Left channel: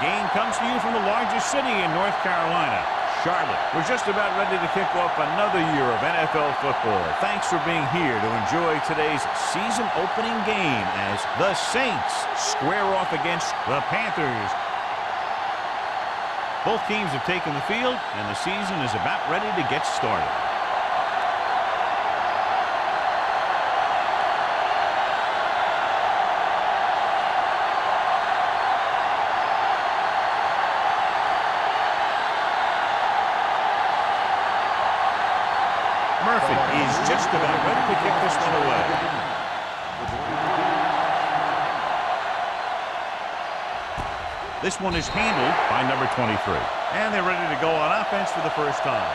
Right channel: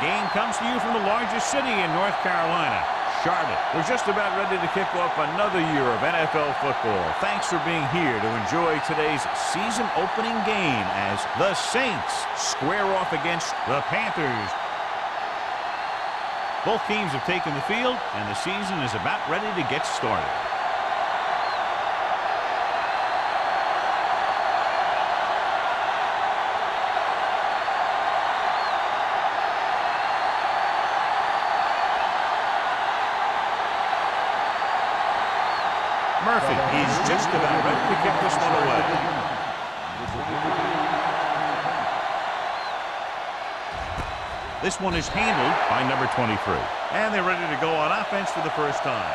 game comes to you from the largest city in North Carolina, Charlotte. We're just about ready to kick off another year of NFL football. Thanks for being here to enjoy today's season opening game as the Saints square off against the Panthers. Both teams have taken the field, and the season is about ready to get started. Murphy is just about ready to kick this one away. This one is handled by number 23. And they're ready to go on offense for the first time.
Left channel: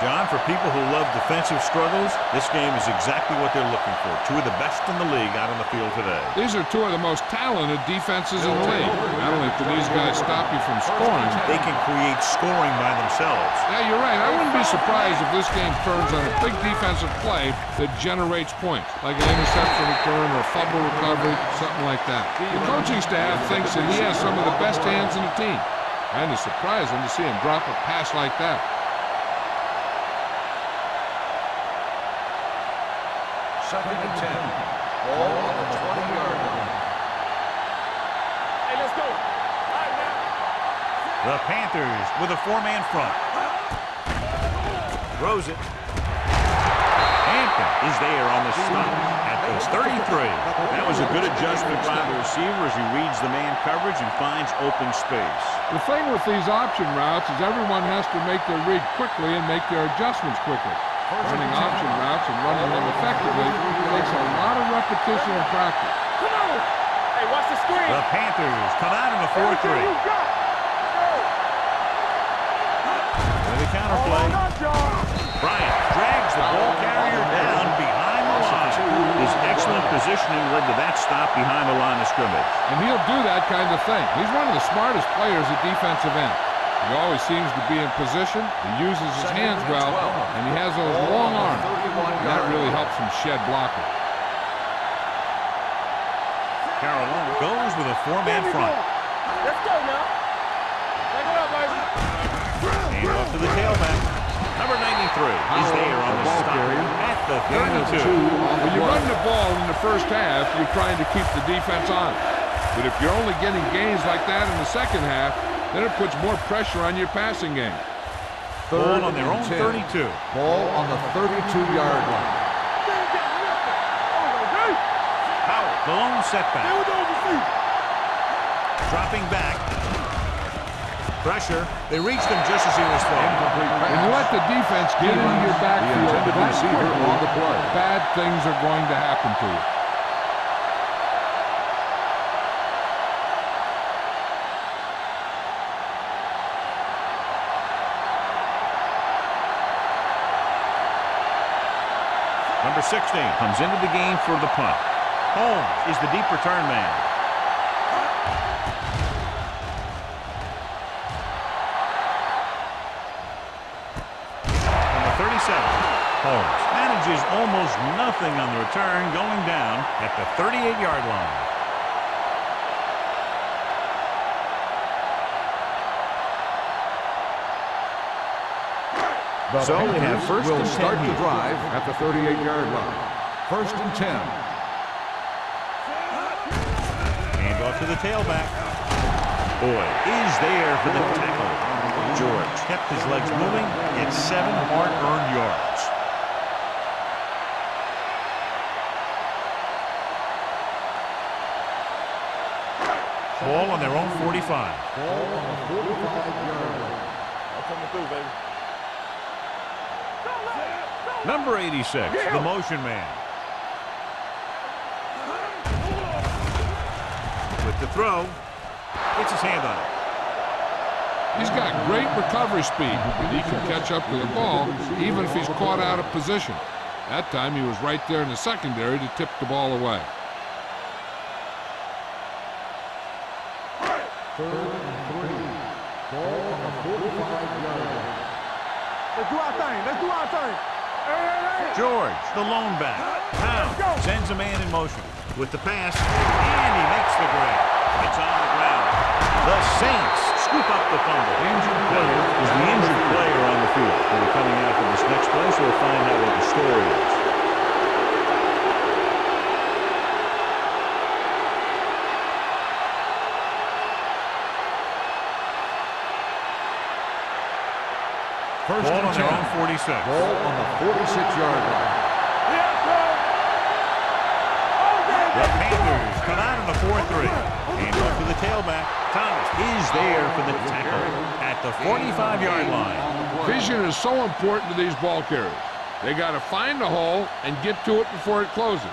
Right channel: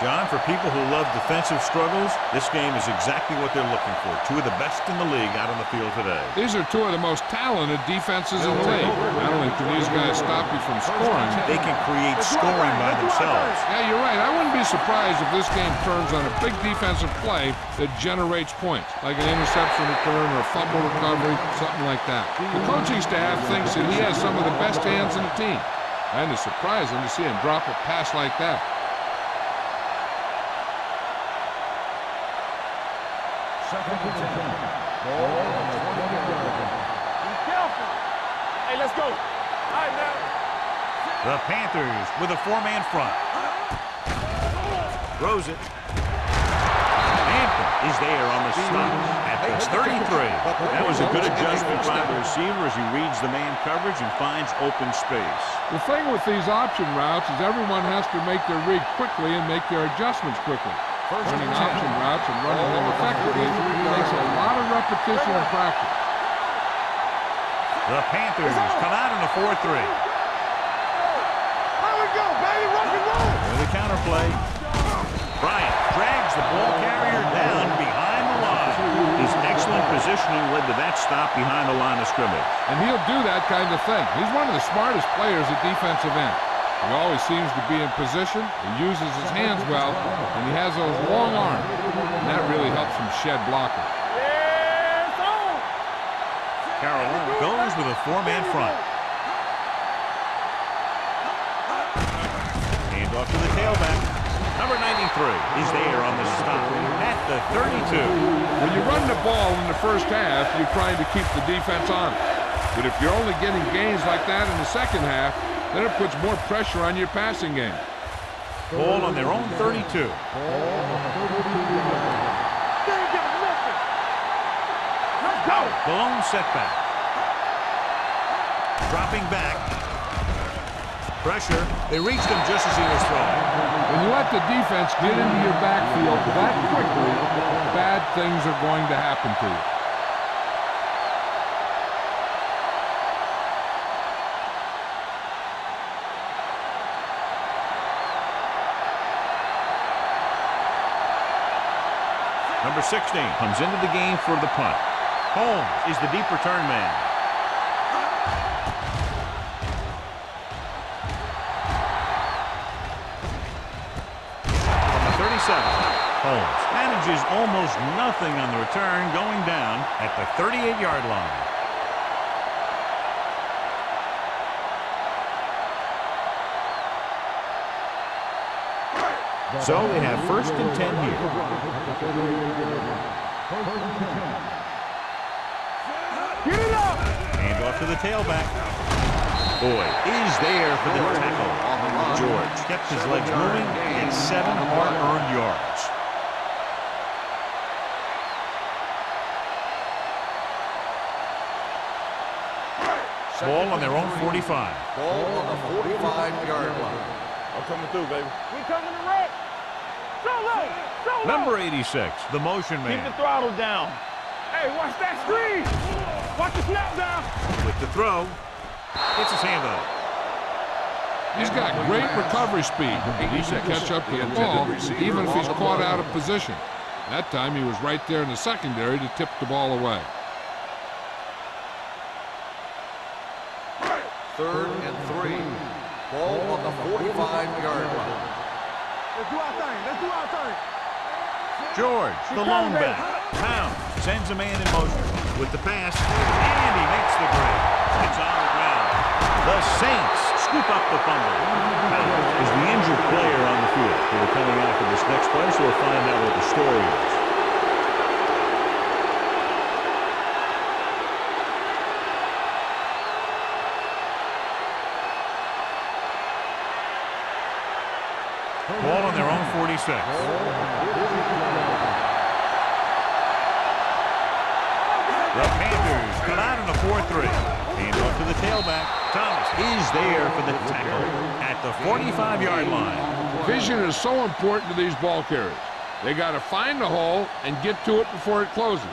John, for people who love defensive struggles, this game is exactly what they're looking for. Two of the best in the league out on the field today. These are two of the most talented defenses in the league. Not only can these guys stop you from scoring, they can create scoring by themselves. Yeah, you're right. I wouldn't be surprised if this game turns on a big defensive play that generates points, like an interception return or a fumble recovery, something like that. The coaching staff thinks that he has some of the best hands in the team, and it's surprising to see him drop a pass like that. Second and 10. Ball on the 20-yard line. Hey, let's go. All right, now. The Panthers with a four-man front. Throws it. Hampton is there on the stop at the 33. That was a good adjustment by the receiver as he reads the man coverage and finds open space. The thing with these option routes is everyone has to make their read quickly and make their adjustments quickly. Running option routes and running them effectively takes a lot of repetition and practice. The Panthers come out in a 4-3. With a counterplay, Bryant drags the ball carrier down behind the line. His excellent positioning led to that stop behind the line of scrimmage. And he'll do that kind of thing. He's one of the smartest players at defensive end. He always seems to be in position, he uses his hands well, and he has those long arms. And that really helps him shed blockers. Carolina goes with a four-man front. Hand off to the tailback. Number 93 is there on the stop at the 32. When you run the ball in the first half, you're trying to keep the defense on it. But if you're only getting gains like that in the second half, then it puts more pressure on your passing game. Ball on their own 32. Ball on the 32-yard line. Howell, the lone setback. Dropping back. Pressure. They reached him just as he was throwing. When you let the defense get into your backfield that quickly, bad things are going to happen to you. Number 16 comes into the game for the punt. Holmes is the deep return man. From the 37, Holmes manages almost nothing on the return, going down at the 38-yard line. So they have first and 10 here. At the 38-yard line. First and 10. Hand off to the tailback. Boyd is there for the tackle. George kept his legs moving, gets 7 hard-earned yards. Ball on their own 45. Ball on the 45-yard line. I'm coming through, baby. Number 86, the motion man. Keep the throttle down. Hey, watch that screen. Watch the left down. With the throw, gets his hand on it. He's got great recovery speed, and he can catch up to the ball even if he's caught out of position. That time he was right there in the secondary to tip the ball away. Third and 3. Ball on the 45-yard line. Let's do our thing. Let's do our thing. George, the lone back. Pound sends a man in motion. with the pass, and he makes the grab. It's on the ground. The Saints scoop up the fumble. Now, is the injured player on the field? He'll be coming out for this next play, so we'll find out what the story is. Ball on their own 46. Ball on the 46-yard line. The Panthers come out in a 4-3. Hand off to the tailback. Thomas is there for the tackle at the 45-yard line. Vision is so important to these ball carriers. They got to find the hole and get to it before it closes.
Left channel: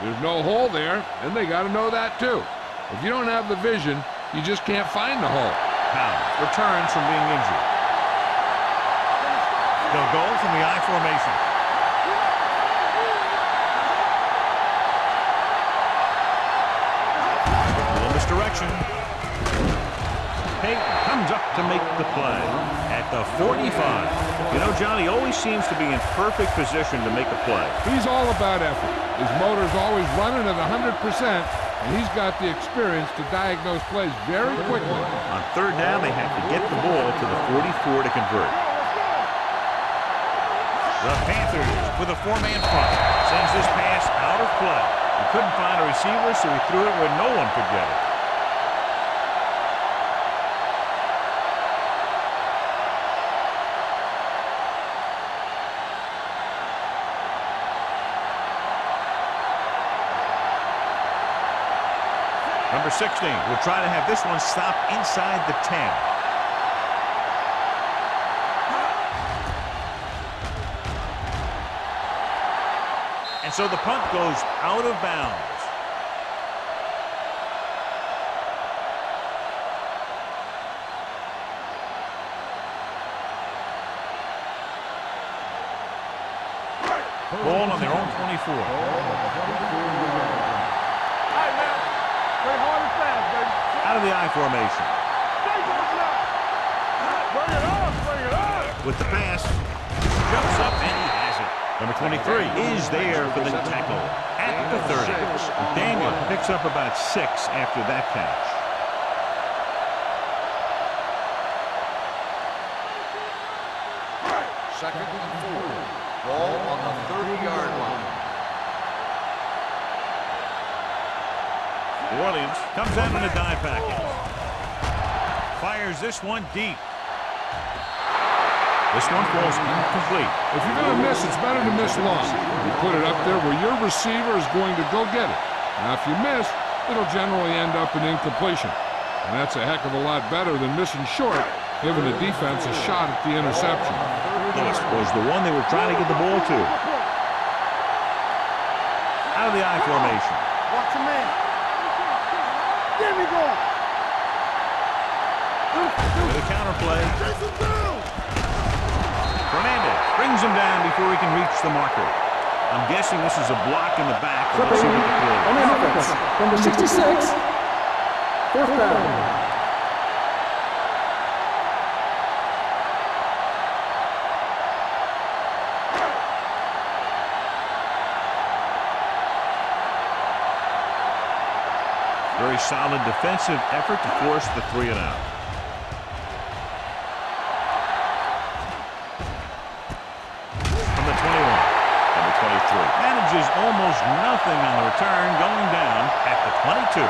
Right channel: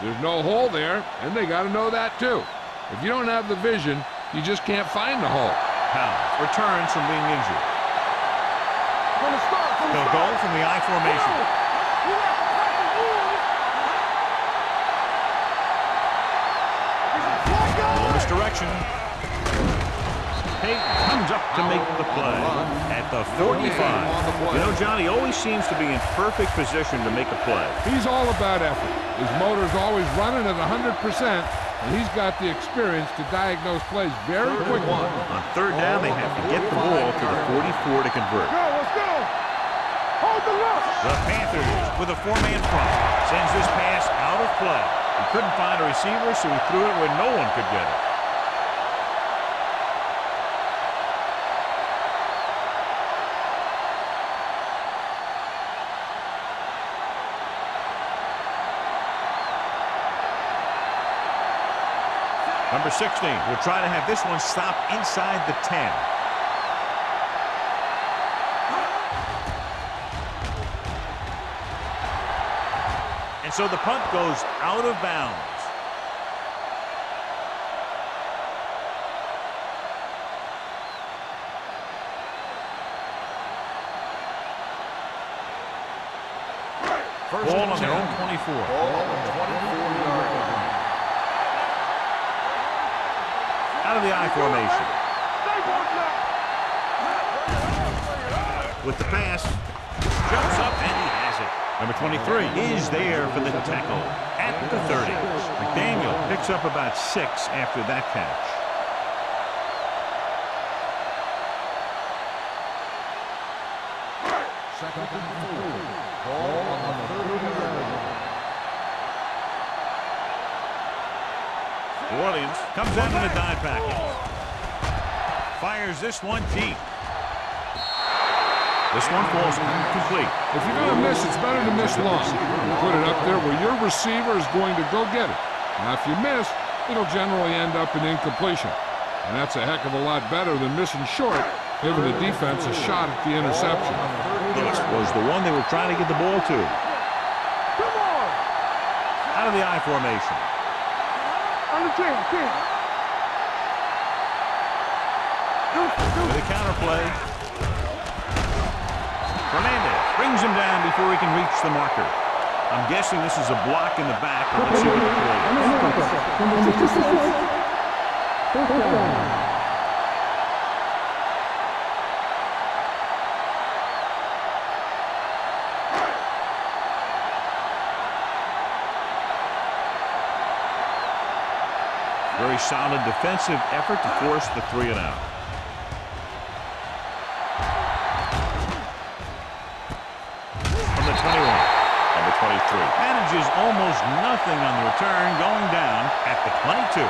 There's no hole there, and they got to know that too. If you don't have the vision, you just can't find the hole. Pounds returns from being injured. They'll go from the I formation. A little misdirection. Peyton comes up to make the play at the 45. You know, John, he always seems to be in perfect position to make a play. He's all about effort. His motor's always running at 100%, and he's got the experience to diagnose plays very quickly. On third down, they have to get the ball to the 44 to convert. The Panthers with a four-man front sends this pass out of play. He couldn't find a receiver, so he threw it where no one could get it. Number 16 will try to have this one stop inside the 10. And so the punt goes out of bounds. Ball on their own 24. Out of the I formation. With the pass, jumps up and he has it. Number 23 is there for the tackle at the 30. McDaniel picks up about 6 after that catch. Second and 4. Ball on the 30-yard line. New Orleans comes out in a dime package. Fires this one deep. This one falls incomplete. If you're going to miss, it's better to miss long. You put it up there where your receiver is going to go get it. Now, if you miss, it'll generally end up in incompletion. And that's a heck of a lot better than missing short, giving the defense a shot at the interception. This was the one they were trying to get the ball to. Out of the I formation. With a counter play. Fernandez brings him down before he can reach the marker. I'm guessing this is a block in the back, and let's see what the call is. Number 66, fourth down. Very solid defensive effort to force the 3 and out. From the 21, number 23 manages almost nothing on the return, going down at the 22.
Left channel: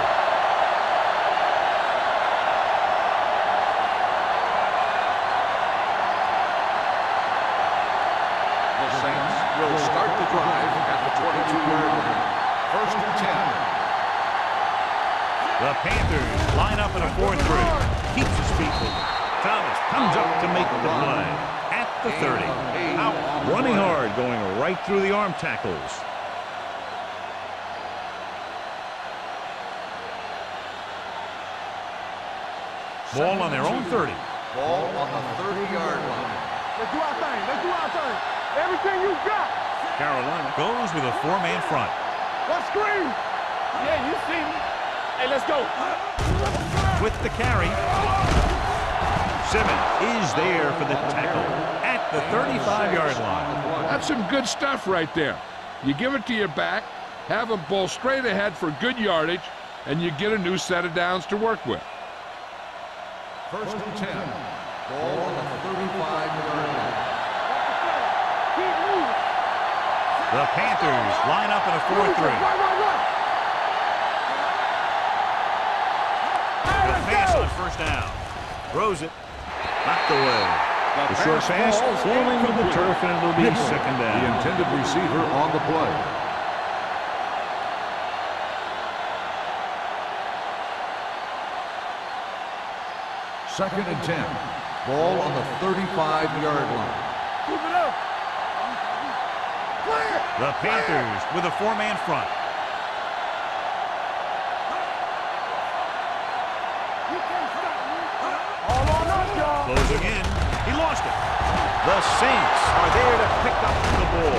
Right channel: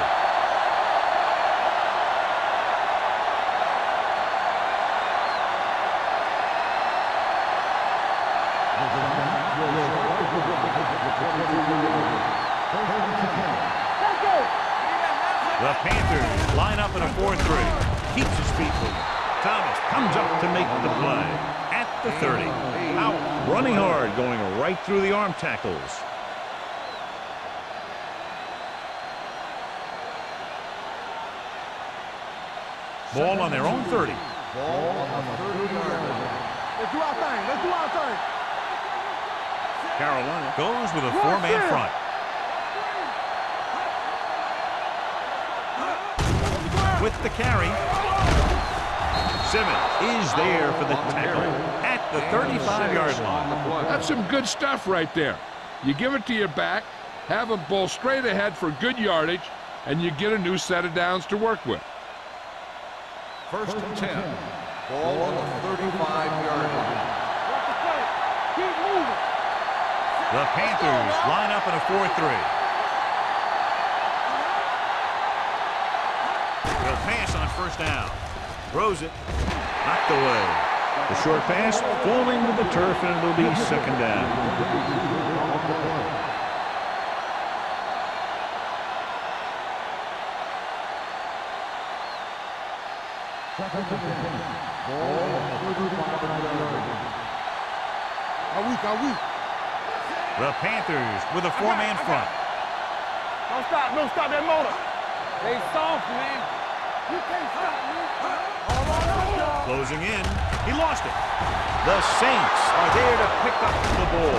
The Saints will start the drive at the 22-yard line. First and 10. The Panthers line up in a 4-3. Keeps his feet moving. Thomas comes up to make the play at the 30. Out, running hard, going right through the arm tackles. Ball on their own 30. Ball on the 30-yard line. Let's do our thing. Let's do our thing. Everything you got. Carolina goes with a 4-man front. What screen? Yeah, you see me. Hey, let's go. With the carry, Simmons is there for the tackle at the 35-yard line. That's some good stuff right there. You give it to your back, have them bowl straight ahead for good yardage, and you get a new set of downs to work with. 1st and 10. Ball on the 35-yard line. Watch the play. Keep moving. The Panthers line up in a 4-3. The pass on 1st down. Throws it. Knocked away. The short pass falling to the turf, and it'll be 2nd The down. intended receiver on the play. Second and 10. Ball on the 35-yard line. Keep it up. Are we? The Panthers with a 4-man front. Don't stop that motor. They soft, man. You can't stop me. All on us, y'all. Closing in. He lost it. The Saints are there to pick up the ball.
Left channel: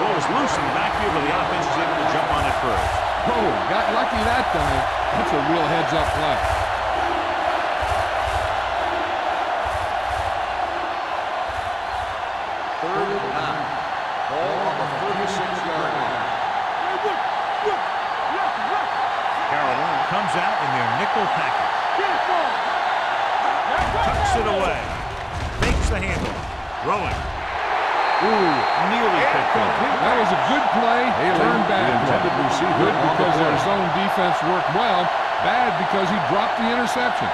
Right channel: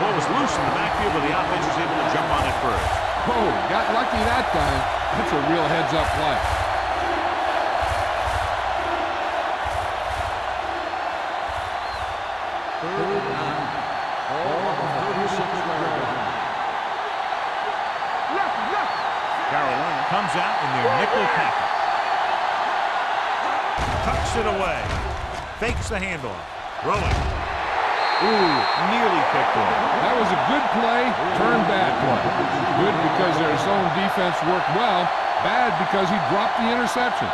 Ball was loose in the backfield, but the offense was able to jump on it first. Oh, got lucky that time. That's a real heads-up play. Third and 9. Ball on the 36-yard line. Carolina comes out in their nickel package. Tucks it away. Fakes the handoff. Throwing. Ooh, nearly picked off. That was a good play, turned bad play. Good because their zone defense worked well, bad because he dropped the interception.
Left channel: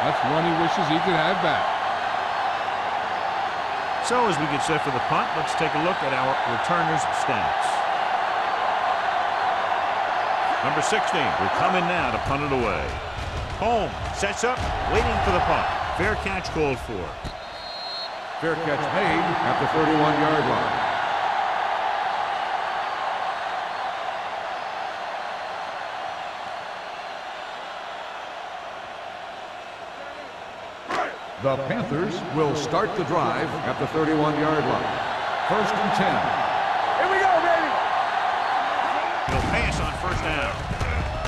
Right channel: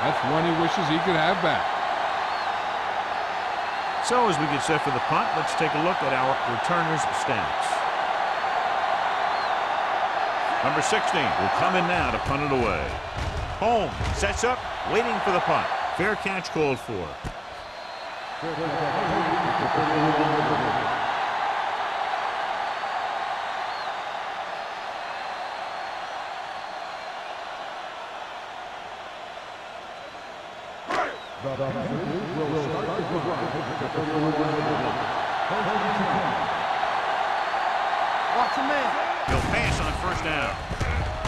That's one he wishes he could have back. So as we get set for the punt, let's take a look at our returners' stats. Number 16 will come in now to punt it away. Holmes sets up, waiting for the punt. Fair catch called for. Fair catch made at the 31-yard line. The Panthers will start the drive at the 31-yard line. 1st and 10. Here we go, baby. Watch the man. He'll pass on 1st down.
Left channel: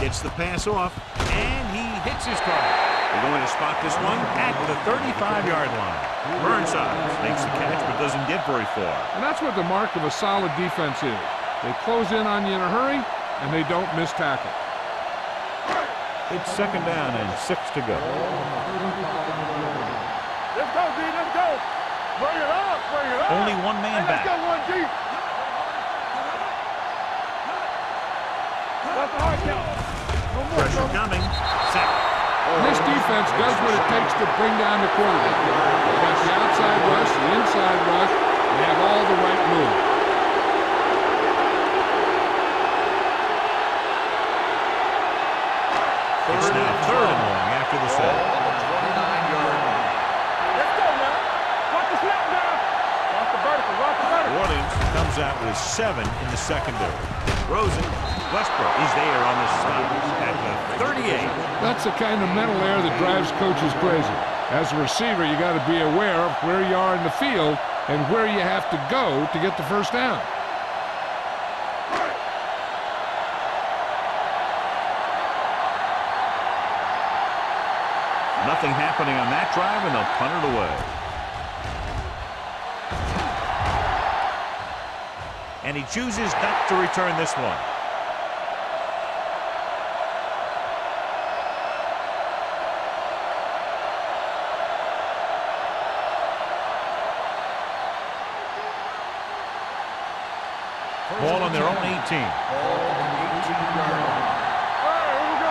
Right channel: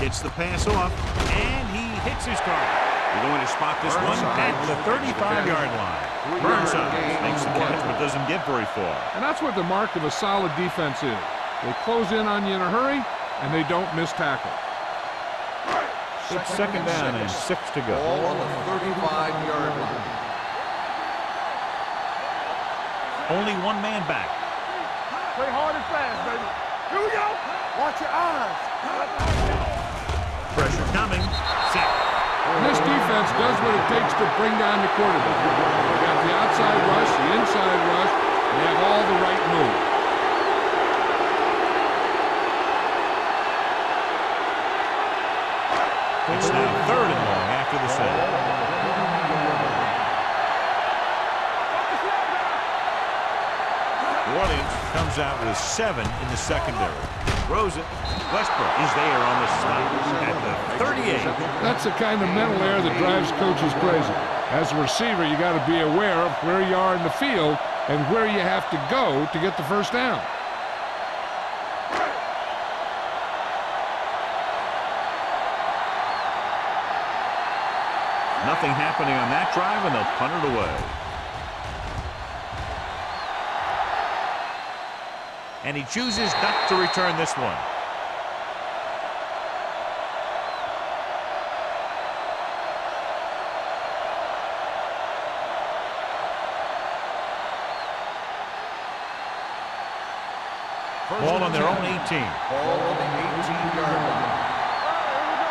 Gets the pass off, and he hits his target. They're going to spot this one at the 35-yard line. Burnside makes the catch, but doesn't get very far. And that's what the mark of a solid defense is. They close in on you in a hurry, and they don't miss tackle. It's 2nd down and 6 to go. Ball on the 35-yard line. Let's go, D. Let's go. Bring it up. Only one man back. Go one deep. Play hard and fast. Here we go. Watch your eyes. Let the heart count. Pressure coming. Sack. And this defense does what it takes to bring down the quarterback. They've got the outside rush, the inside rush, and they have all the right moves. It's now 3rd and long after the set. On the 29-yard line. Let's go now. Watch the snap down. Watch the vertical. Watch the vertical. New Orleans comes out with 7 in the secondary. Throws it. Westbrook is there on the stop at the 38. That's the kind of mental error that drives coaches crazy. As a receiver, you got to be aware of where you are in the field and where you have to go to get the 1st down. Nothing happening on that drive, and they'll punt it away. And he chooses not to return this one. Ball on their own 18. Ball on the 18-yard line. All right, here we go.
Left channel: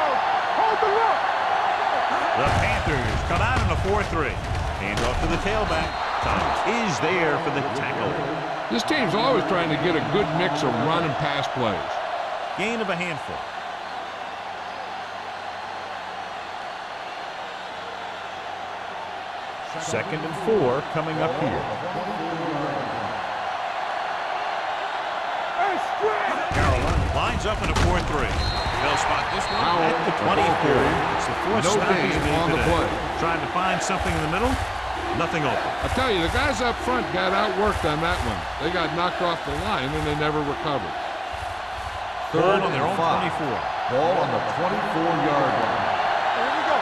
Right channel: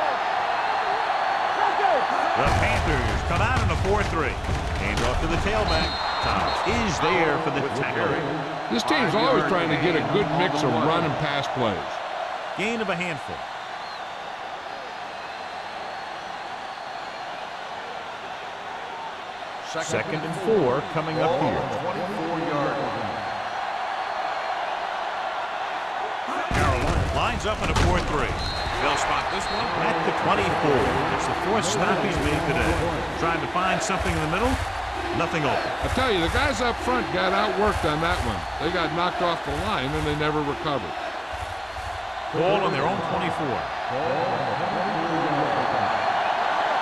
Hold the rock. Let's go. The Panthers come out in a 4-3. Hand off to the tailback. Thomas is there for the tackle. This team's always trying to get a good mix of run and pass plays. Gain of a handful. Second and 4 coming up here. 24-yard line. Carolina lines up in a 4-3. They'll spot this one at the 24. It's the 4th stop he's made today. Trying to find something in the middle. Nothing open. I tell you, the guys up front got outworked on that one. They got knocked off the line and they never recovered. Ball on their own 24. Ball on the 24-yard line. Here we go.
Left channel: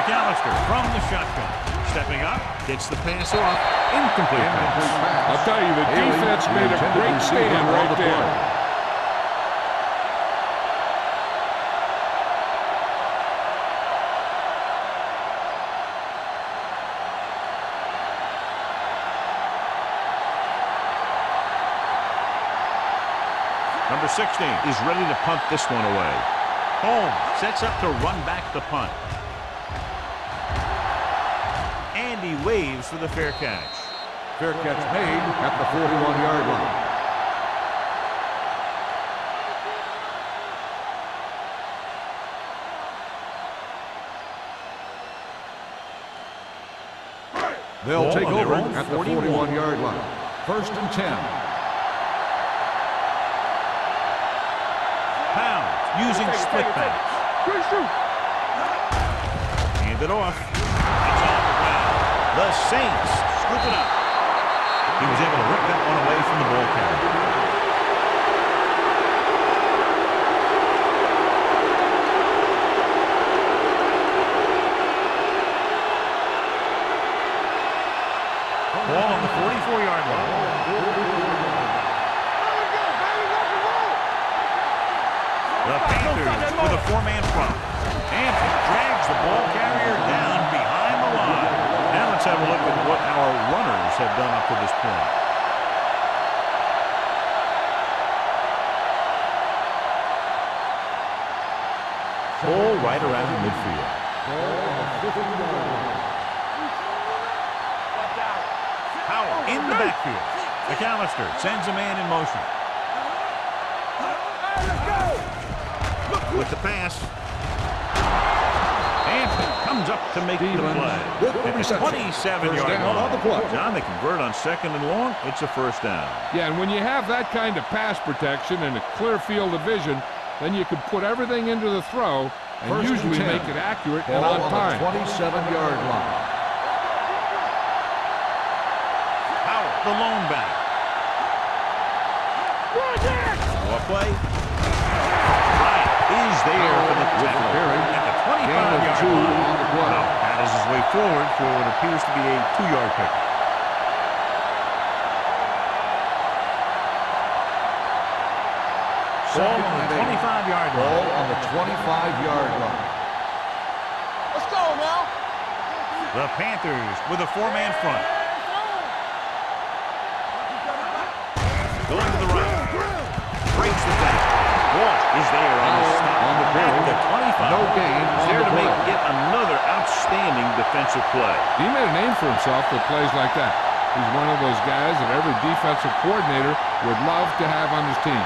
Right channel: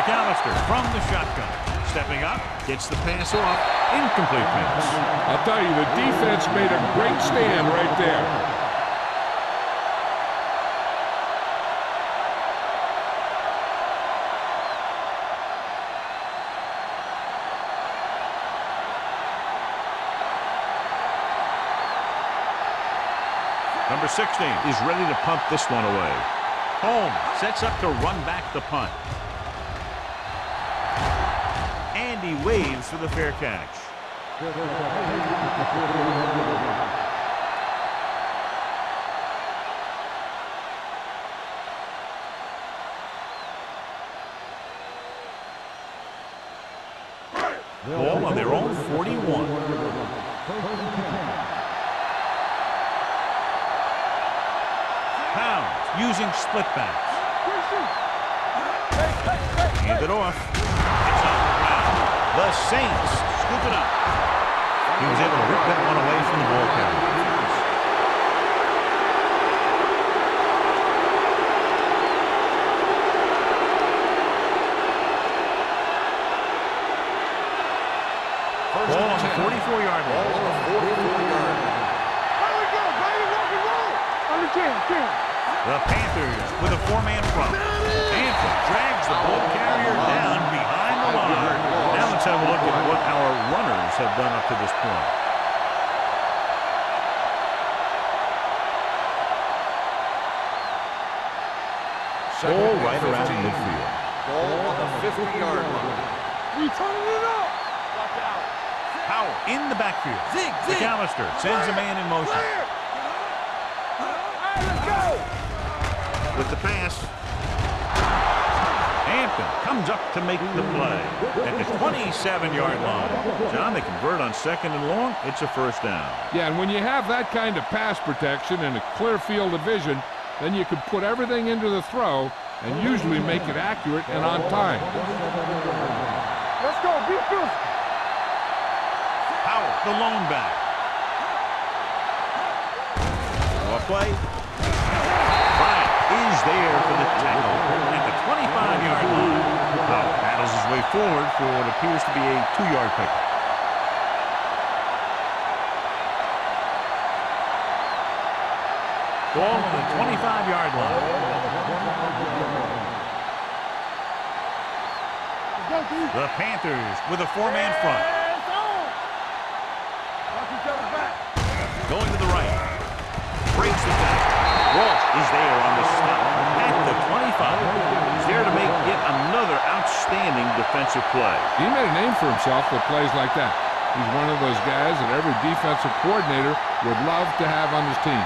McAllister from the shotgun. Stepping up, gets the pass off, Incomplete pass. I'll tell you, the defense made a great stand right there. Number 16 is ready to punt this one away. Holmes sets up to run back the punt. And he waves for the fair catch. Fair catch made at the 41-yard line. They'll take on their over own at 41. the 41-yard line. First and 10. Pounds using split backs. Hand it off. It's on the ground. The Saints scoop it up. He was able to rip that one away from the ball carrier. Ball on the 44-yard line. The Panthers with a four-man front. Hampton drags the ball carrier down behind the line. Now let's have a look at what our runners have done up to this point. Ball right around midfield. Ball on the 50-yard line. Watch out. Powell in the backfield. McAllister sends a man in motion. Hey, let's go. With the pass. Hampton comes up to make the play at the 27-yard line. John, they convert on second and long. It's a first down. Yeah, and when you have that kind of pass protection and a clear field of vision, then you can put everything into the throw and usually make it accurate and on time. 27-yard line. Powell, the lone back. Draw play. Bryant is there for the tackle at the 25-yard line. Powell paddles his way forward for what appears to be a 2-yard pickup. Ball on the 25-yard line. Ball on the 25-yard line. Let's go now. The Panthers with a four-man front. It's on. Watch each other back. Going to the right. Breaks the tackle. Walsh is there on the stop at the 25. He's there to make yet another outstanding defensive play. He made a name for himself with plays like that. He's one of those guys that every defensive coordinator would love to have on his team.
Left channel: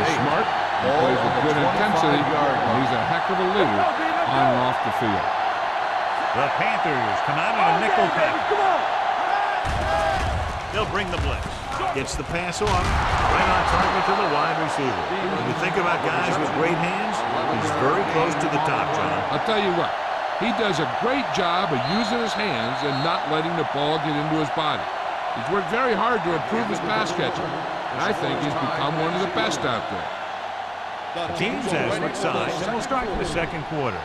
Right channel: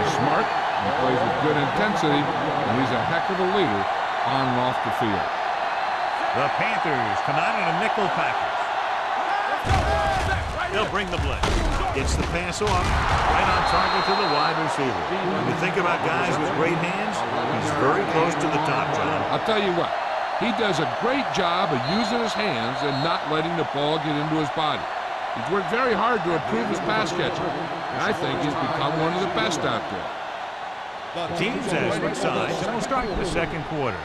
He's smart, he plays with good intensity, and he's a heck of a leader on and off the field. The Panthers come out on a nickel package. They'll bring the blitz. Gets the pass off, right on target to the wide receiver. When you think about guys with great hands, he's very close to the top, John. I'll tell you what, he does a great job of using his hands and not letting the ball get into his body. He's worked very hard to improve his pass catching, and I think he's become one of the best out there. The teams have switched sides, and we'll start the second quarter.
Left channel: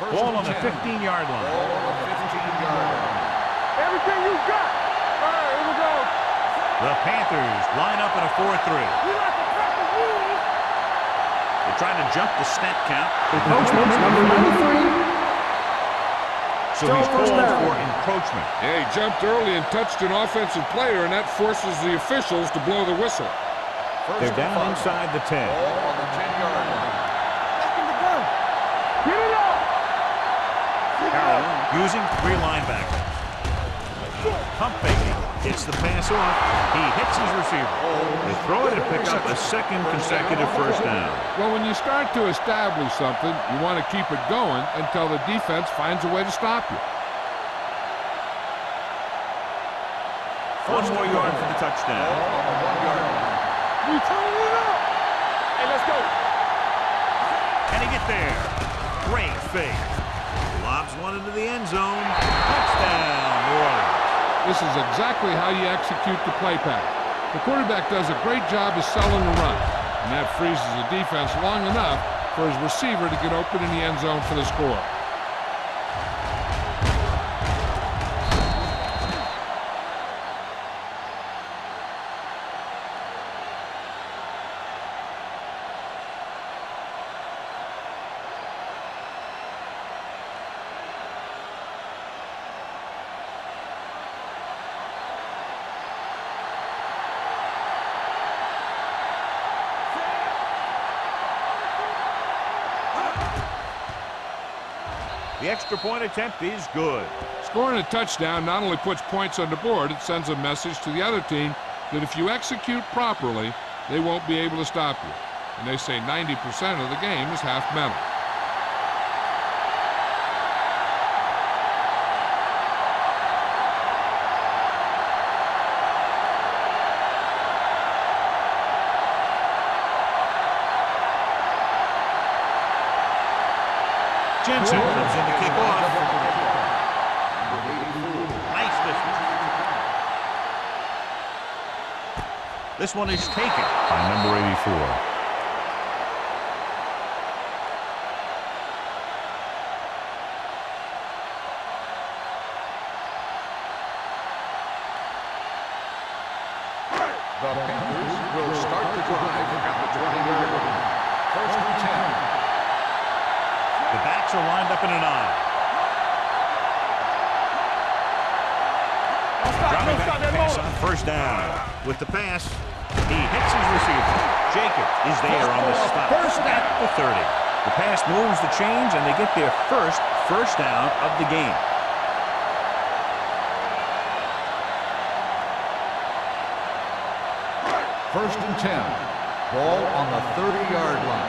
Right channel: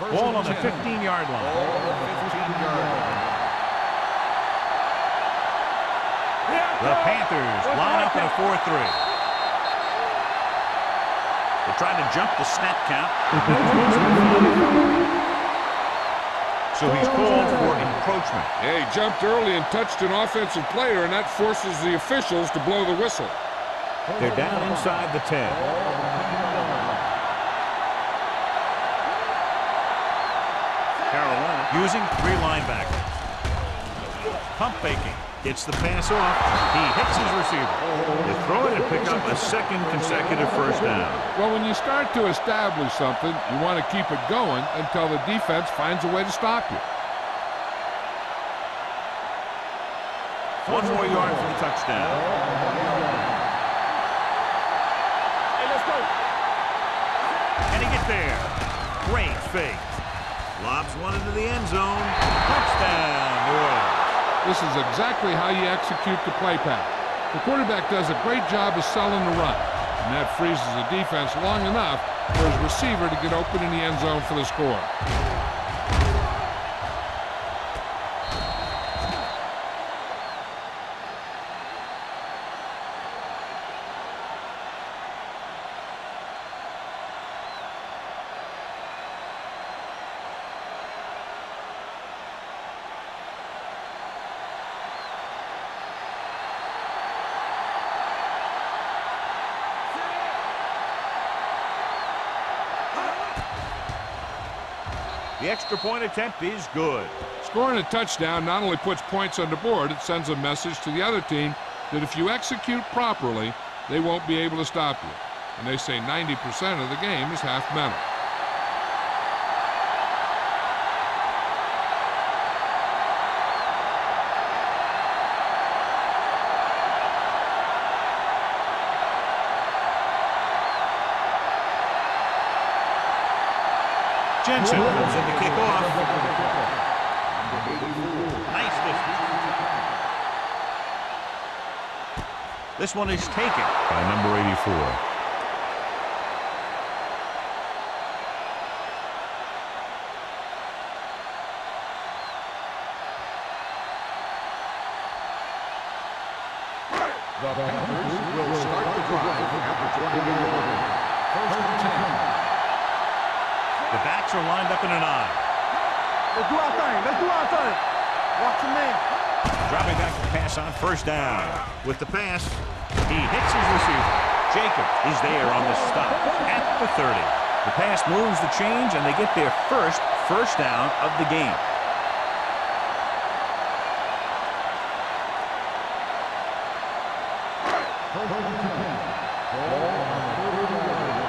Ball on the 15-yard line. Ball on the 15-yard line. Everything you got. All right, here we go. The Panthers line up in a 4-3. We like to practice rules. They try to jump the snap count. Encroachment number 93. So he's called for encroachment. Yeah, he jumped early and touched an offensive player, and that forces the officials to blow the whistle. They're down inside the 10. Ball on the 10-yard line. Carolina using three linebackers. Pump faking. Gets the pass off. He hits his receiver. They throw it and pick up a second consecutive first down. Well, when you start to establish something, you want to keep it going until the defense finds a way to stop you. One more yard for the touchdown. Ball on the 1-yard line. We turn it up. Hey, let's go. And he gets there. Great fake. Lobs one into the end zone. Touchdown, New Orleans. This is exactly how you execute the play pass. The quarterback does a great job of selling the run, and that freezes the defense long enough for his receiver to get open in the end zone for the score. The extra point attempt is good. Scoring a touchdown not only puts points on the board, it sends a message to the other team that if you execute properly, they won't be able to stop you. And they say 90% of the game is half mental. Jensen comes in to kick off. Number 84. Nice distance. This one is taken by number 84. The Panthers will start the drive at the 20-yard line. First and 10. The backs are lined up in an I. Let's do our thing. Let's do our thing. Watch your man. Dropping back to pass on first down. With the pass, he hits his receiver. Jacobs is there on the stop at the 30. The pass moves the chains, and they get their first down of the game. First and 10. Ball on the 30-yard line.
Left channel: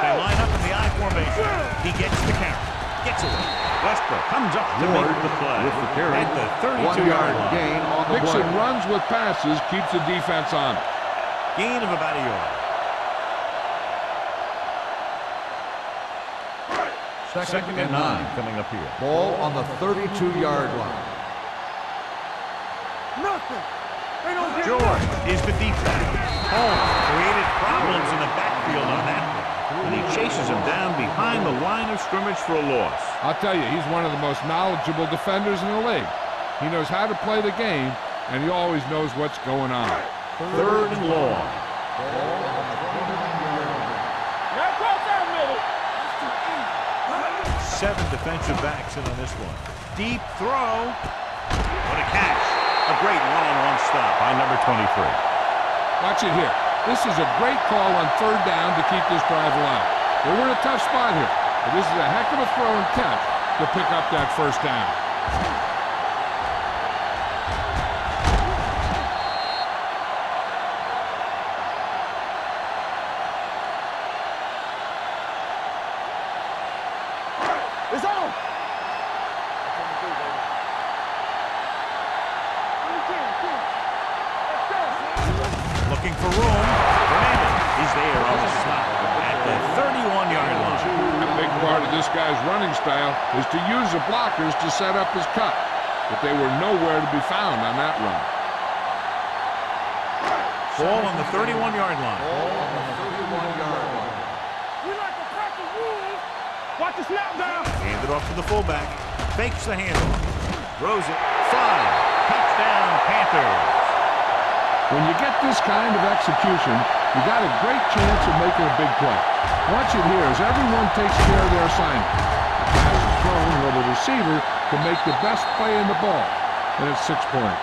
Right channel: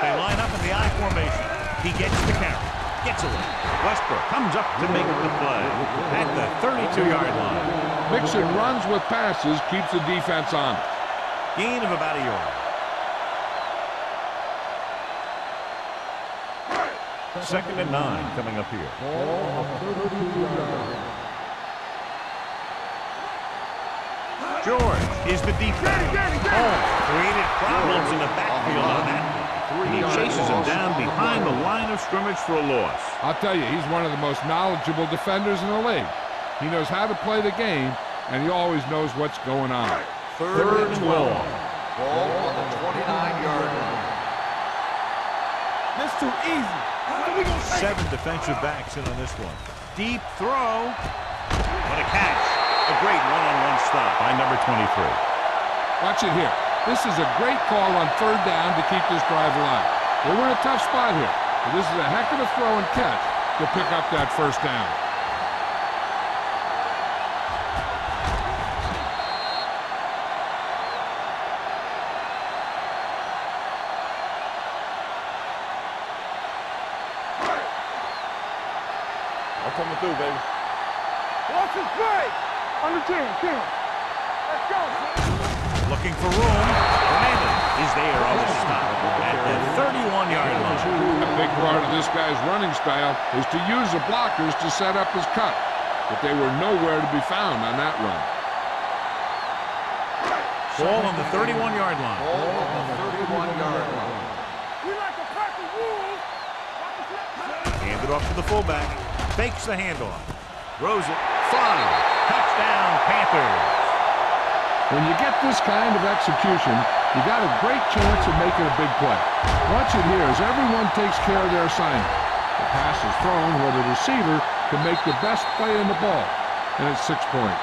They line up in the I formation. He gets the carry. Gets away. Westbrook comes up to make the play at the 32-yard line. Mixon runs with passes, keeps the defense on it. Gain of about a yard. Second and 9 coming up here. Ball on the 32-yard line. George is the deep back. Holmes created problems in the backfield on that play, and he chases him down behind the line of scrimmage for a loss. I'll tell you, he's one of the most knowledgeable defenders in the league. He knows how to play the game, and he always knows what's going on. Third and long. Ball on the 29-yard line. This too easy. 7 defensive backs in on this one. Deep throw. What a catch. A great one-on-one stop by number 23. Watch it here. This is a great call on third down to keep this drive alive. They were in a tough spot here, but this is a heck of a throw and catch to pick up that first down. It's on. I'm coming through, baby. Watch this play. On the 10. Let's go. Looking for room. Fernandez is there on the stop at the 31-yard line. A big part of this guy's running style is to use the blockers to set up his cut, but they were nowhere to be found on that run. Ball on the 31-yard line. Ball on the 31-yard line. We like a pack of wolves. Watch the snap back. Hand it off to the fullback. Fakes the handoff. Throws it. 5. Touchdown, Panthers. When you get this kind of execution, you got a great chance of making a big play. Watch it here as everyone takes care of their assignment. The pass is thrown where the receiver can make the best play in the ball, and it's 6 points.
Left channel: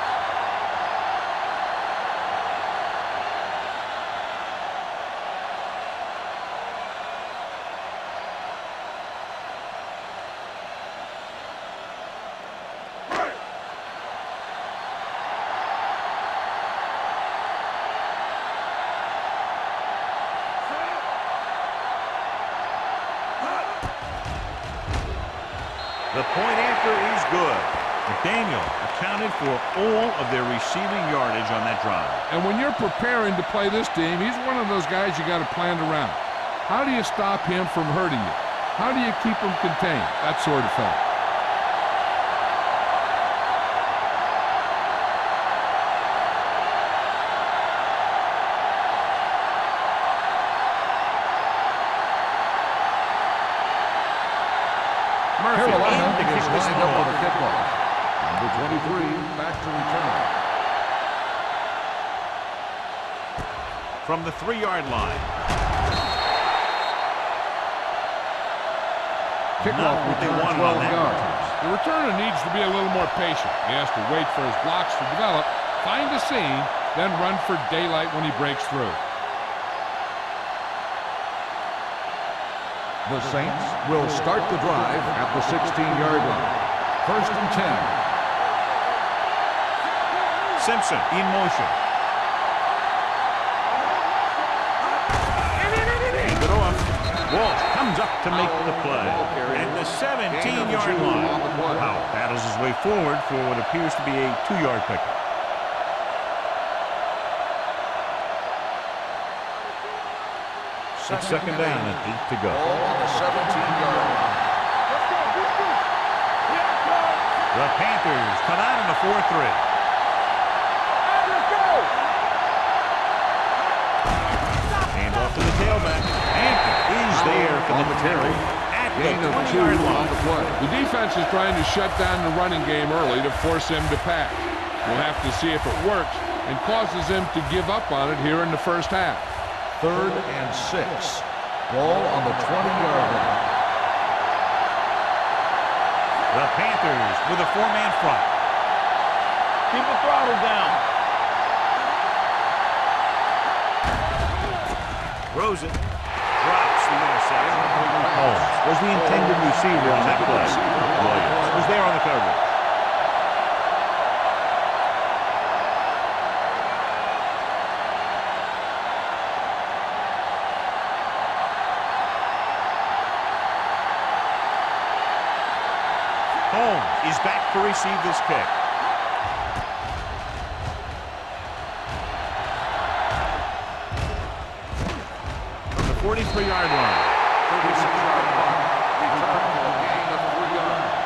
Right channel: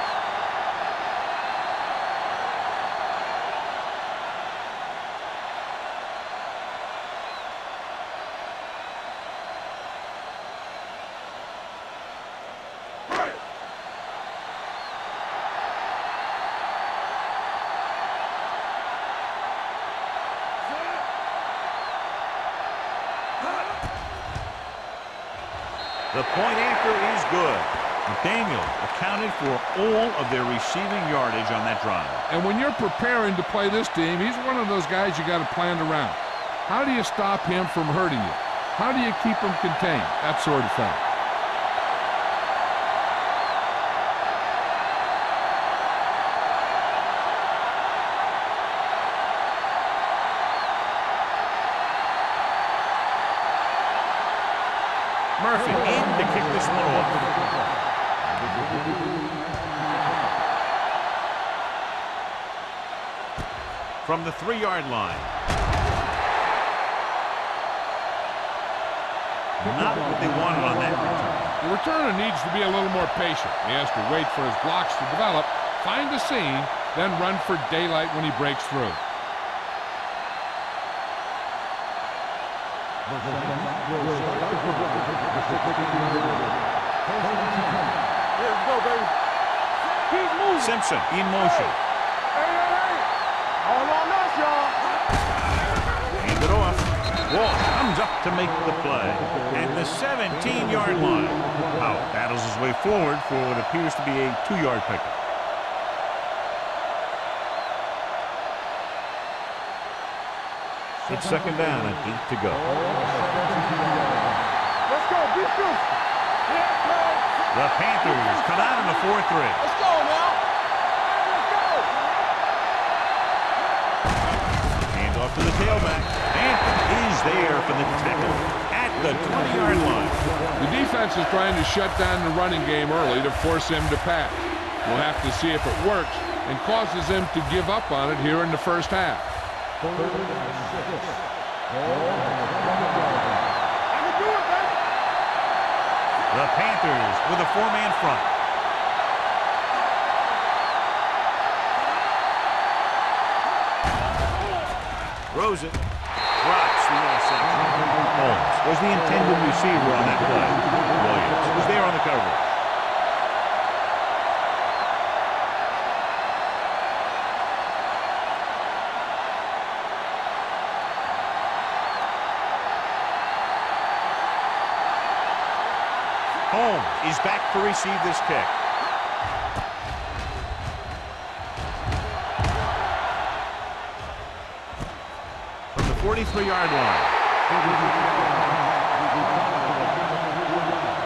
The point after is good. McDaniel accounted for all of their receiving yardage on that drive. And when you're preparing to play this team, he's one of those guys you got to plan around. How do you stop him from hurting you? How do you keep him contained? That sort of thing. Murphy in to kick this one off. Number 23, back to return. From the 3-yard line. Not what they wanted on that return. The returner needs to be a little more patient. He has to wait for his blocks to develop, find a seam, then run for daylight when he breaks through. The Saints will start the drive at the 16-yard line. First and 10. Simpson in motion. All on us, y'all. Hand it off. Wall comes up to make the play at the 17-yard line. Powell battles his way forward for what appears to be a 2-yard pickup. It's second down and 8 to go. Ball on the 17-yard line. Let's go, beat this. Here it comes. The Panthers come out in a 4-3. Let's go, man. Hey, let's go. Hand off to the tailback. Hampton is there for the tackle at the 20-yard line. The defense is trying to shut down the running game early to force him to pass. We'll have to see if it works and causes him to give up on it here in the first half. Third and 6. Ball on the 20-yard line. The Panthers with a 4-man front. Keep the throttle down. Throws it. Drops the interception. Holmes was the intended receiver on that play. Williams was there on the coverage. Holmes is back to receive this kick. From the 43-yard line. 36-yard line. Return for a gain of 3 yards.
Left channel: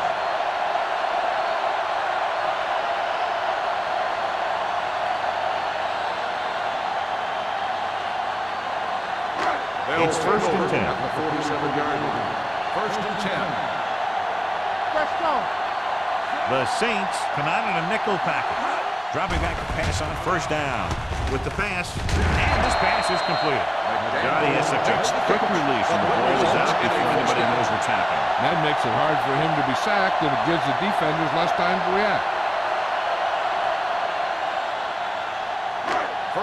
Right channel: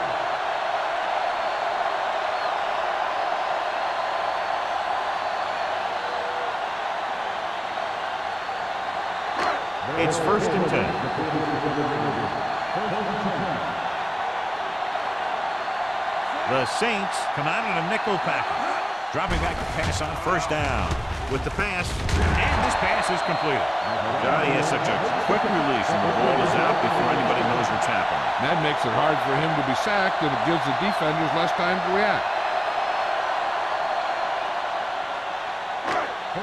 It's first and 10. At the 47-yard line. First and 10. Let's go. The Saints come out in a nickel package. Dropping back to pass on first down with the pass. And this pass is completed. God, he has such a quick release and the ball is out before anybody knows what's happening. That makes it hard for him to be sacked, and it gives the defenders less time to react.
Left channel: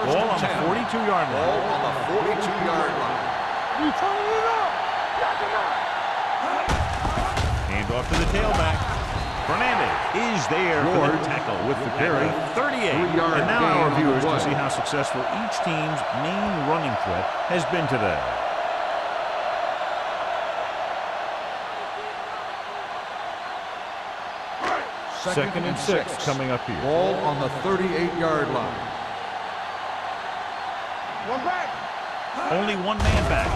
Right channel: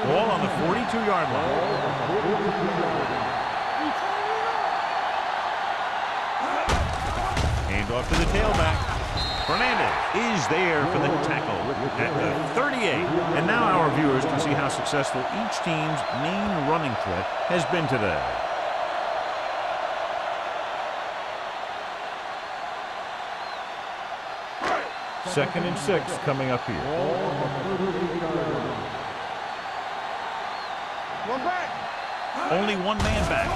Ball on the 42-yard Ball line. on the 42-yard line. You turning it up. Hand off to the tailback. Fernandez is there for the tackle with the carry. at the 38. And now our viewers can see how successful each team's main running threat has been today. Second and 6 coming up here. Ball on the 38-yard line. One back. Only one man back.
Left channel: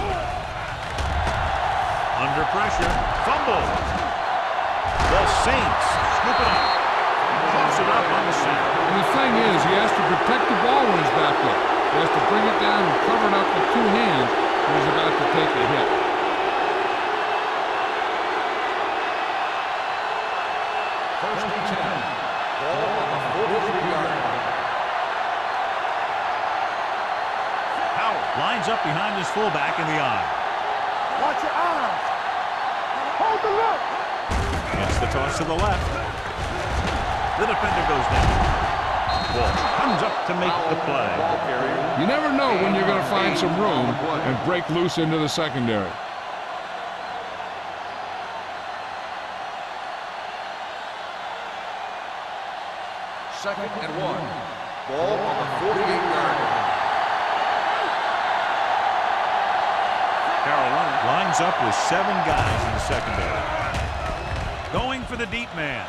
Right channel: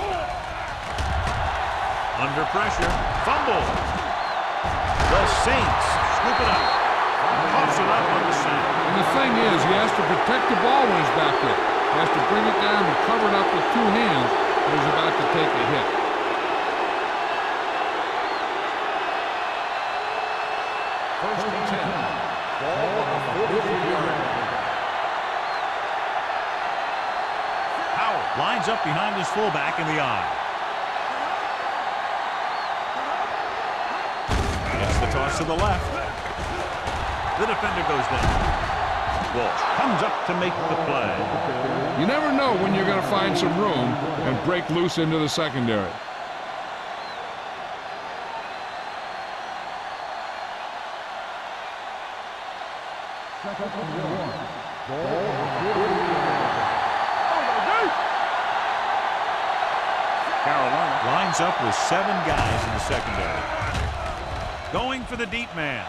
Under pressure. Fumble. The Saints scoop it up. Toss it up on the sack. And the thing is, he has to protect the ball when he's back there. He has to bring it down and cover it up with 2 hands when he's about to take a hit. First and 10. Ball on the 43-yard line. Howard lines up behind his fullback in the eye. Watch your eyes. Hold the look. Gets the toss to the left. The defender goes down. Walsh comes up to make the play. You never know when you're going to find some room and break loose into the secondary. Second and 1. Ball on the 48-yard line. Carolina lines up with 7 guys in the secondary. Going for the deep man.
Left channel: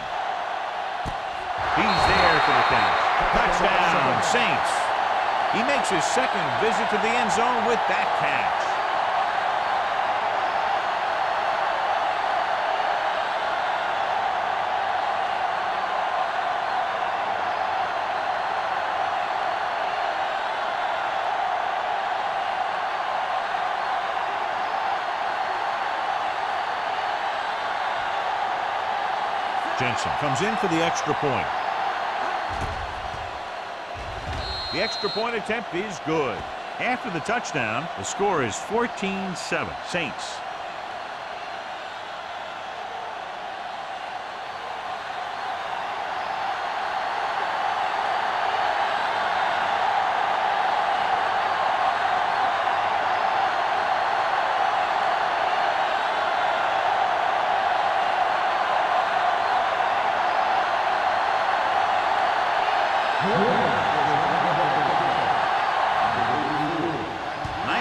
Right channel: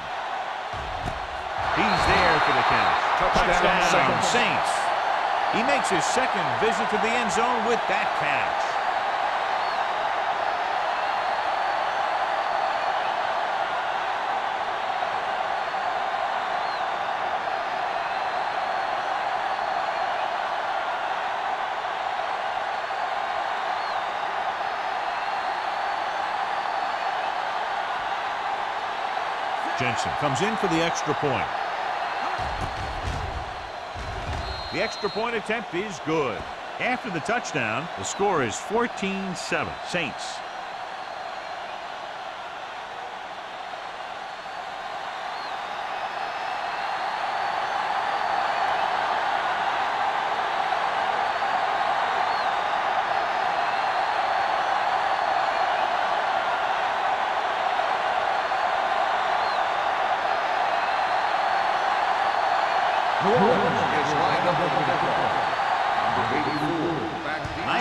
He's there for the catch. Touchdown, Saints. He makes his second visit to the end zone with that catch. Jensen comes in for the extra point. The extra point attempt is good. After the touchdown, the score is 14-7. Saints.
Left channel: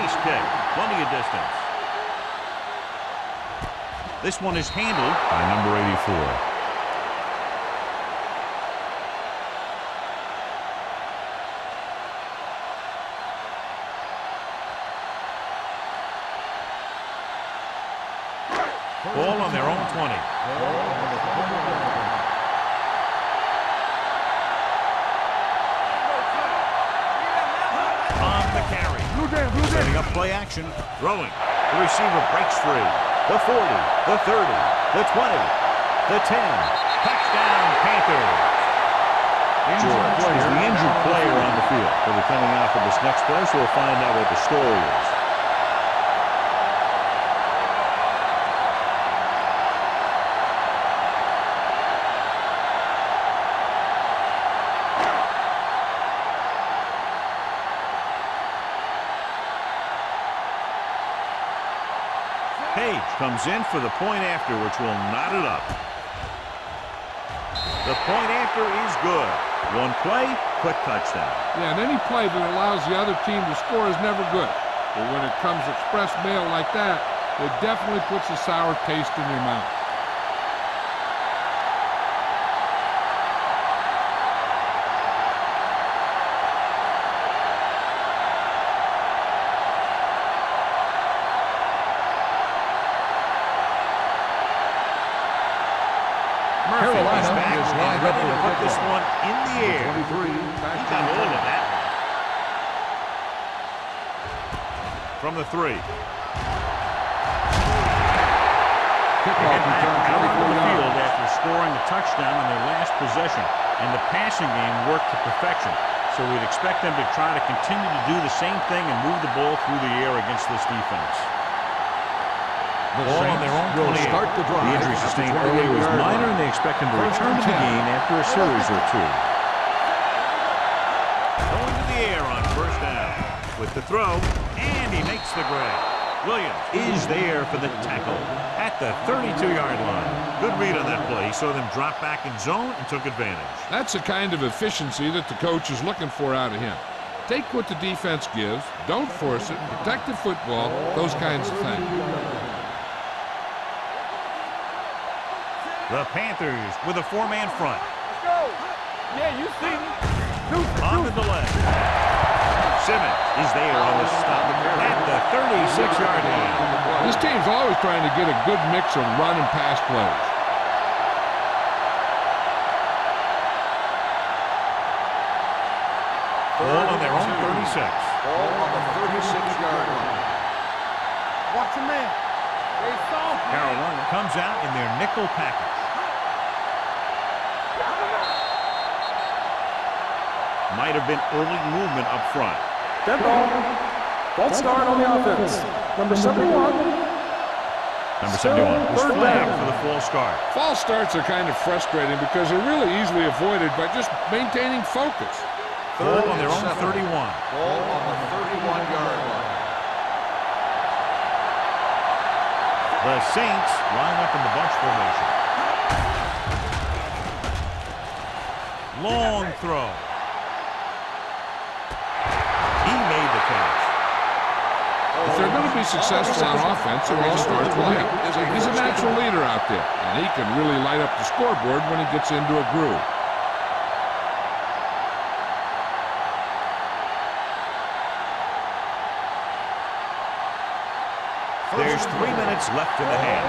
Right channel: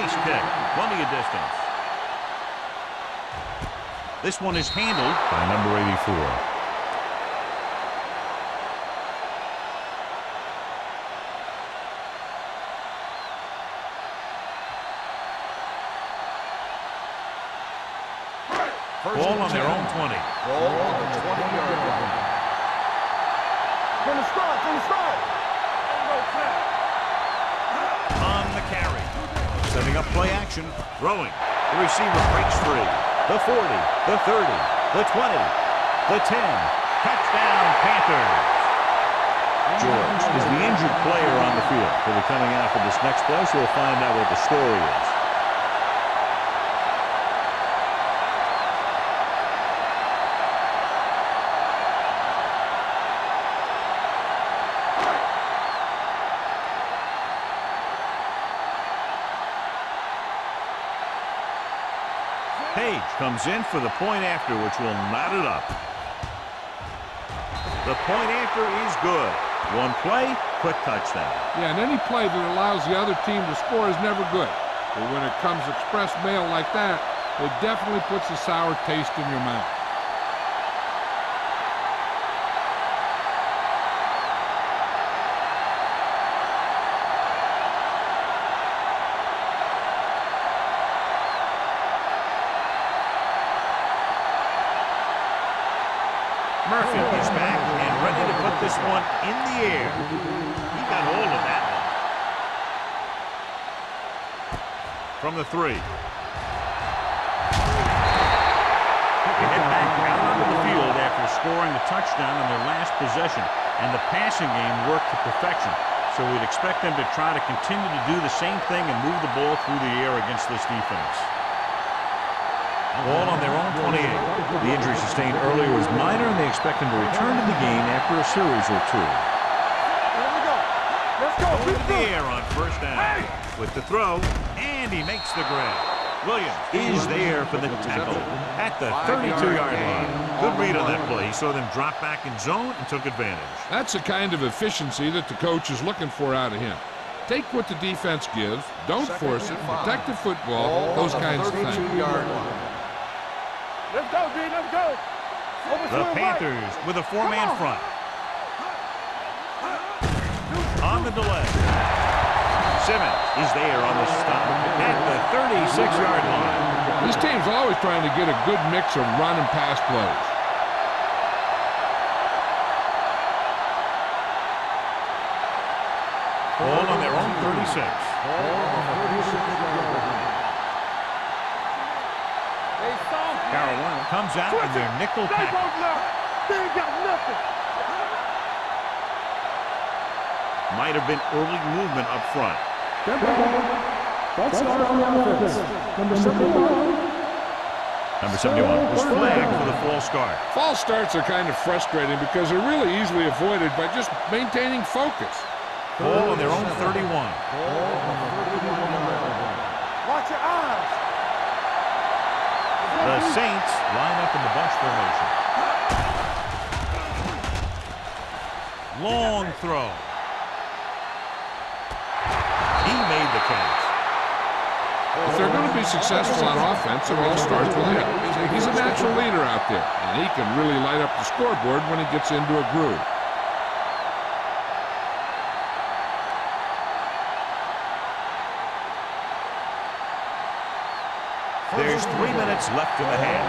Nice kick. Plenty of distance. This one is handled by number 84. Ball on their own 20. Ball on the 20-yard line. On the carry. Setting up play action. Throwing. The receiver breaks free. The 40, the 30, the 20, the 10. Touchdown, Panthers. George is the injured player on the field. He'll be coming out for this next play, so we'll find out what the story is. Page comes in for the point after, which will knot it up. The point after is good. One play, quick touchdown. Yeah, and any play that allows the other team to score is never good. But when it comes express mail like that, it definitely puts a sour taste in your mouth. Murphy is back and ready to put this one in the air. He got all of that one. From the 3. They head back out onto the field after scoring a touchdown on their last possession, and the passing game worked to perfection. So we'd expect them to try to continue to do the same thing and move the ball through the air against this defense. Ball on their own 28. The injury sustained earlier was minor, and they expect him to return to the game after a series or two. Going to the air on first down. With the throw, and he makes the grab. Williams is there for the tackle at the 32-yard line. Good read on that play. He saw them drop back in zone and took advantage. That's the kind of efficiency that the coach is looking for out of him. Take what the defense gives, don't force it, protect the football, those kinds of things. The Panthers with a 4-man front. On the delay. Simmons is there on the stop at the 36-yard line. This team's always trying to get a good mix of run and pass plays. Ball on their own 36. Ball on the 36-yard line. Carolina comes out in their nickel package. Might have been early movement up front. Dead ball. False start on the offense. Number 71. Number 71 was flagged for the false start. False starts are kind of frustrating because they're really easily avoided by just maintaining focus. Ball on their own 31. Ball on the 31-yard line. The Saints line up in the bunch formation. Long throw. He made the catch. If they're going to be successful on offense, it all starts with him. He's a natural leader out there, and he can really light up the scoreboard when he gets into a groove. There's 3 minutes left in the half.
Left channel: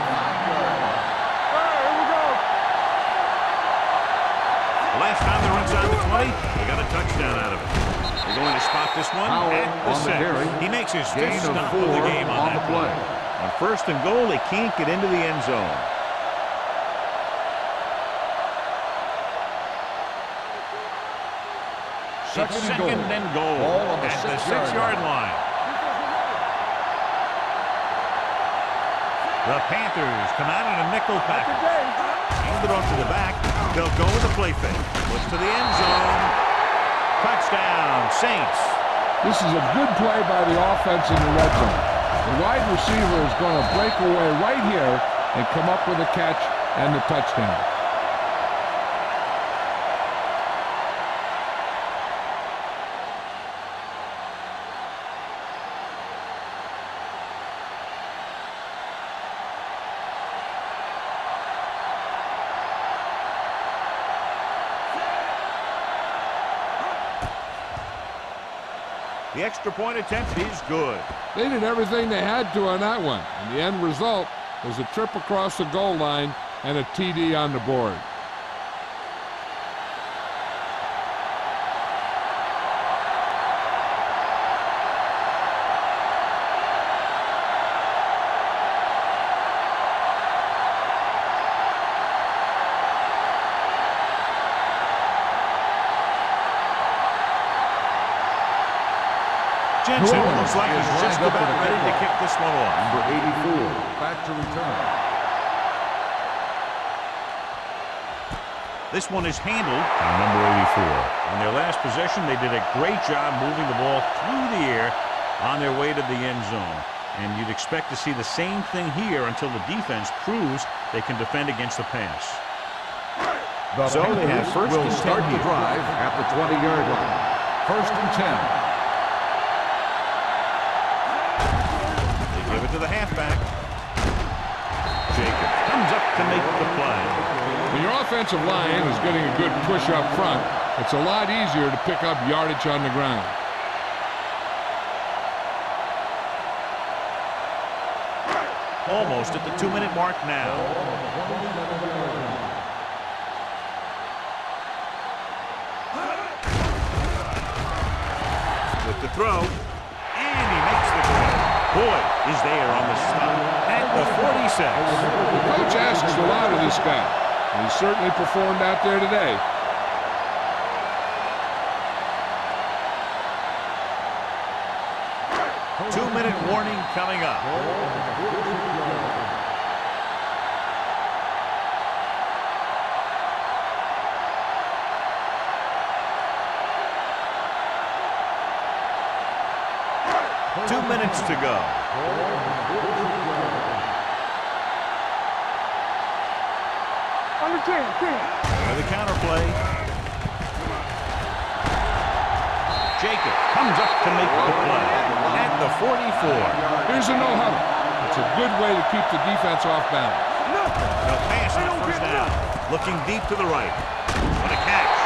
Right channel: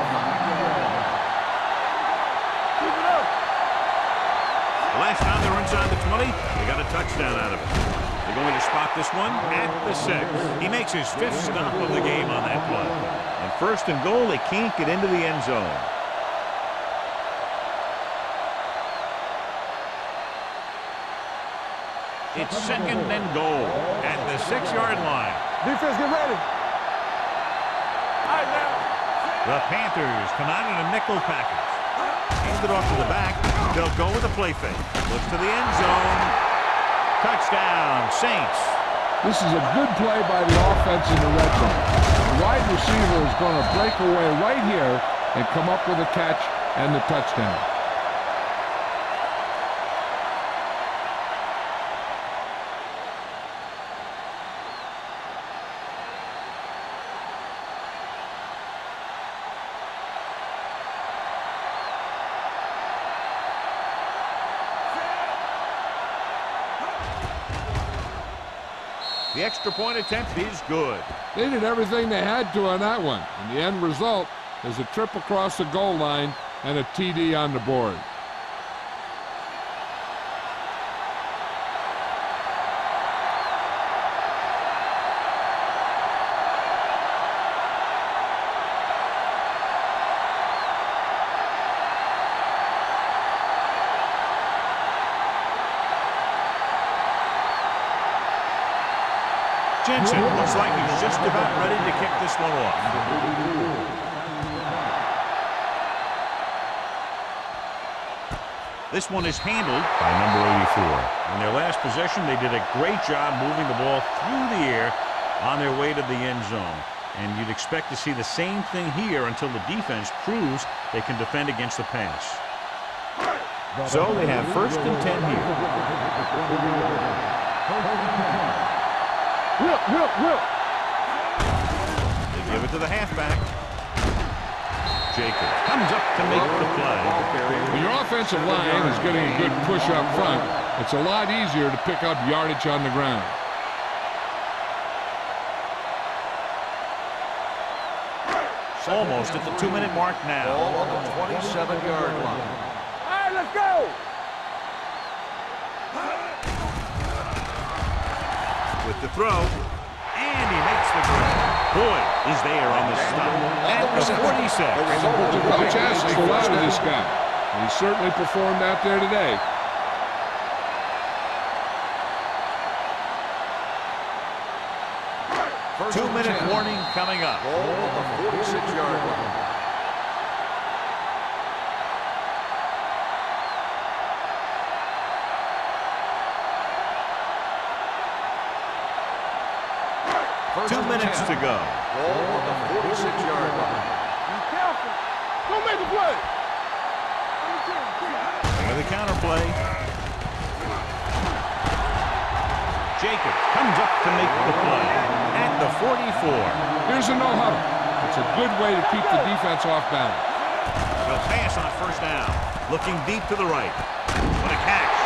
The last time they were inside the 20, they got a touchdown out of it. They're going to spot this one at the 6. He makes his 5th stop of the game on that play. On 1st and goal, they can't get into the end zone. It's 2nd and goal at the 6-yard line. The Panthers come out in a nickel package. Hand it off to the back. They'll go with a play fake. Looks to the end zone. Touchdown, Saints. This is a good play by the offense in the red zone. The wide receiver is going to break away right here and come up with a catch and the touchdown. The extra point attempt is good. They did everything they had to on that one, and the end result is a trip across the goal line and a TD on the board. Jensen looks like he's just about ready to kick this one off. Number 84, back to return. This one is handled by number 84. On their last possession, they did a great job moving the ball through the air on their way to the end zone. And you'd expect to see the same thing here until the defense proves they can defend against the pass. So they have first and 10 here. Drive at the 20-yard line. First and 10. They give it to the halfback. Jacobs comes up to make the play. When your offensive line is getting a good push up front, it's a lot easier to pick up yardage on the ground. Almost at the 2-minute mark now. 27-yard line. All right, let's go. With the throw, and he makes the grab. Boyd is there on the stop at the 46. The coach asks a lot of this guy. He certainly performed out there today. Two-minute warning coming up. 46-yard line. Two minutes to go. Don't make the play. Under 10. With the counter play. Jacobs comes up to make the play at the 44. Here's a no huddle. It's a good way to keep the defense off balance. They'll pass on first down. Looking deep to the right. What a catch.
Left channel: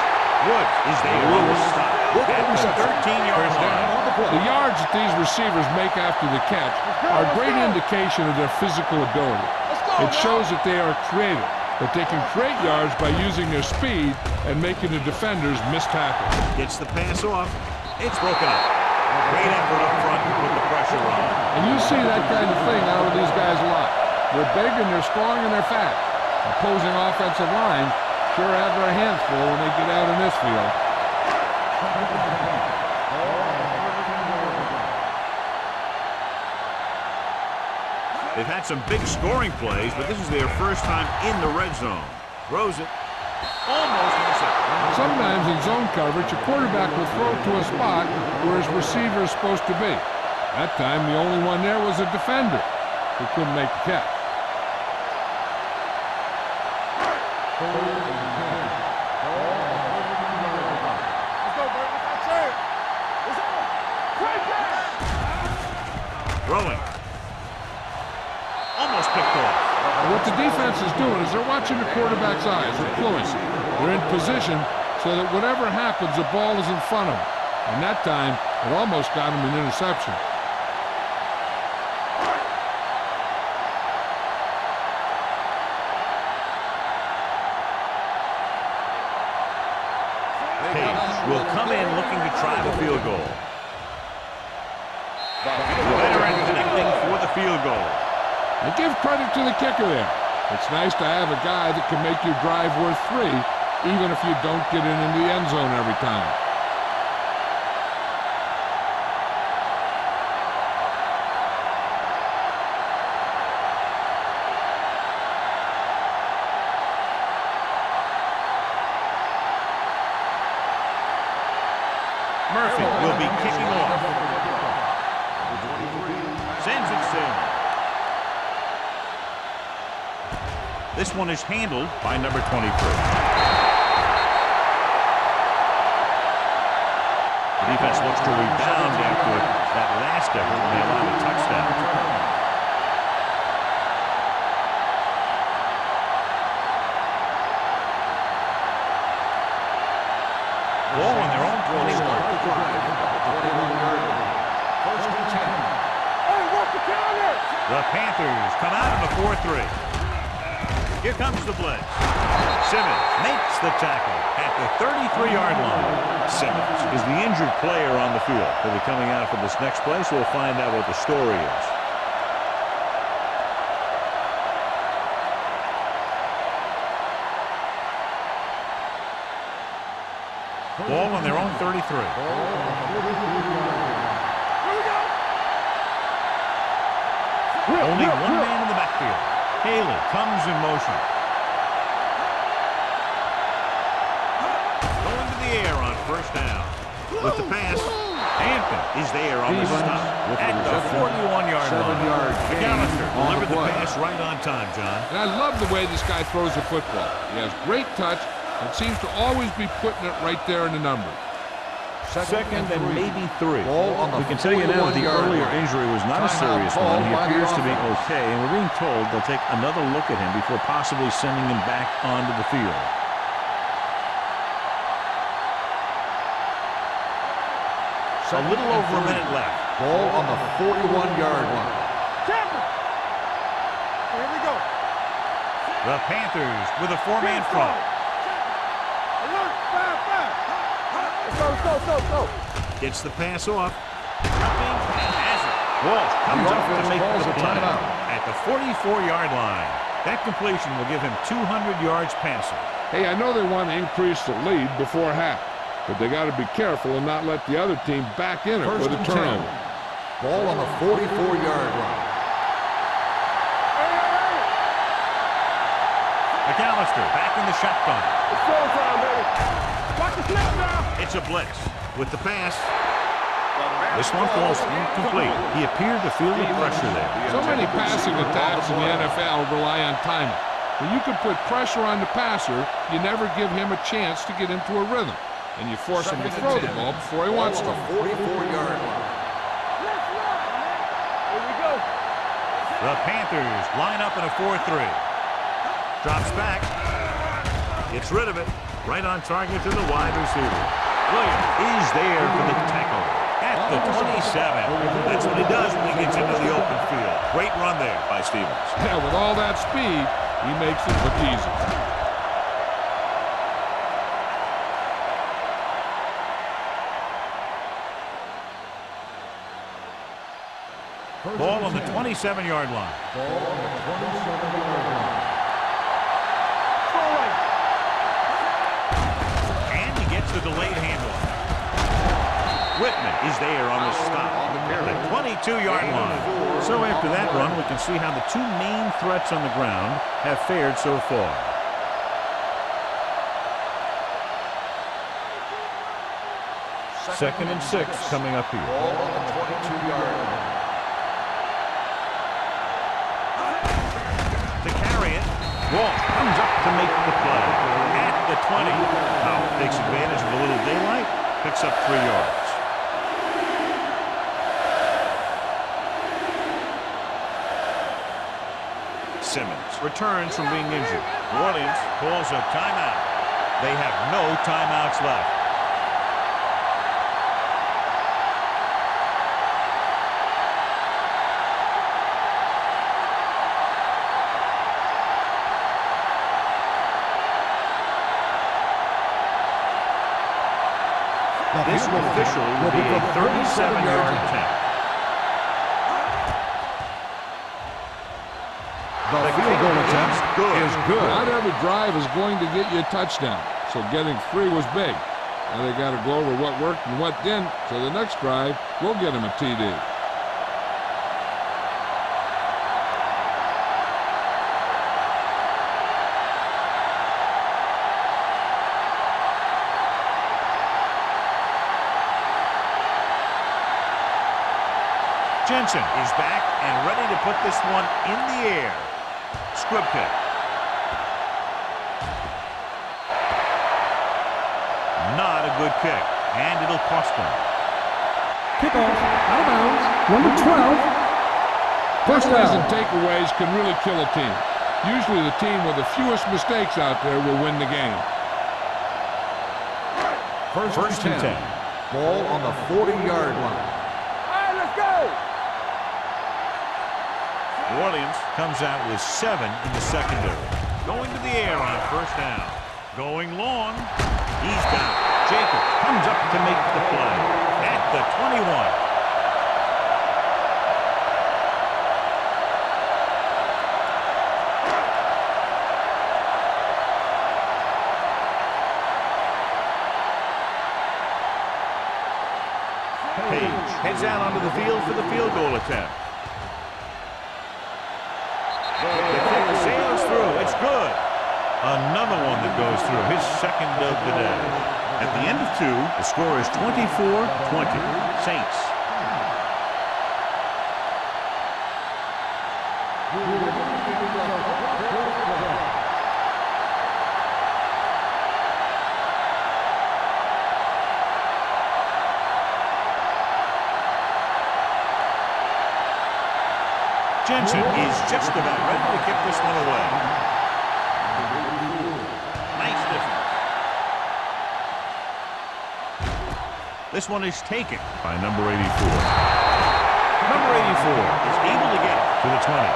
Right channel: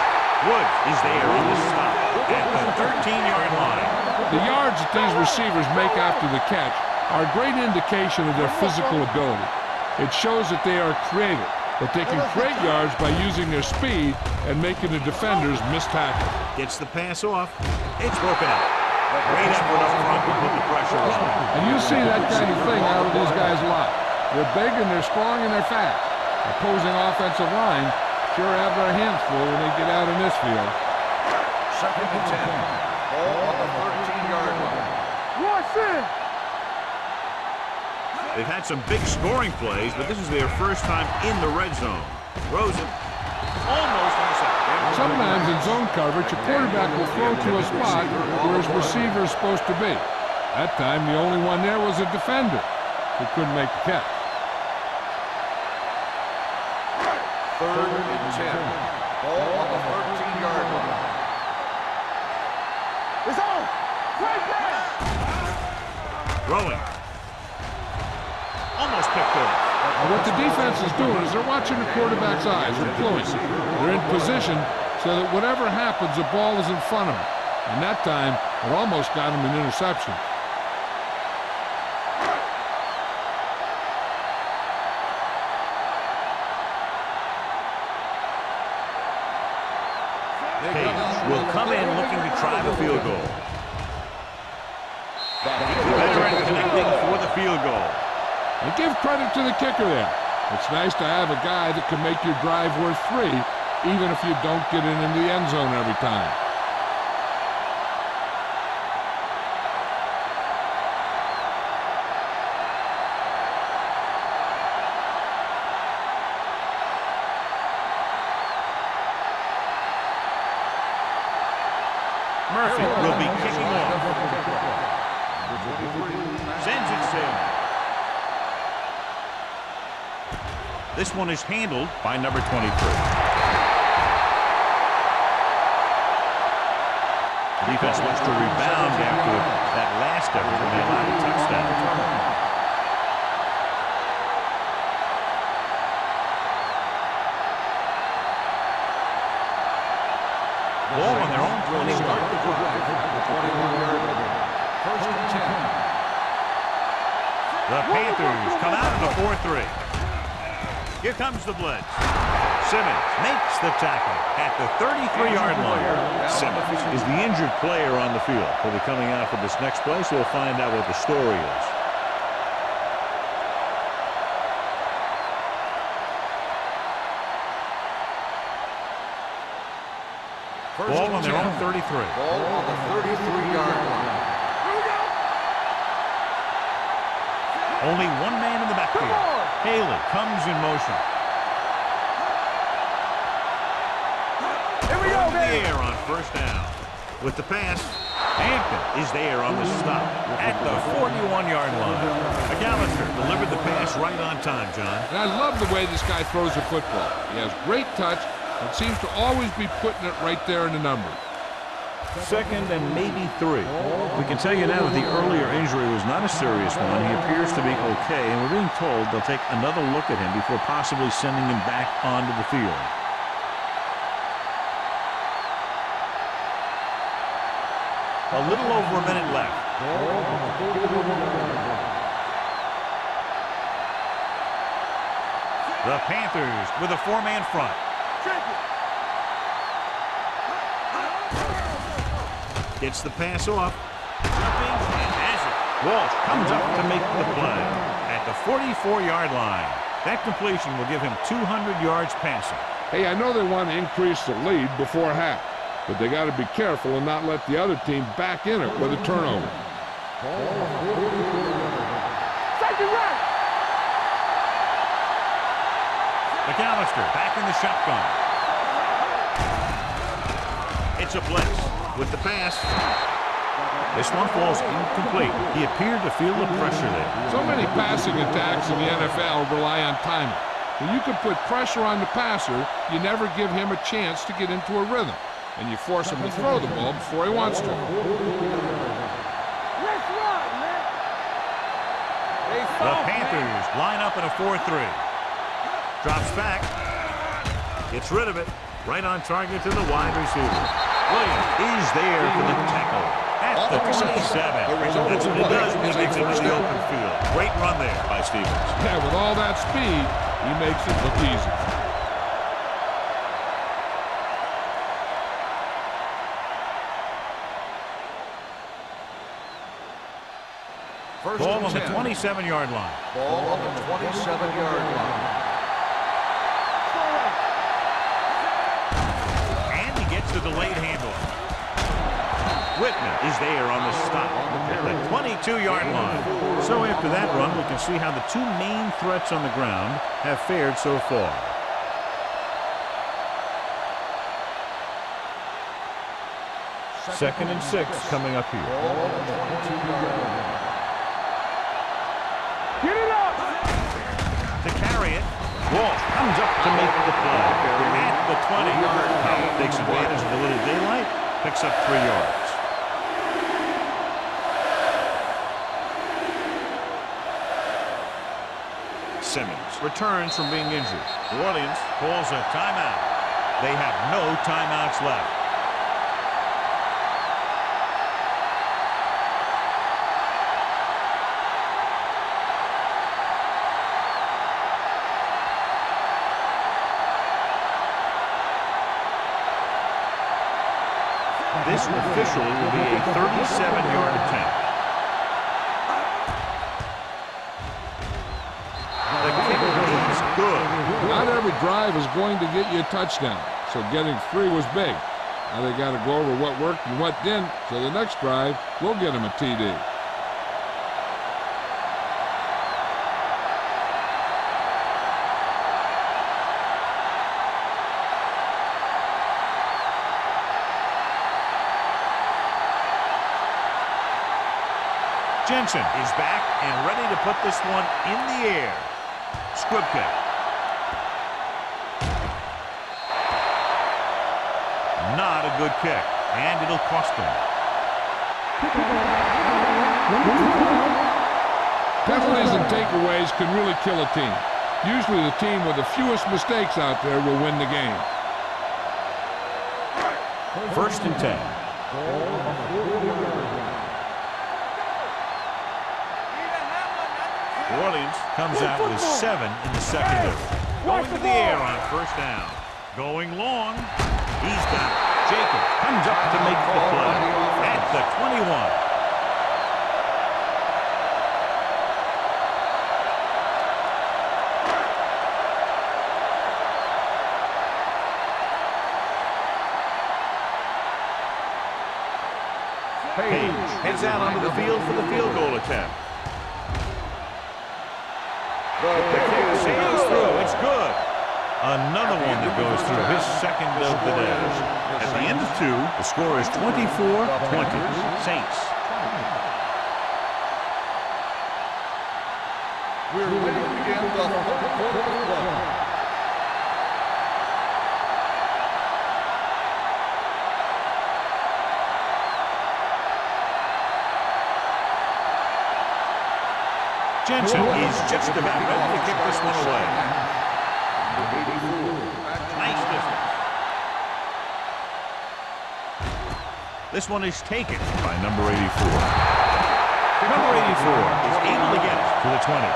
Woods is there on the stop at the 13-yard line. The yards that these receivers make after the catch are a great indication of their physical ability. It shows that they are creative, that they can create yards by using their speed and making the defenders miss tackles. Gets the pass off. It's broken up. Great effort up front to put the pressure on. And you see that kind of thing out of these guys a lot. They're big and they're strong and they're fast. Opposing offensive lines sure have their hands full when they get out in this field. Second and 10. Ball on the 13-yard line. They've had some big scoring plays, but this is their first time in the red zone. Throws it. Almost intercepted. Sometimes in zone coverage, a quarterback will throw to a spot where his receiver is supposed to be. That time, the only one there was a defender who couldn't make the catch. Third and 10. Ball on the 13-yard line. It's on. Right pass. Throwing. Almost picked off. And what the defense is doing is they're watching the quarterback's eyes. They're cluing. They're in position so that whatever happens, the ball is in front of them. And that time, it almost got him an interception. Page will come in looking to try the field goal. The veteran connecting for the field goal. And give credit to the kicker there. It's nice to have a guy that can make your drive worth 3, even if you don't get it into the end zone every time. Murphy will be kicking off. Number 23. Sends it sailing. This one is handled by number 23. The defense looks to rebound after that last effort when they allowed a touchdown. Ball on their own 21. Start the drive at the 21-yard line. The Panthers come out in a 4-3. Here comes the blitz. Simmons makes the tackle at the 33-yard line. Simmons is the injured player on the field. He'll be coming out for this next play, so we'll find out what the story is. Ball on their own 33. Ball on the 33-yard line. Here we go. Only one man in the backfield. Haley comes in motion. Going to the air on first down. With the pass, Hampton is there on the stop at the 41-yard line. McAllister delivered the pass right on time, John. And I love the way this guy throws the football. He has great touch and seems to always be putting it right there in the number. Second and maybe 3. We can tell you now that the earlier injury was not a serious one. He appears to be okay, and we're being told they'll take another look at him before possibly sending him back onto the field. A little over a minute left. Ball on the 41-yard line. Here we go. The Panthers with a 4-man front. Check it. Alert. 5-5. Gets the pass off. Jumping and has it. Walsh comes up to make the play at the 44-yard line. That completion will give him 200 yards passing. Hey, I know they want to increase the lead before half, but they got to be careful and not let the other team back in it with a turnover. Ball on the 44-yard line. McAllister back in the shotgun. It's a blitz with the pass. This one falls incomplete. He appeared to feel the pressure there. So many passing attacks in the NFL rely on timing. When you can put pressure on the passer, you never give him a chance to get into a rhythm, and you force him to throw the ball before he wants to. 44-yard line. Let's ride, man. Here we go. The Panthers line up in a 4-3. Drops back. Gets rid of it. Right on target to the wide receiver. Williams is there for the tackle at the 27. That's what he does when he gets into the open field. Great run there by Stevens. Yeah, with all that speed, he makes it look easy. Ball on the 27-yard line. Ball on the 27-yard line. And he gets the delayed handoff. Whitman is there on the stop at the 22-yard line. So after that run, we can see how the two main threats on the ground have fared so far. Second and 6 coming up here. Ball on the 22-yard line. To carry it, Walsh comes up to make the play at the 20. Powell takes advantage of a little daylight, picks up 3 yards. Simmons returns from being injured. New Orleans calls a timeout. They have no timeouts left. This officially will be a 37-yard attempt. The kick is good. Not every drive is going to get you a touchdown, so getting 3 was big. Now they got to go over what worked and what didn't, so the next drive will get him a TD. Jensen is back and ready to put this one in the air. Squib kick. Not a good kick, and it'll cost him. Kickoff, out of bounds, number 12. Penalties and takeaways can really kill a team. Usually the team with the fewest mistakes out there will win the game. First and 10. Ball on the 40-yard line. Orleans comes out with 7 in the secondary. Going to the air on first down. Going long. He's got it. Jacobs comes up to make the play at the 21. Page heads out onto the field for the field goal attempt. The kick sails through. It's good. Another one that goes through, his second of the day. At the end of 2, the score is 24-20. Saints. We're ready to begin the third quarter of play. Jensen is just about ready to kick this one away. Nice distance. This one is taken by number 84. Number 84 is able to get it to the 20.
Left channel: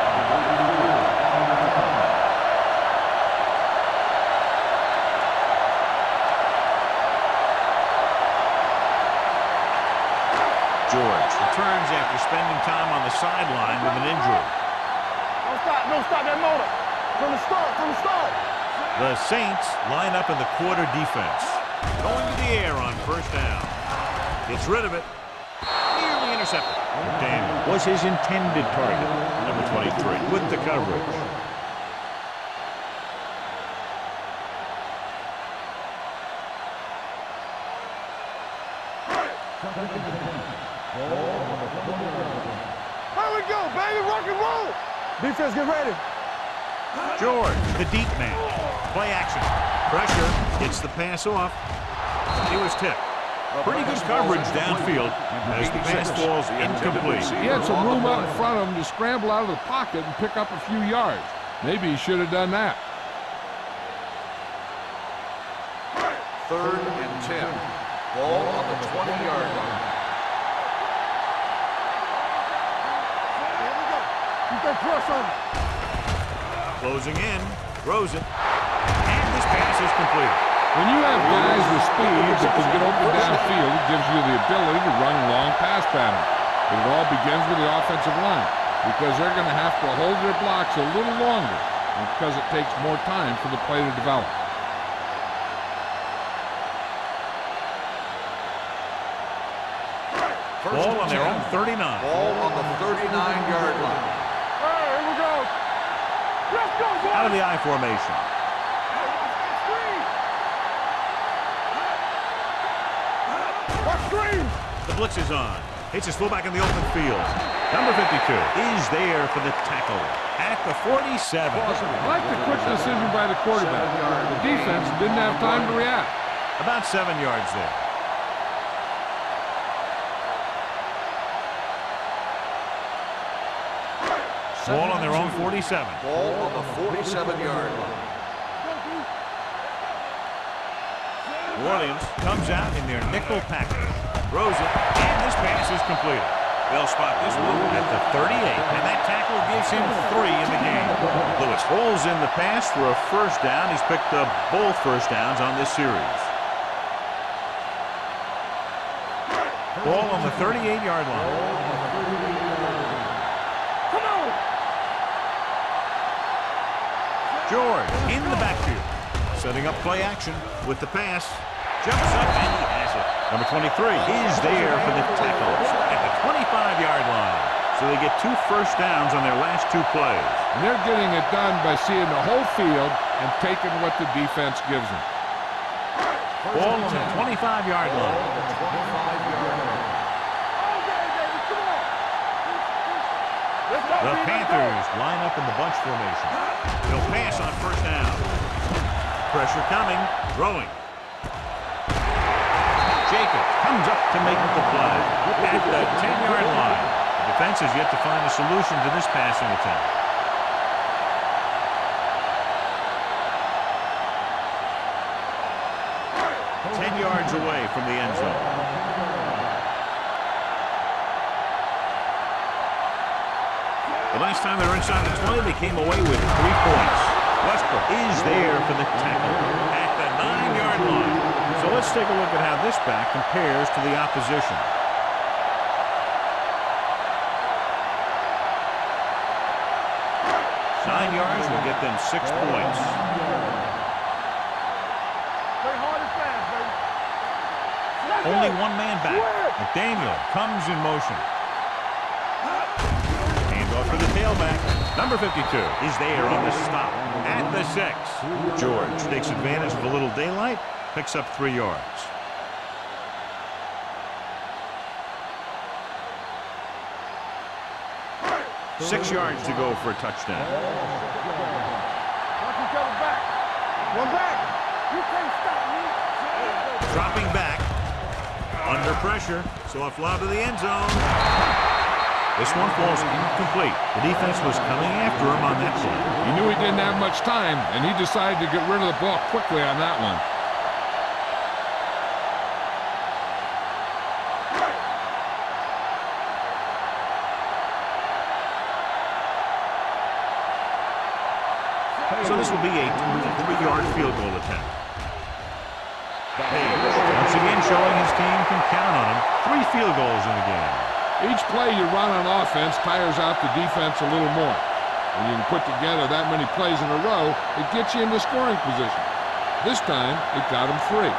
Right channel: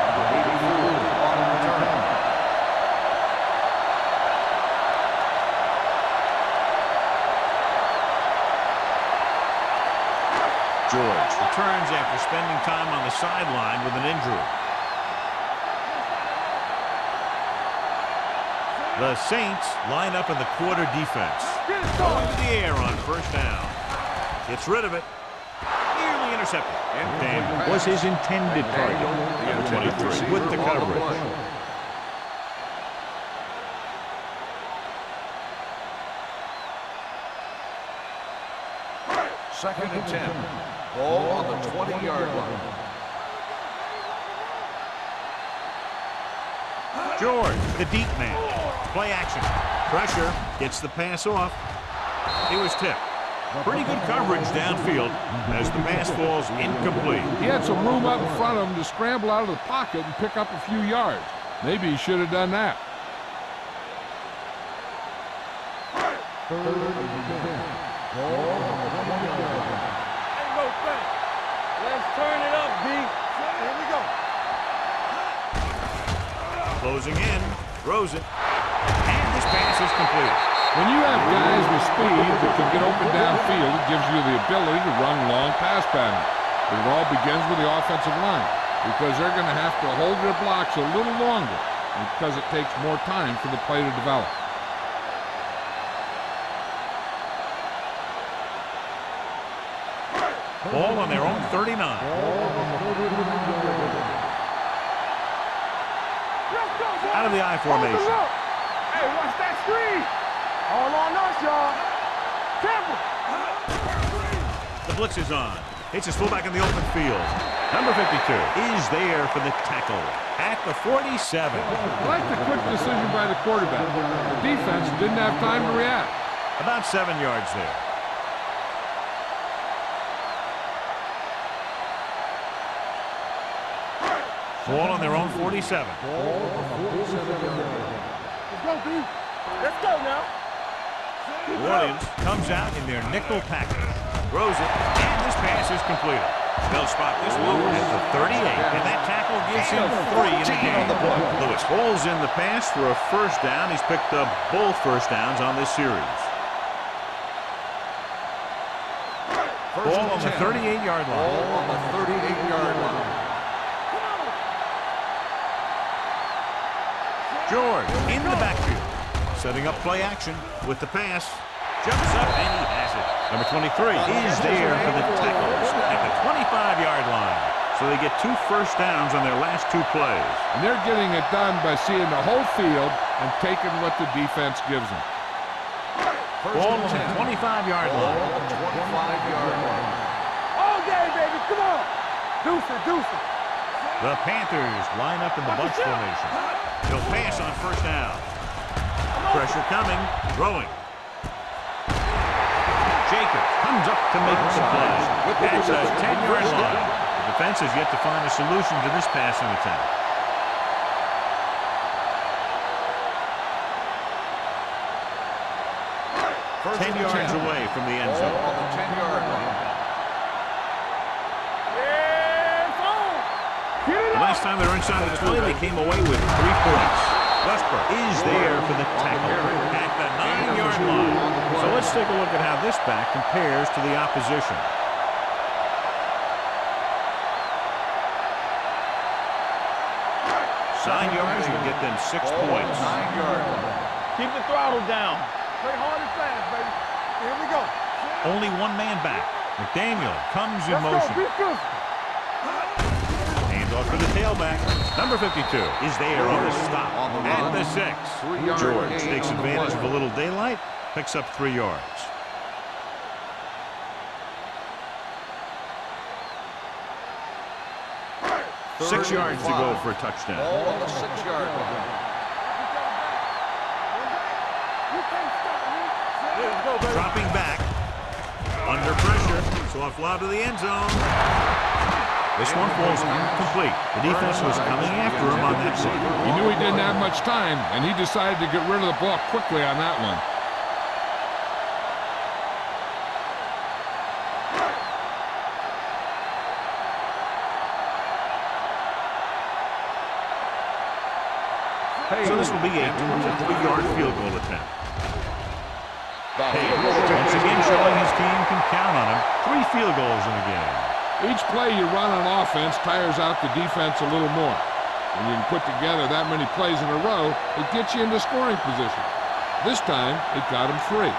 George returns after spending time on the sideline with an injury. Don't stop that motor. From the start. The Saints line up in the quarter defense. Going to the air on first down. Gets rid of it. Nearly intercepted. McDaniel was his intended target. Number 23 with the coverage. Second and 10. Ball on the 20-yard line. Here we go, baby. Rock and roll. Defense, get ready. George, the deep man. Play action. Pressure. Gets the pass off. He was tipped. Pretty good coverage downfield as the pass falls incomplete. He had some room up in front of him to scramble out of the pocket and pick up a few yards. Maybe he should have done that. Third and 10. Ball on the 20-yard line. Let's turn it up, D. Here we go. Keep that press on it. Closing in. Throws it. And this pass is completed. When you have guys with speed that can get open downfield, it gives you the ability to run long pass patterns. But it all begins with the offensive line because they're going to have to hold their blocks a little longer because it takes more time for the play to develop. Ball on their own 39. Ball on the 39-yard line. All right, here we go. Let's go, boys. Out of the I formation. Hey, watch that screen. All on us, y'all. Tampa. Watch screen. The blitz is on. Hits his fullback in the open field. Number 52 is there for the tackle at the 47. I like the quick decision by the quarterback. The defense didn't have time to react. About 7 yards there. Ball on their own 47. Ball on the 47-yard line. Let's go, D. Let's go now. New Orleans comes out in their nickel package. Throws it, and this pass is completed. They'll spot this one at the 38, and that tackle gives him 3 in the game. Lewis holds in the pass for a first down. He's picked up both first downs on this series. Ball on the 38-yard line. Ball on the 38-yard line. Come on. George in the backfield. Setting up play action with the pass. Jumps up, and he has it. Number 23 is there for the tackles at the 25-yard line. So they get 2 first downs on their last 2 plays. And they're getting it done by seeing the whole field and taking what the defense gives them. Ball on the 25-yard line. Ball on the 25-yard line. All day, baby. Come on. Deuce it. Let's go, The D. Panthers line up in the bunch formation. They'll pass on first down. Pressure coming. Throwing. Jacobs comes up to make the play at the 10-yard line. The defense has yet to find a solution to this passing attempt. First 10 yards away from the end zone. Ball on the 10-yard line. The last time they were inside the 20, they came away with 3 points. Westbrook is there for the tackle at the 9-yard line. So let's take a look at how this back compares to the opposition. Nine yards will get them 6 points. Keep the throttle down. Play hard and fast, baby. Here we go. Only one man back. McDaniel comes in motion. Hands off to the tailback. Number 52 is there on the stop at the 6. George takes advantage of a little daylight, picks up 3 yards. Six yards to go for a touchdown. 6 yard line. Watch each other back. One back. You can't stop me. Let's go, baby. Dropping back. Under pressure. Soft lob to the end zone. This one falls incomplete. The defense was coming after him on that play. He knew he didn't have much time, and he decided to get rid of the ball quickly on that one. So this will be a 23-yard field goal attempt. Page, once again showing his team can count on him. 3 field goals in the game. Each play you run on offense tires out the defense a little more. When you can put together that many plays in a row, it gets you into scoring position. This time, it got him free.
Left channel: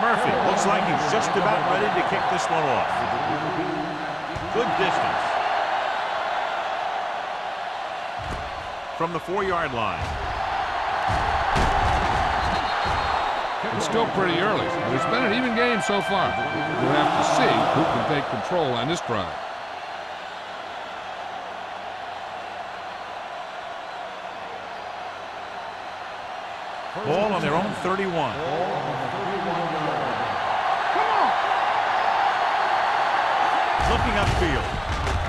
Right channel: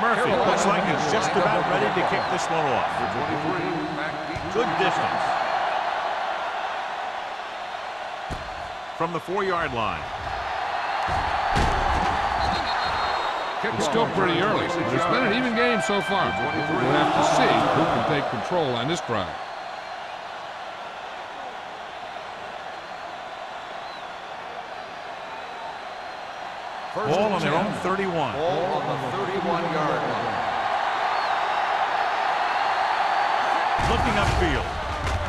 Murphy looks like he's just about ready to kick this one off. Good distance. From the 4-yard line. It's still pretty early, but it's been an even game so far. We'll have to see who can take control on this drive. Ball on their own 31. Ball on the 31-yard line. Looking upfield.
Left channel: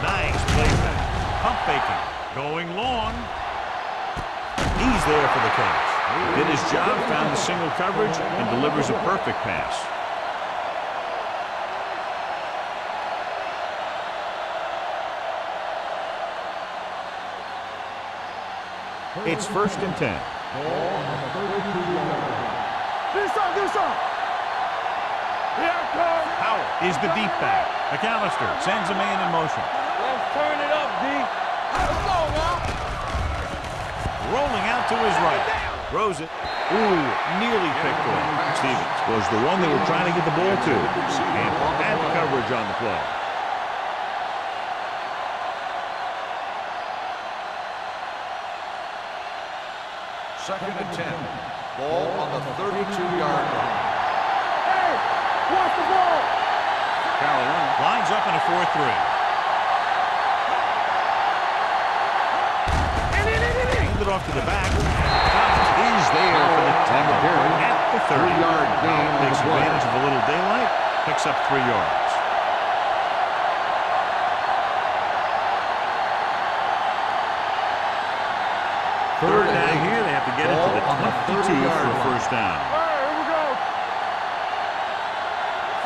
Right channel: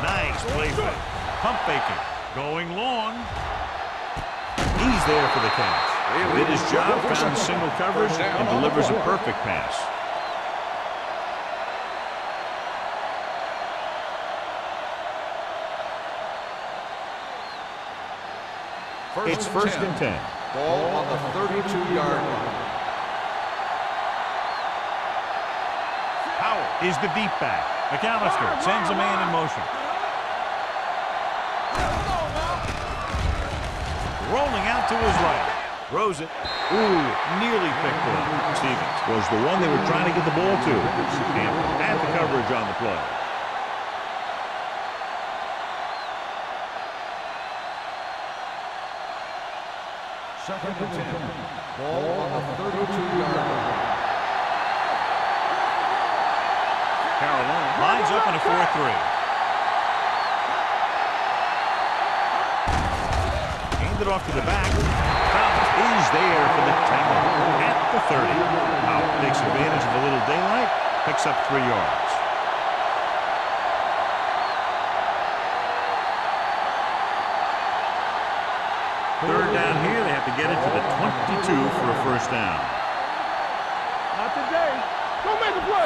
Nice play fake. Pump faking. Going long. He's there for the catch. Did his job, found the single coverage, and delivers a perfect pass. It's 1st and 10. Ball on the 32-yard line. Howell is the deep back. McAllister sends a man in motion. Let's turn it up, D. Let's go now. Rolling out to his right. Throws it. Ooh, nearly picked off. Stevens was the one they were trying to get the ball to. And had the coverage on the play. Second and 10. Ball on the 32-yard line. Hey, watch the ball. Carolina lines up in a 4-3. Handed off to the back. Thomas is there for the tackle at the 30. Howell takes advantage of a little daylight, picks up 3 yards. Third down here, they have to get it to the 22 for a first down.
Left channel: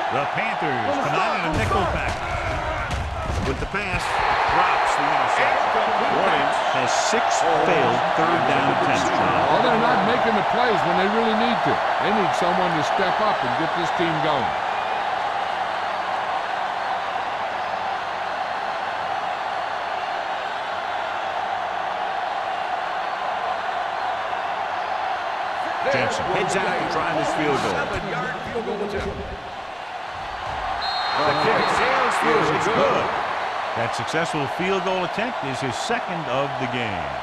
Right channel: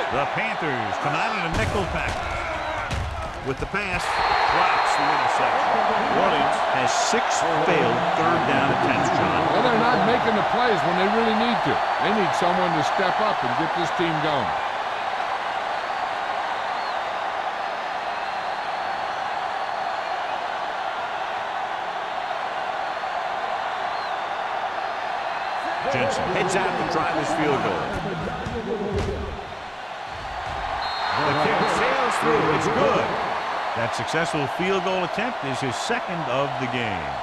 The Panthers come out in a nickel package. With the pass, drops the interception. Orleans has 6 failed third down attempts, John. Well, they're not making the plays when they really need to. They need someone to step up and get this team going. Jensen heads out to try this field goal. The kick sails through. It's good. That successful field goal attempt is his 2nd of the game.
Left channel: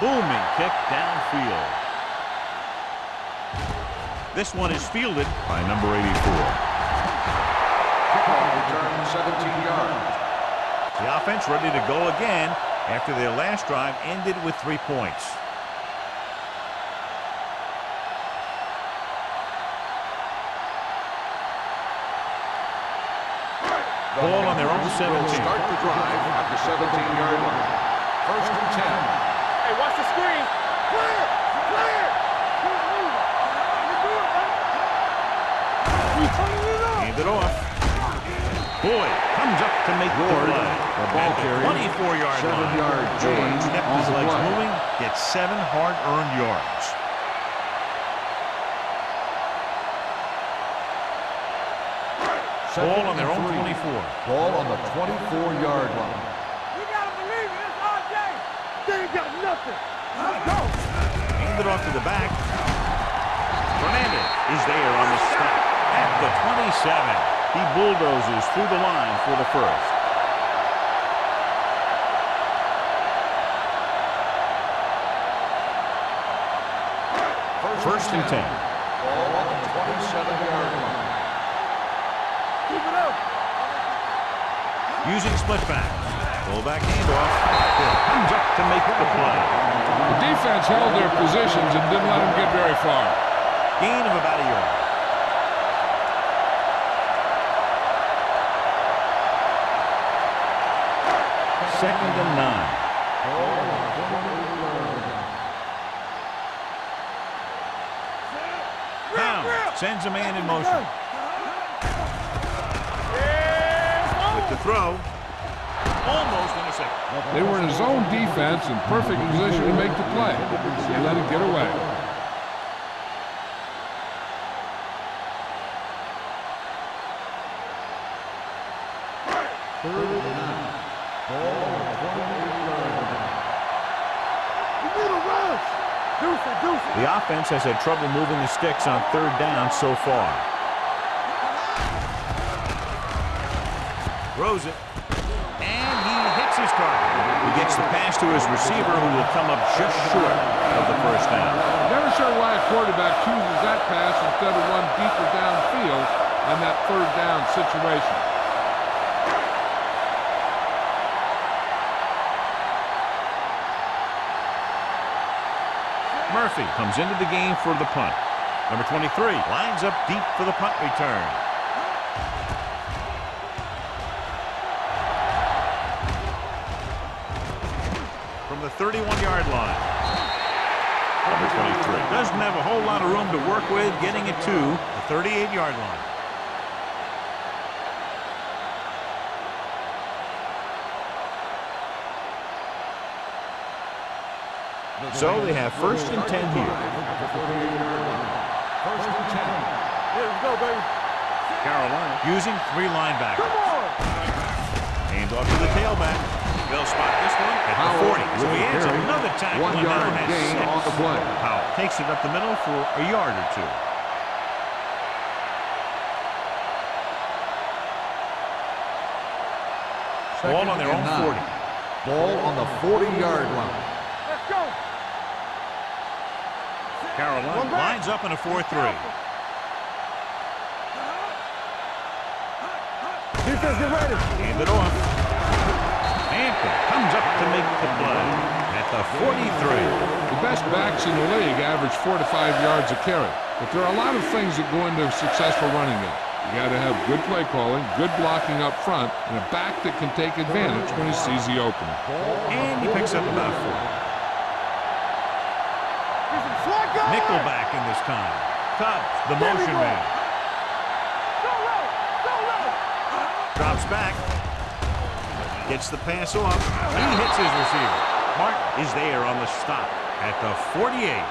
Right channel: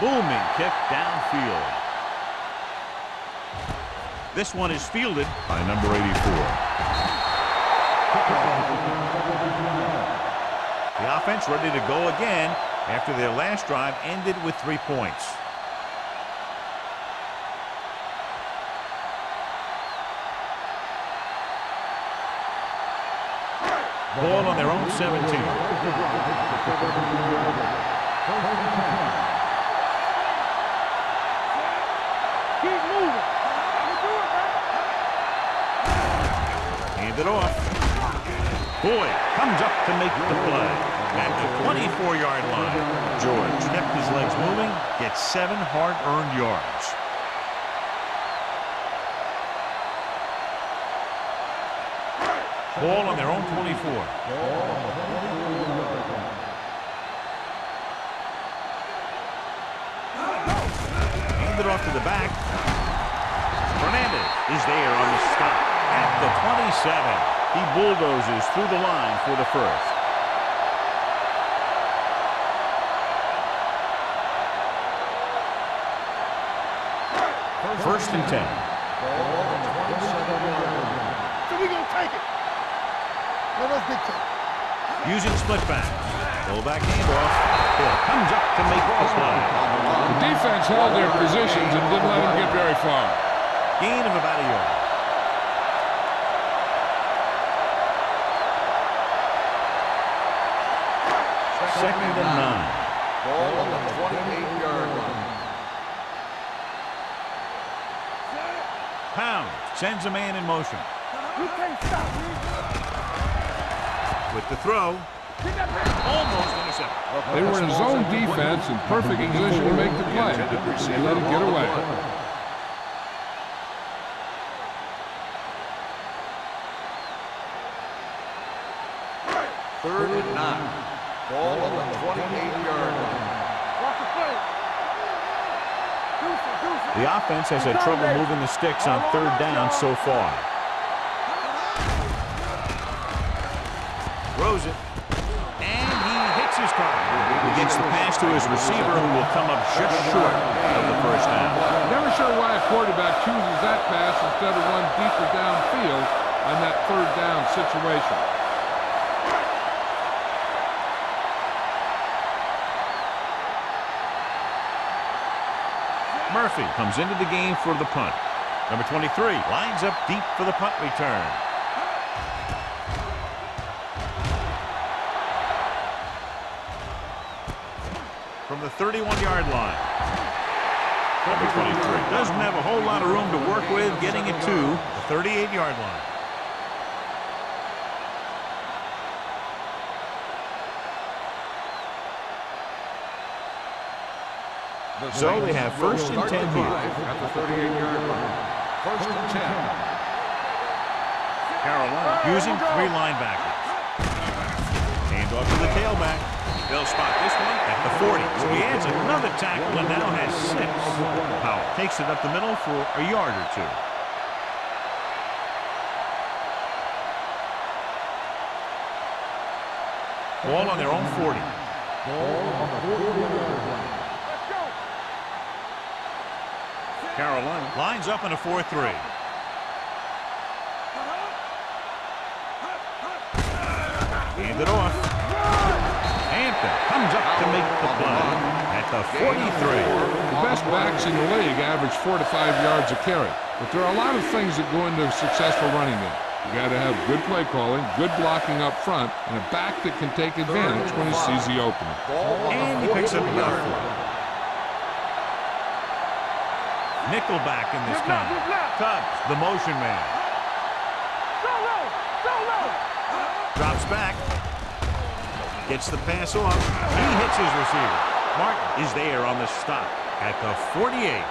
Booming kick downfield. This one is fielded by number 84. Kickoff return 17 yards. The offense ready to go again after their last drive ended with 3 points. Ball on their own 17. Start the drive at the 17-yard line. First and 10. Hey, watch the screen. Clear! Clear! Keep moving. I can do it, man. Hand it off. Boyd comes up to make the play. At the 24-yard line, George kept his legs moving, gets 7 hard-earned yards. Ball on their own 24. Ball on the 24-yard line. You gotta believe it. It's RJ. They ain't got nothing. Let's go. Hand it off to the back. Fernandez is there on the stop at the 27. He bulldozes through the line for the first. First and 10. Ball on the 27-yard line. So we gonna take it. Keep it up. Now let's get you. Using split back. Fullback handoff. Hill comes up to make the play. The defense held their positions and didn't let them get very far. Gain of about a yard. Second and 9. Ball on the 28-yard line. Pound sends a man in motion. With the throw. Almost intercepted. They were in zone defense in perfect position to make the play. They let it get away. Third and 9. Ball on the 28-yard line. Watch the play. You need a run. Deuce it, deuce it. The offense has had trouble moving the sticks on third down so far. Throws it. And he hits his target. He gets the pass to his receiver, who will come up just short of the first down. Never sure why a quarterback chooses that pass instead of one deeper downfield on that third down situation. Murphy comes into the game for the punt. Number 23 lines up deep for the punt return. From the 31-yard line. Number 23 doesn't have a whole lot of room to work with, getting it to the 38-yard line. So they have first and 10 here. At the 38-yard line. First and 10. Carolina using 3 linebackers. Hand off to the tailback. They'll spot this one at the 40. So he adds another tackle and now has 6. Powell takes it up the middle for a yard or 2. Ball on their own 40. Ball on the 40-yard line. Let's go. Carolina lines up in a 4-3. Hand it off. Hampton comes up to make the play at the 43. The best backs in the league average 4 to 5 yards a carry, but there are a lot of things that go into a successful running game. You got to have good play calling, good blocking up front, and a back that can take advantage when he sees the opening. And he picks up about 4. Nickelback in this time. Tubbs, the motion man. Drops back. Gets the pass off. He hits his receiver. Martin is there on the stop at the 48.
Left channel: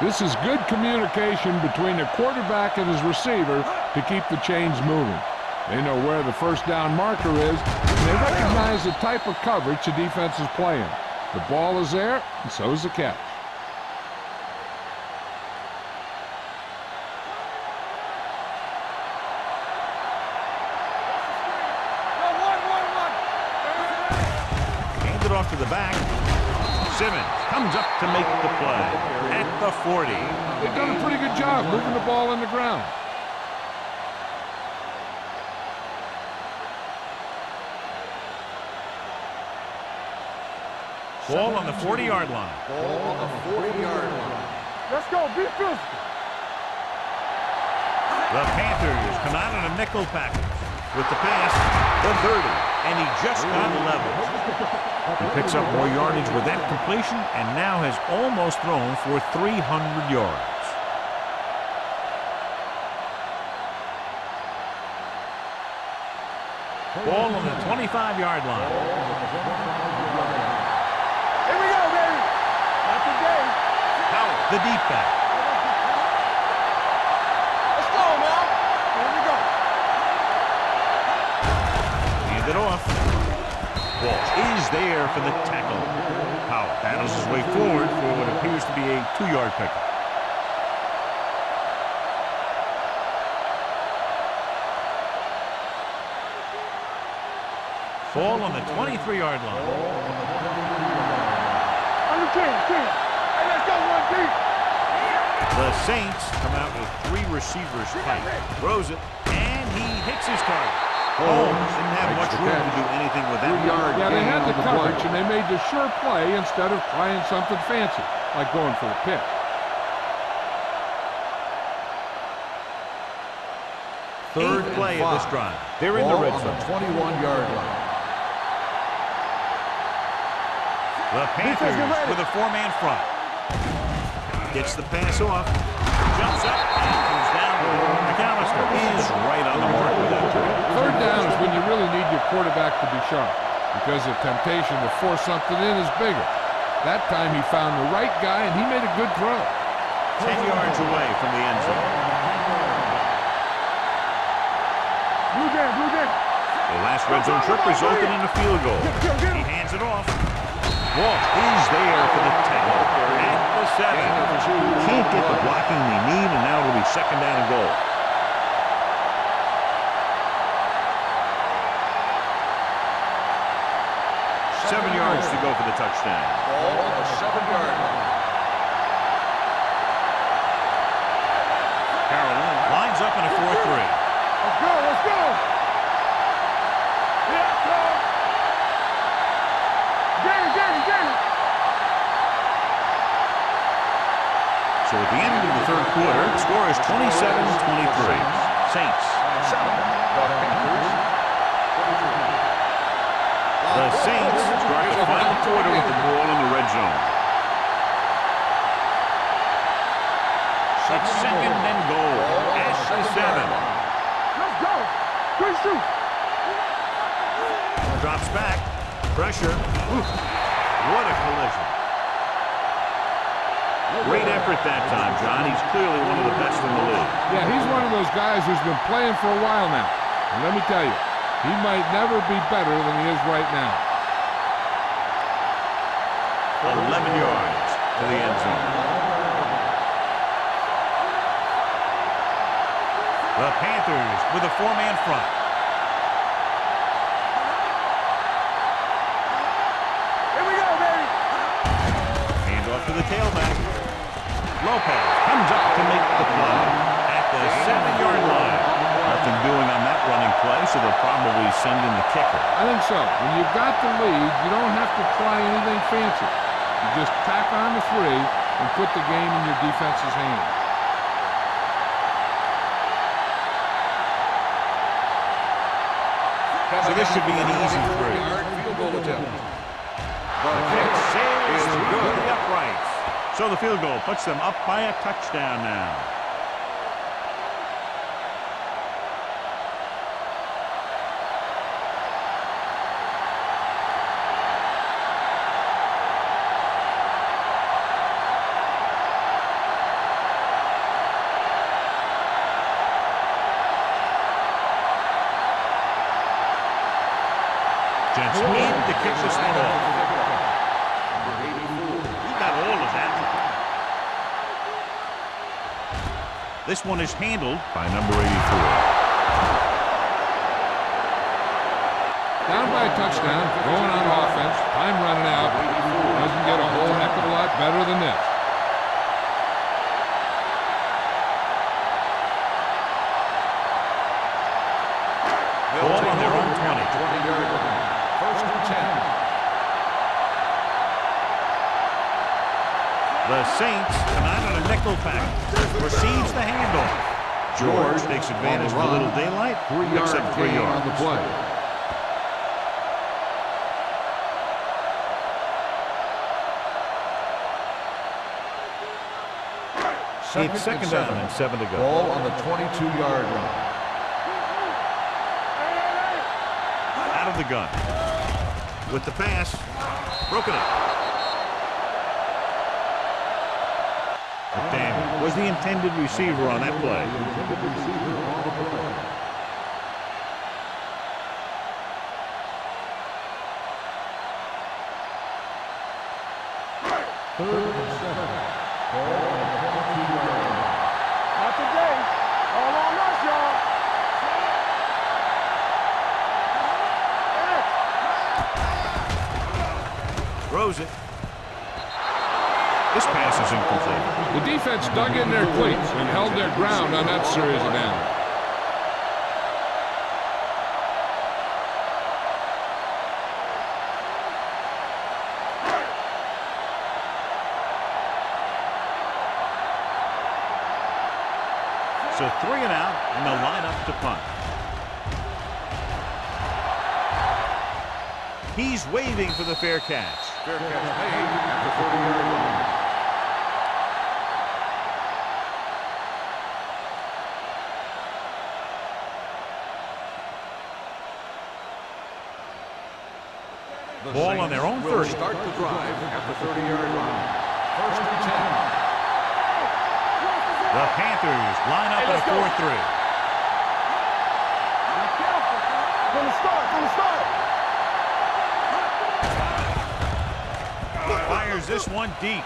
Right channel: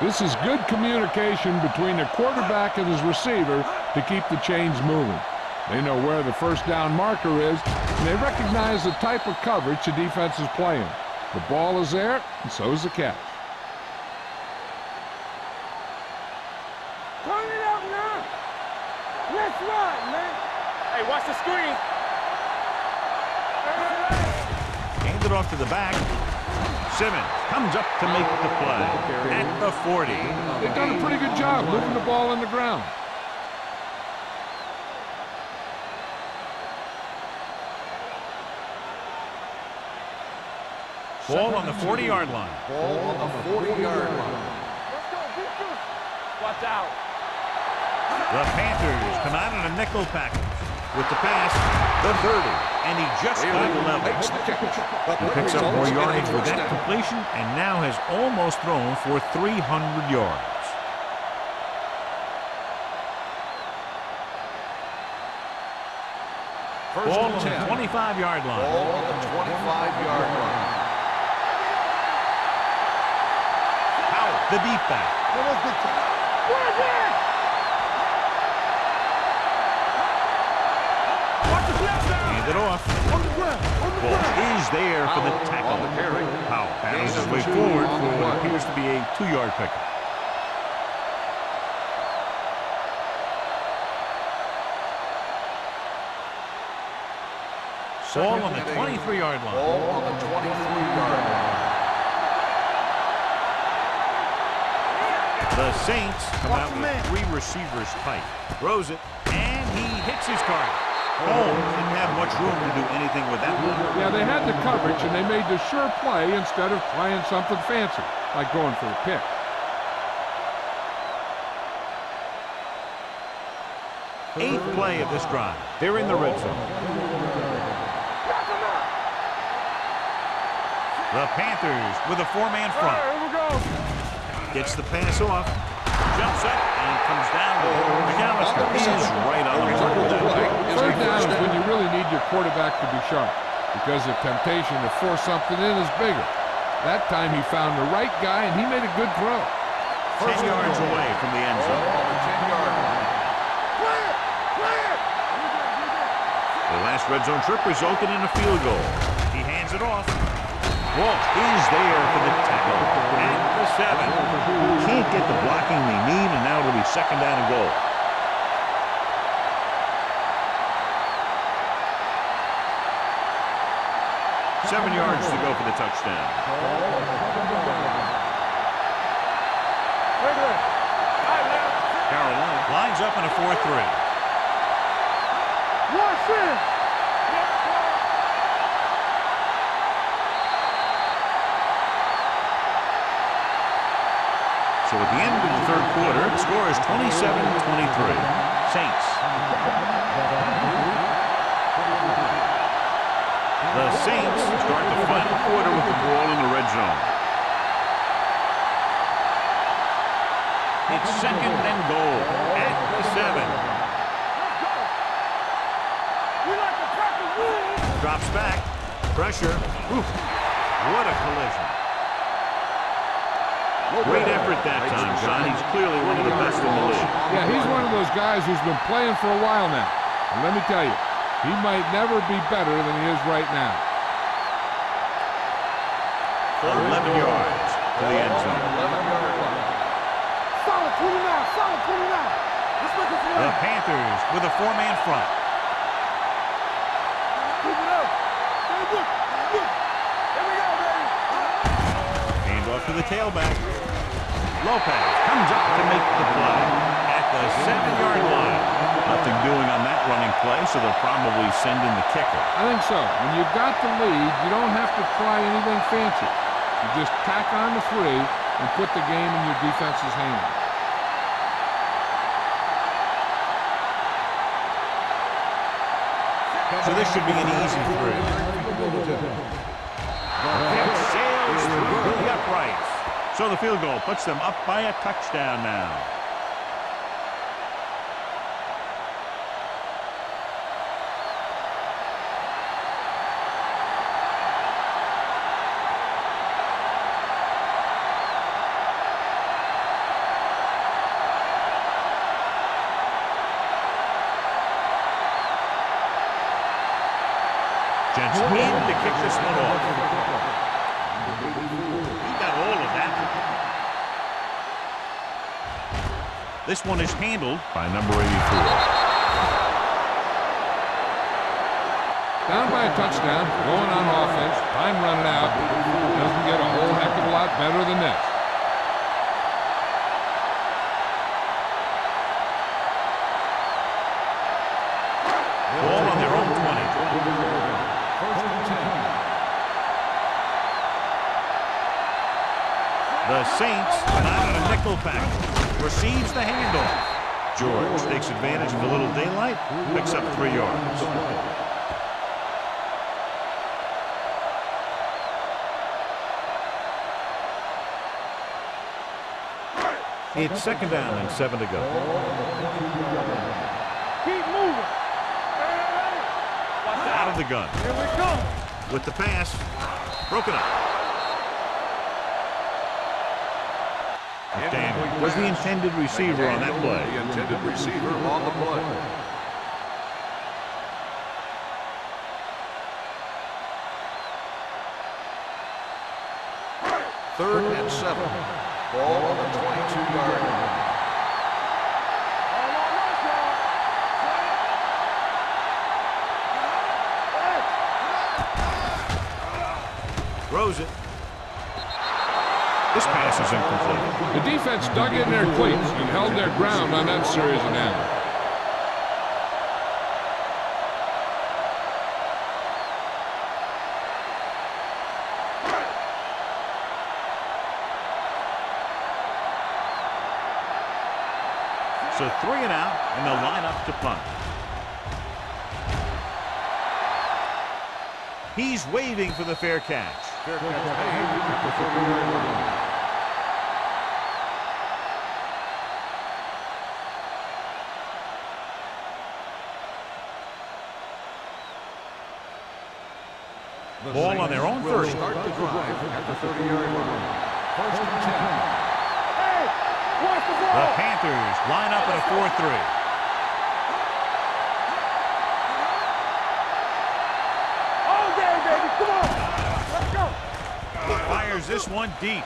This is good communication between the quarterback and his receiver to keep the chains moving. They know where the first down marker is, and they recognize the type of coverage the defense is playing. The ball is there, and so is the catch. Off to the back. Simmons comes up to make the play at the 40. They've done a pretty good job moving the ball on the ground. Ball on the 40-yard line. Ball on the 40-yard line. Let's go. Be physical. Watch out. The Panthers come out in a nickel package with the pass, the 30, and he just got level. He picks up more yardage with that completion and now has almost thrown for 300 yards. Ball on the 25-yard line. Ball on the 25-yard line. Here we go, baby. That's the day. Howell, the deep back. Let's go, Hand it off. Ball is there for the tackle. Howell battles his way forward for what appears to be a 2-yard pickup. Ball on the 23-yard line. Ball on the 23-yard line. The Saints come out with 3 receivers tight. Throws it, and he hits his target. Holmes didn't have much room to do anything with that one. Yeah, they had the coverage, and they made the sure play instead of trying something fancy, like going for the pick. Eighth play of this drive. They're in the red zone. 21-yard line. The Panthers with a 4-man front. Gets the pass off. Jumps up and comes down with it. McAllister is right on the mark with that throw. Third down is when you really need your quarterback to be sharp, because the temptation to force something in is bigger. That time he found the right guy, and he made a good throw. 10 yards away from the end zone. The last red zone trip resulted in a field goal. He hands it off. Walt is there for the tackle at the 7. Can't get the blocking they need, and now it'll be 2nd down and goal. Seven yards to go for the touchdown. Ball on the 7-yard line. Carolina lines up in a 4-3. Let's go. Let's go. Watch this. Here it comes. So at the end of the 3rd quarter, the score is 27-23. Saints. The Saints start the final quarter with the ball in the red zone. It's 2nd and goal at the 7. Let's go. Quick shoot. We like to practice. Drops back. Pressure. Oof. What a collision. Great effort that time, John. He's clearly one of the best in the league. Yeah, he's one of those guys who's been playing for a while now. And let me tell you, he might never be better than he is right now. 11 yards to the end zone. The Panthers with a 4-man front. Here we go, baby. Hand off to the tailback. Lopez comes up to make the play at the 7-yard line. Nothing doing on that running play, so they'll probably send in the kicker. I think so. When you've got the lead, you don't have to try anything fancy. You just tack on the 3 and put the game in your defense's hands. So this should be an easy 3. Field goal attempt. The kick sails through the uprights. So the field goal puts them up by a touchdown now. Jensen in to kick this one off. He got all of that. This one is handled by number 84. Down by a touchdown, going on offense, time running out. Doesn't get a whole heck of a lot better than this. Ball on their own 20. 20-yard line. First and 10. The Saints come out in a nickel package. Receives the handoff. George takes advantage of a little daylight. Picks up 3 yards. It's second down and 7 to go. Ball on the 22-yard line. Out of the gun. With the pass. Broken up. McDaniel was the intended receiver on that play. The intended receiver on the play. Third and 7. Ball on the 22-yard line. Not today. All on us, y'all. Throws it. This pass is incomplete. The defense dug in their cleats and held their ground on that series of downs. So 3 and out, and they'll line up to punt. He's waving for the fair catch. Fair catch made at the 30-yard line. The Ball on their own Saints will 30. start the drive at the 30-yard line. First and 10. Hey, watch the ball. The Panthers line up in a 4-3. Fires this one deep.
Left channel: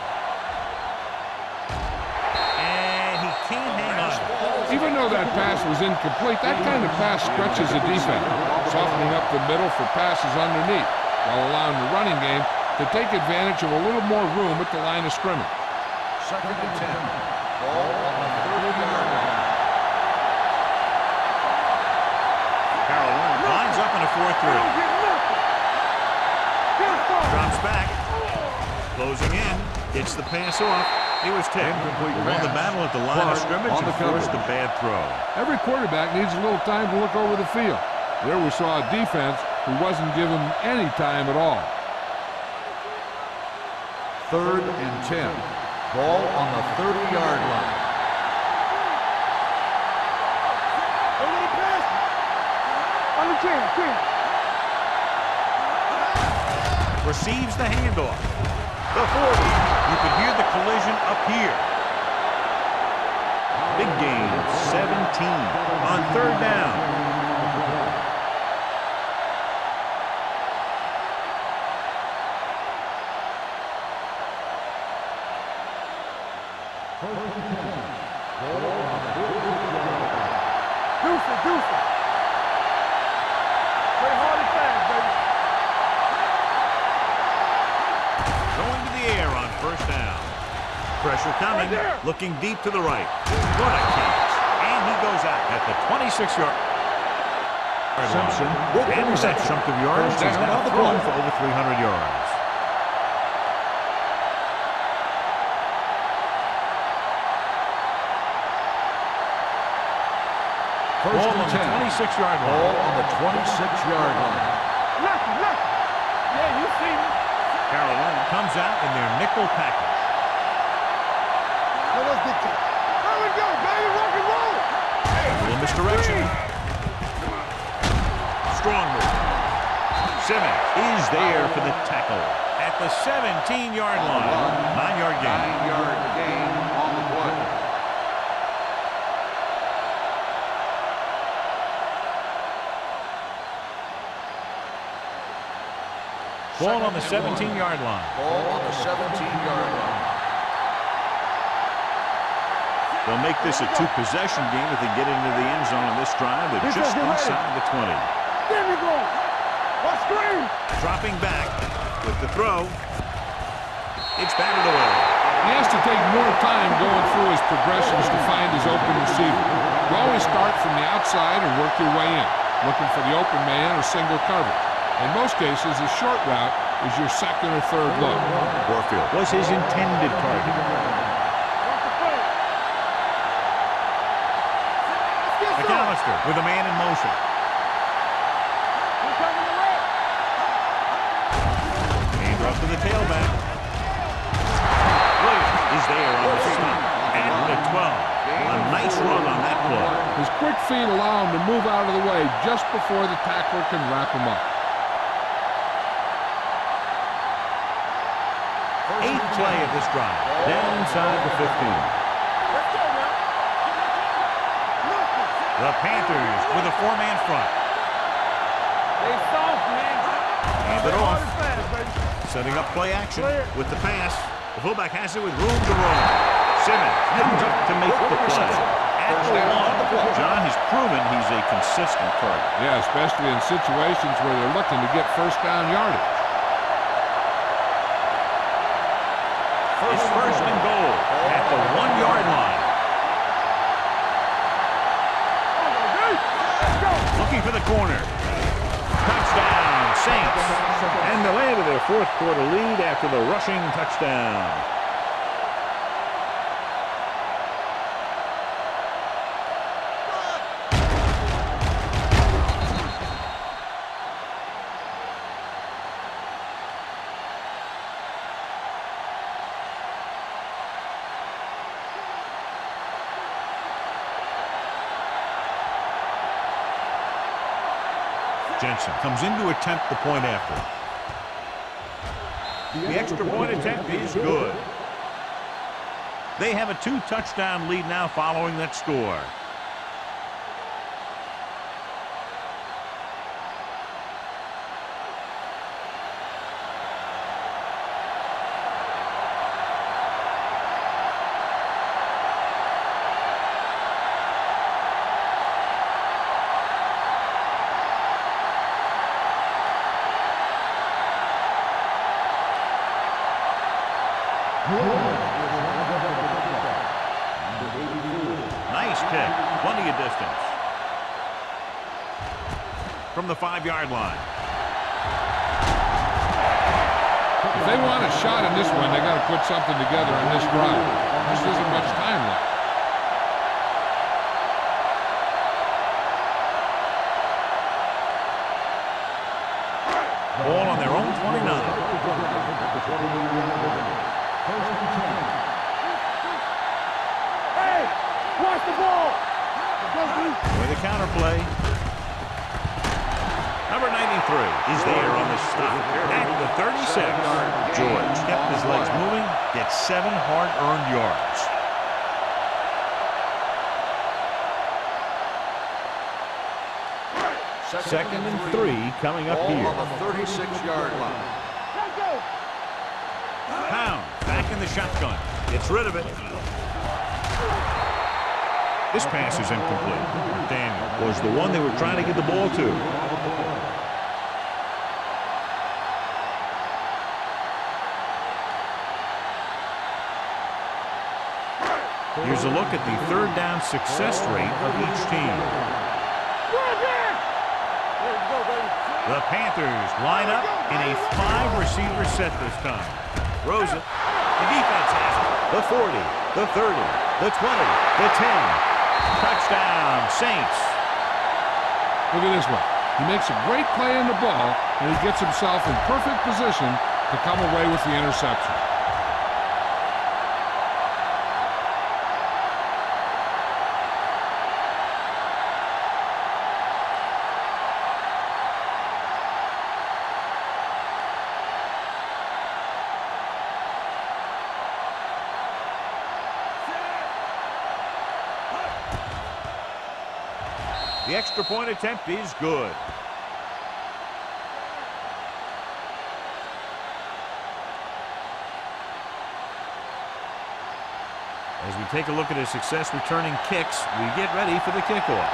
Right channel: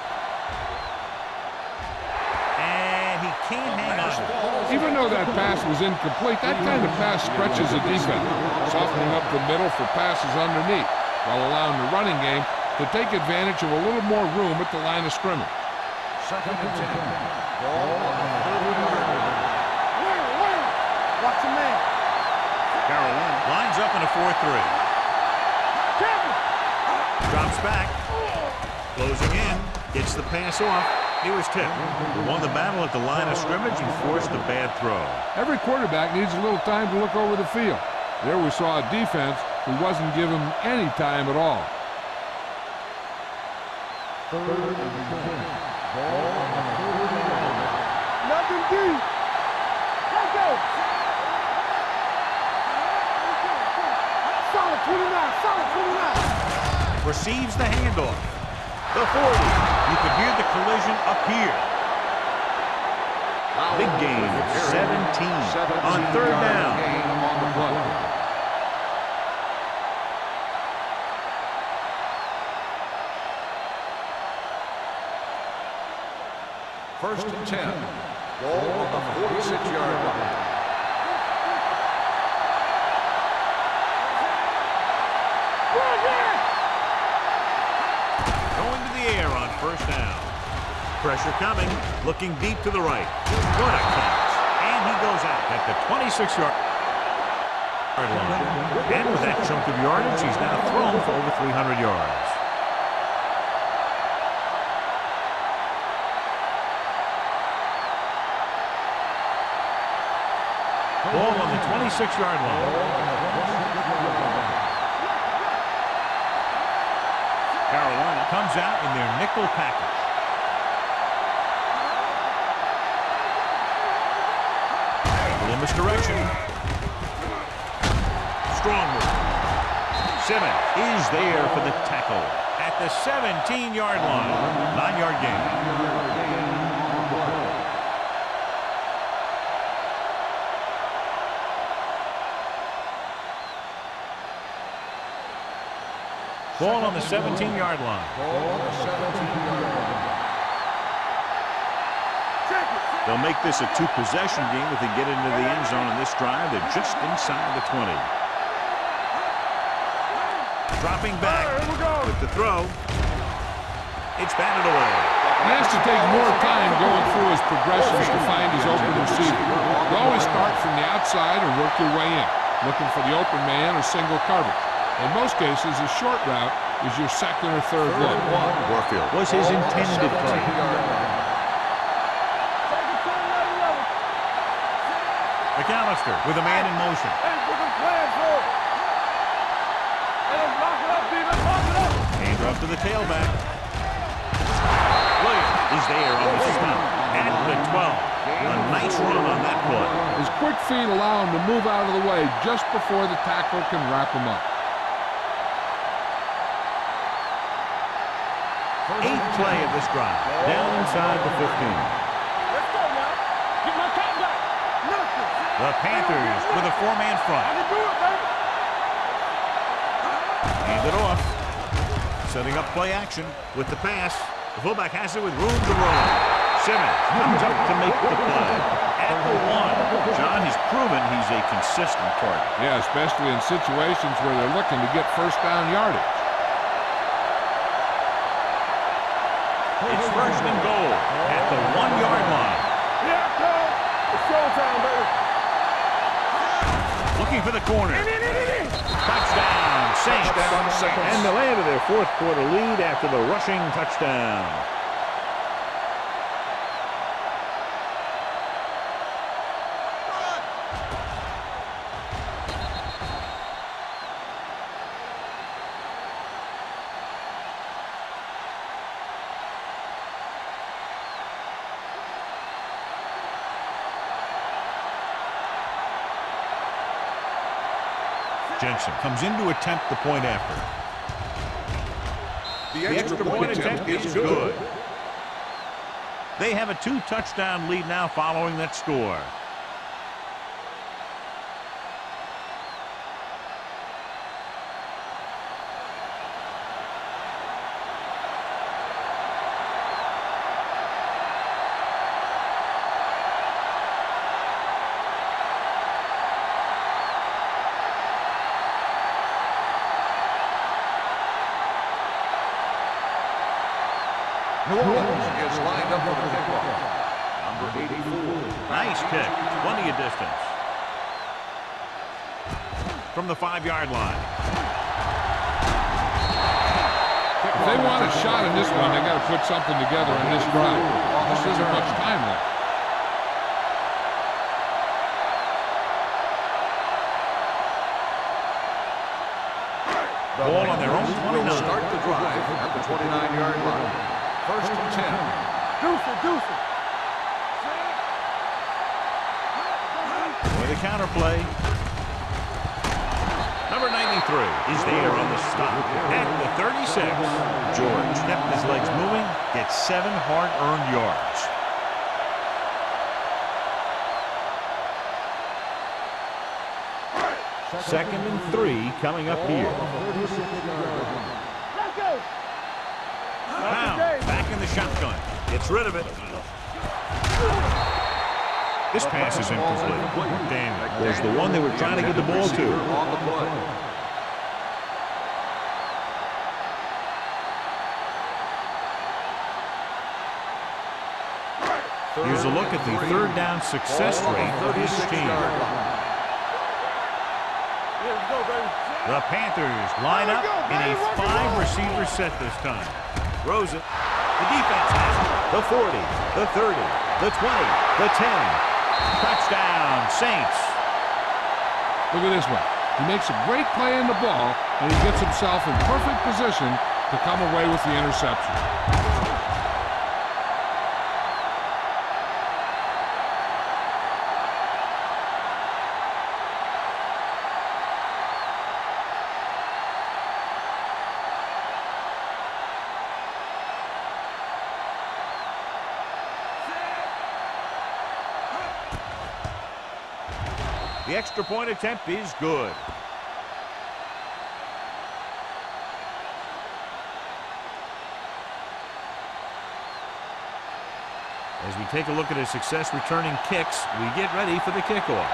And he can't hang on. Even though that pass was incomplete, that kind of pass stretches a defense, softening up the middle for passes underneath, while allowing the running game to take advantage of a little more room at the line of scrimmage. Second and 10. Ball on the 30-yard line. Watch the man. Carolina lines up in a 4-3. Drops back. Closing in. Gets the pass off. He was tipped. He won the battle at the line of scrimmage and forced a bad throw. Every quarterback needs a little time to look over the field. There we saw a defense who wasn't given any time at all. Third and 10. Ball on the 30-yard line. Nothing deep. On the 10. Solid 29. Receives the handoff. The 40. You could hear the collision up here. Big gain of 17 on third down. First and 10. Ball on the 46-yard line. Deuce. Play hard and fast, baby. Going to the air on first down. Pressure coming. Looking deep to the right. What a catch. And he goes out at the 26-yard line. And with that chunk of yardage, he's now thrown for over 300 yards. Ball on the 26-yard line. Ball on the 26-yard line. Carolina comes out in their nickel package. A little misdirection. Strong move. Simmons is there for the tackle at the 17-yard line. 9-yard gain. 9-yard gain on the play. Ball on the 17-yard line. Ball on the 17-yard line. They'll make this a 2-possession game if they get into the end zone on this drive. They're just inside the 20. Dropping back with the throw. It's batted away. He has to take more time going through his progressions to find his open receiver. You always start from the outside and work your way in, looking for the open man or single coverage. In most cases, a short route is your second or third look. Warfield was his intended target. McAllister with a man in motion. Hand off to the tailback. Williams is there on the stop at the 12. A nice run on that play. His quick feet allow him to move out of the way just before the tackler can wrap him up. Eighth play of this drive. Down inside the 15. Let's go now. Get my cat back. Nothing. The Panthers with a four-man front. They soft, man. Hand it off. Setting up play action with the pass. The fullback has it with room to roam. Simmons comes up to make the play. At the 1. John has proven he's a consistent target. Yeah, especially in situations where they're looking to get first down yardage. It's first and goal at the 1-yard line. Looking for the corner. Touchdown, Saints. And they landed their fourth quarter lead after the rushing touchdown. Jensen comes in to attempt the point after. The extra point attempt is good. They have a 2-touchdown lead now following that score. Nice kick. Plenty of distance. From the 5-yard line. If they want a shot in this one, they got to put something together on this drive. There just isn't much time left. Ball on their own 29. Start the drive at the 29-yard line. First and 10. Hey, watch the ball. With a counter play. Number 93 is there on the stop at the 36. George kept his legs moving, gets 7 hard-earned yards. Second and 3 coming up here. On the 36-yard line. Let's go. Pound back in the shotgun. Gets rid of it. This pass is incomplete. McDaniel was the one they were trying to get the ball to. Here's a look at the third down success rate of each team. Let's go, baby. The Panthers line up in a 5-receiver set this time. Throws it. The defense has it. The 40, the 30, the 20, the 10. Touchdown, Saints. Look at this one. He makes a great play in the ball, and he gets himself in perfect position to come away with the interception. The extra point attempt is good. As we take a look at his success returning kicks, we get ready for the kickoff.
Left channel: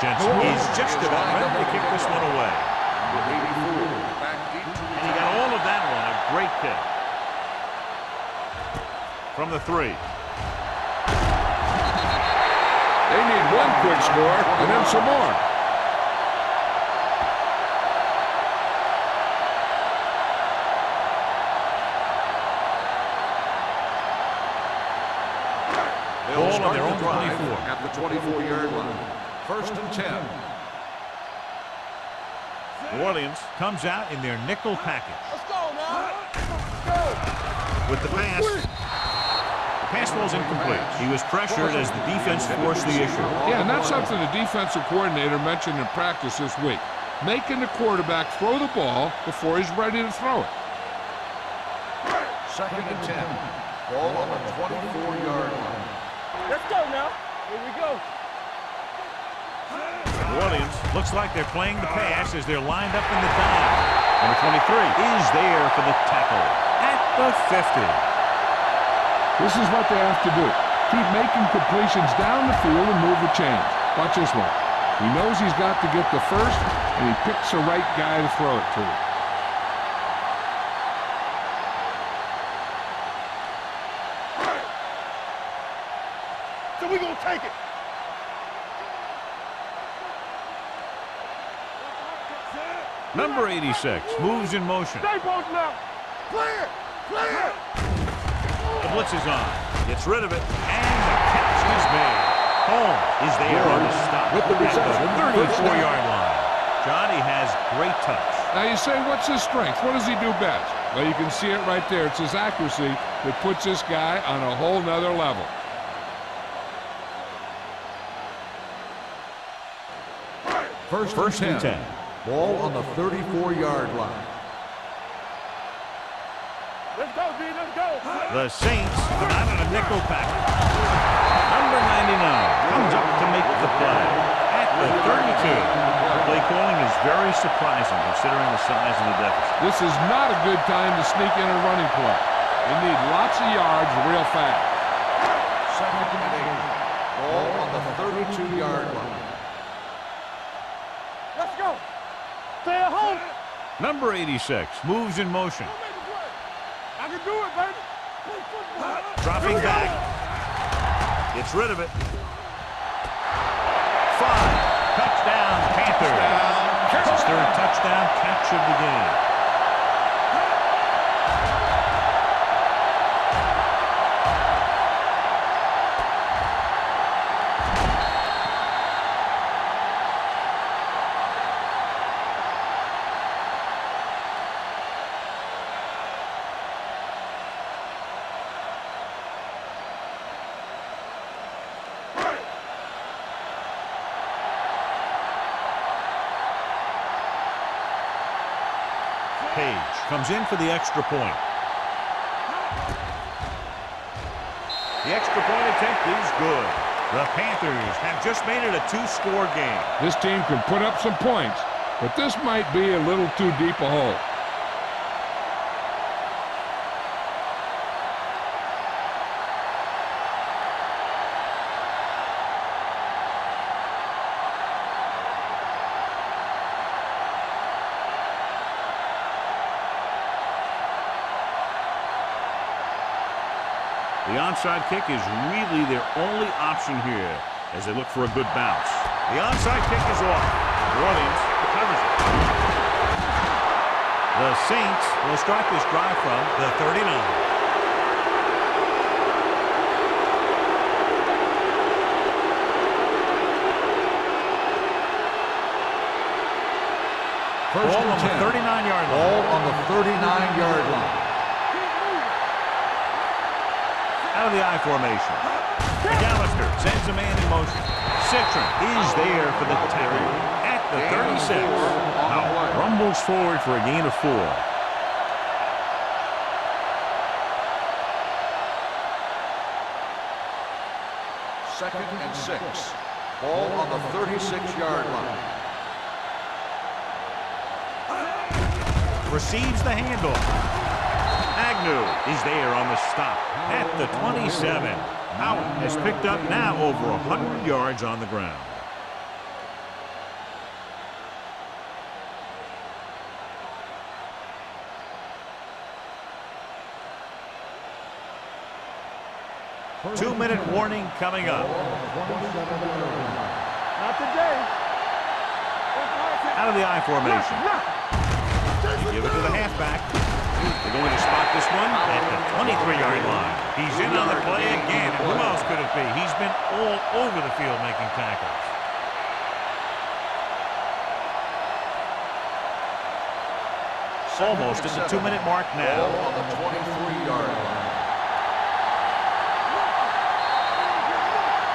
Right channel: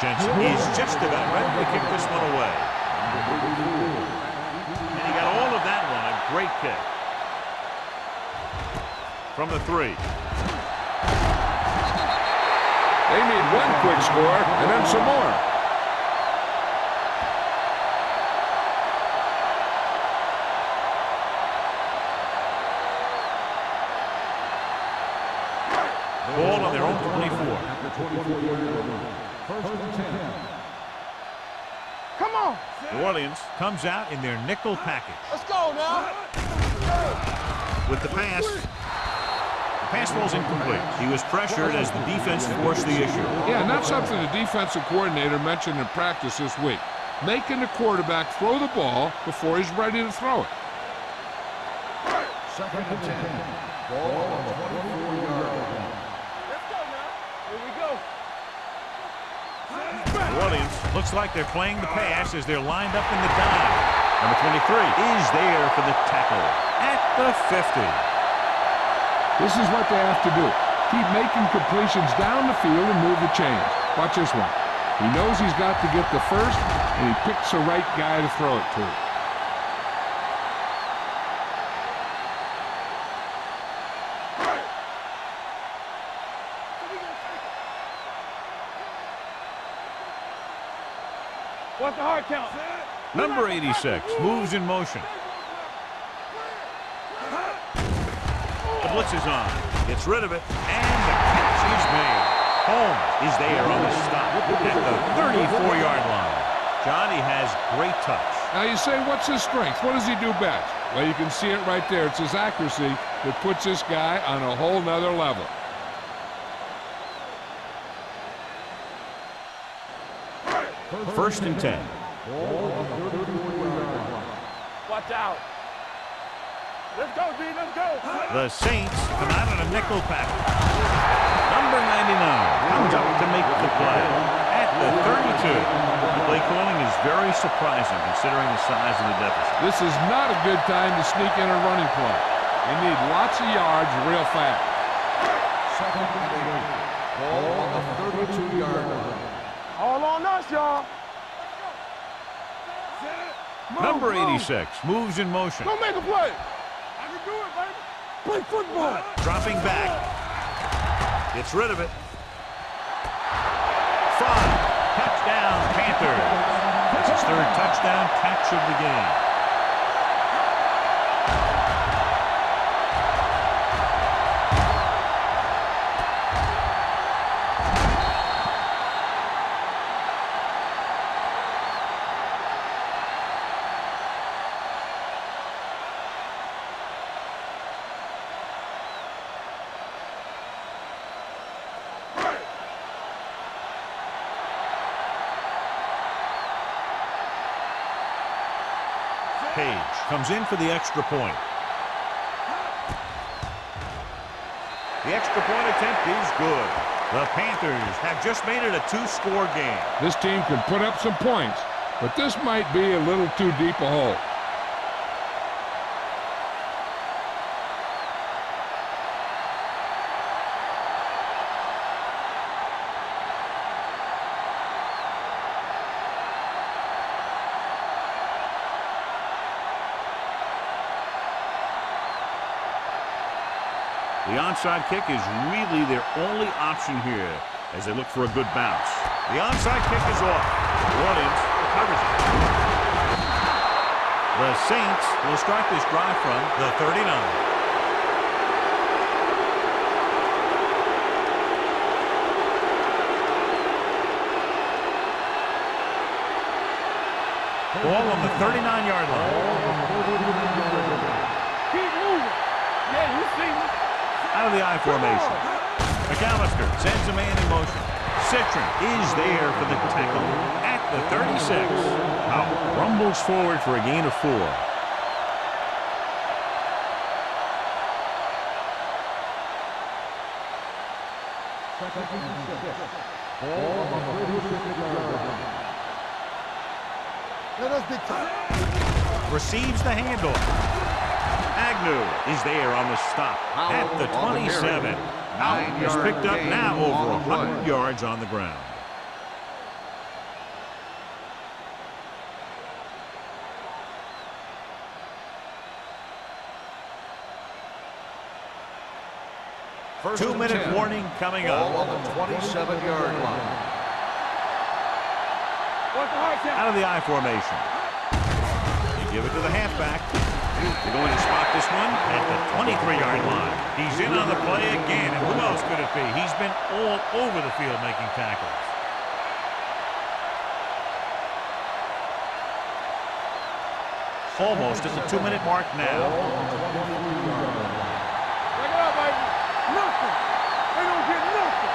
Jensen is just about ready to kick this one away. Number 84, back deep to And he got all of that one. A great kick. From the 3. They need one quick score and then some more. Ball on their own 24. at the 24-yard line. First and 10. Come on. New Orleans comes out in their nickel package. Let's go now. With the pass. The pass ball's incomplete. He was pressured as the defense forced the issue. Yeah, and that's something the defensive coordinator mentioned in practice this week. Making the quarterback throw the ball before he's ready to throw it. Second and 10. Ball on the 24-yard line. Let's go now. Here we go. New Orleans looks like they're playing the pass as they're lined up in the dive. Number 23 is there for the tackle at the 50. This is what they have to do. Keep making completions down the field and move the chains. Watch this one. He knows he's got to get the first, and he picks the right guy to throw it to. So we gonna take it. What's the hard count? Number 86 moves in motion. Stay both left. The blitz is on. Gets rid of it, and the catch is made. Holmes is there on the stop at the 34-yard line. Johnny has great touch. Now you say, what's his strength? What does he do best? Well, you can see it right there. It's his accuracy that puts this guy on a whole nother level. First and 10. Ball on the 34-yard line. Watch out. Let's go, B. Let's go. The Saints come out in a nickel package. Number 99 comes up to make the play at the 32. The play calling is very surprising considering the size of the deficit. This is not a good time to sneak in a running play. They need lots of yards real fast. Second and 8. Ball on the 32-yard line. All on us, y'all. Let's go. Stay at home. Number 86 moves in motion. Go make a play. I can do it, baby. Play football. Dropping back. Gets rid of it. 5. Touchdown, Panthers. That's his 3rd touchdown catch of the game. Page comes in for the extra point. The extra point attempt is good. The Panthers have just made it a 2-score game. This team can put up some points, but this might be a little too deep a hole. The onside kick is really their only option here as they look for a good bounce. The onside kick is off. New Orleans recovers it. The Saints will start this drive from the 39. Ball on the 39-yard line. Ball on the 39-yard line. Keep moving. Yeah, you see me. Out of the I formation. McAllister sends a man in motion. Citron is there for the tackle at the 36. Powell rumbles forward for a gain of 4. Second and 6. Ball on the 36-yard line. Receives the handoff. Agnew is there on the stop at the 27. Powell has picked up now over 100 yards on the ground. 2-minute warning coming up. Ball on the 27-yard line. Not today. What's the hard count? Out of the I formation. You give it to the halfback. They're going to spot this one at the 23-yard line. He's in on the play again, and who else could it be? He's been all over the field making tackles. Almost at the 2-minute mark now. Ball on the 23-yard line. Check it out, baby. Nothing. They don't get nothing.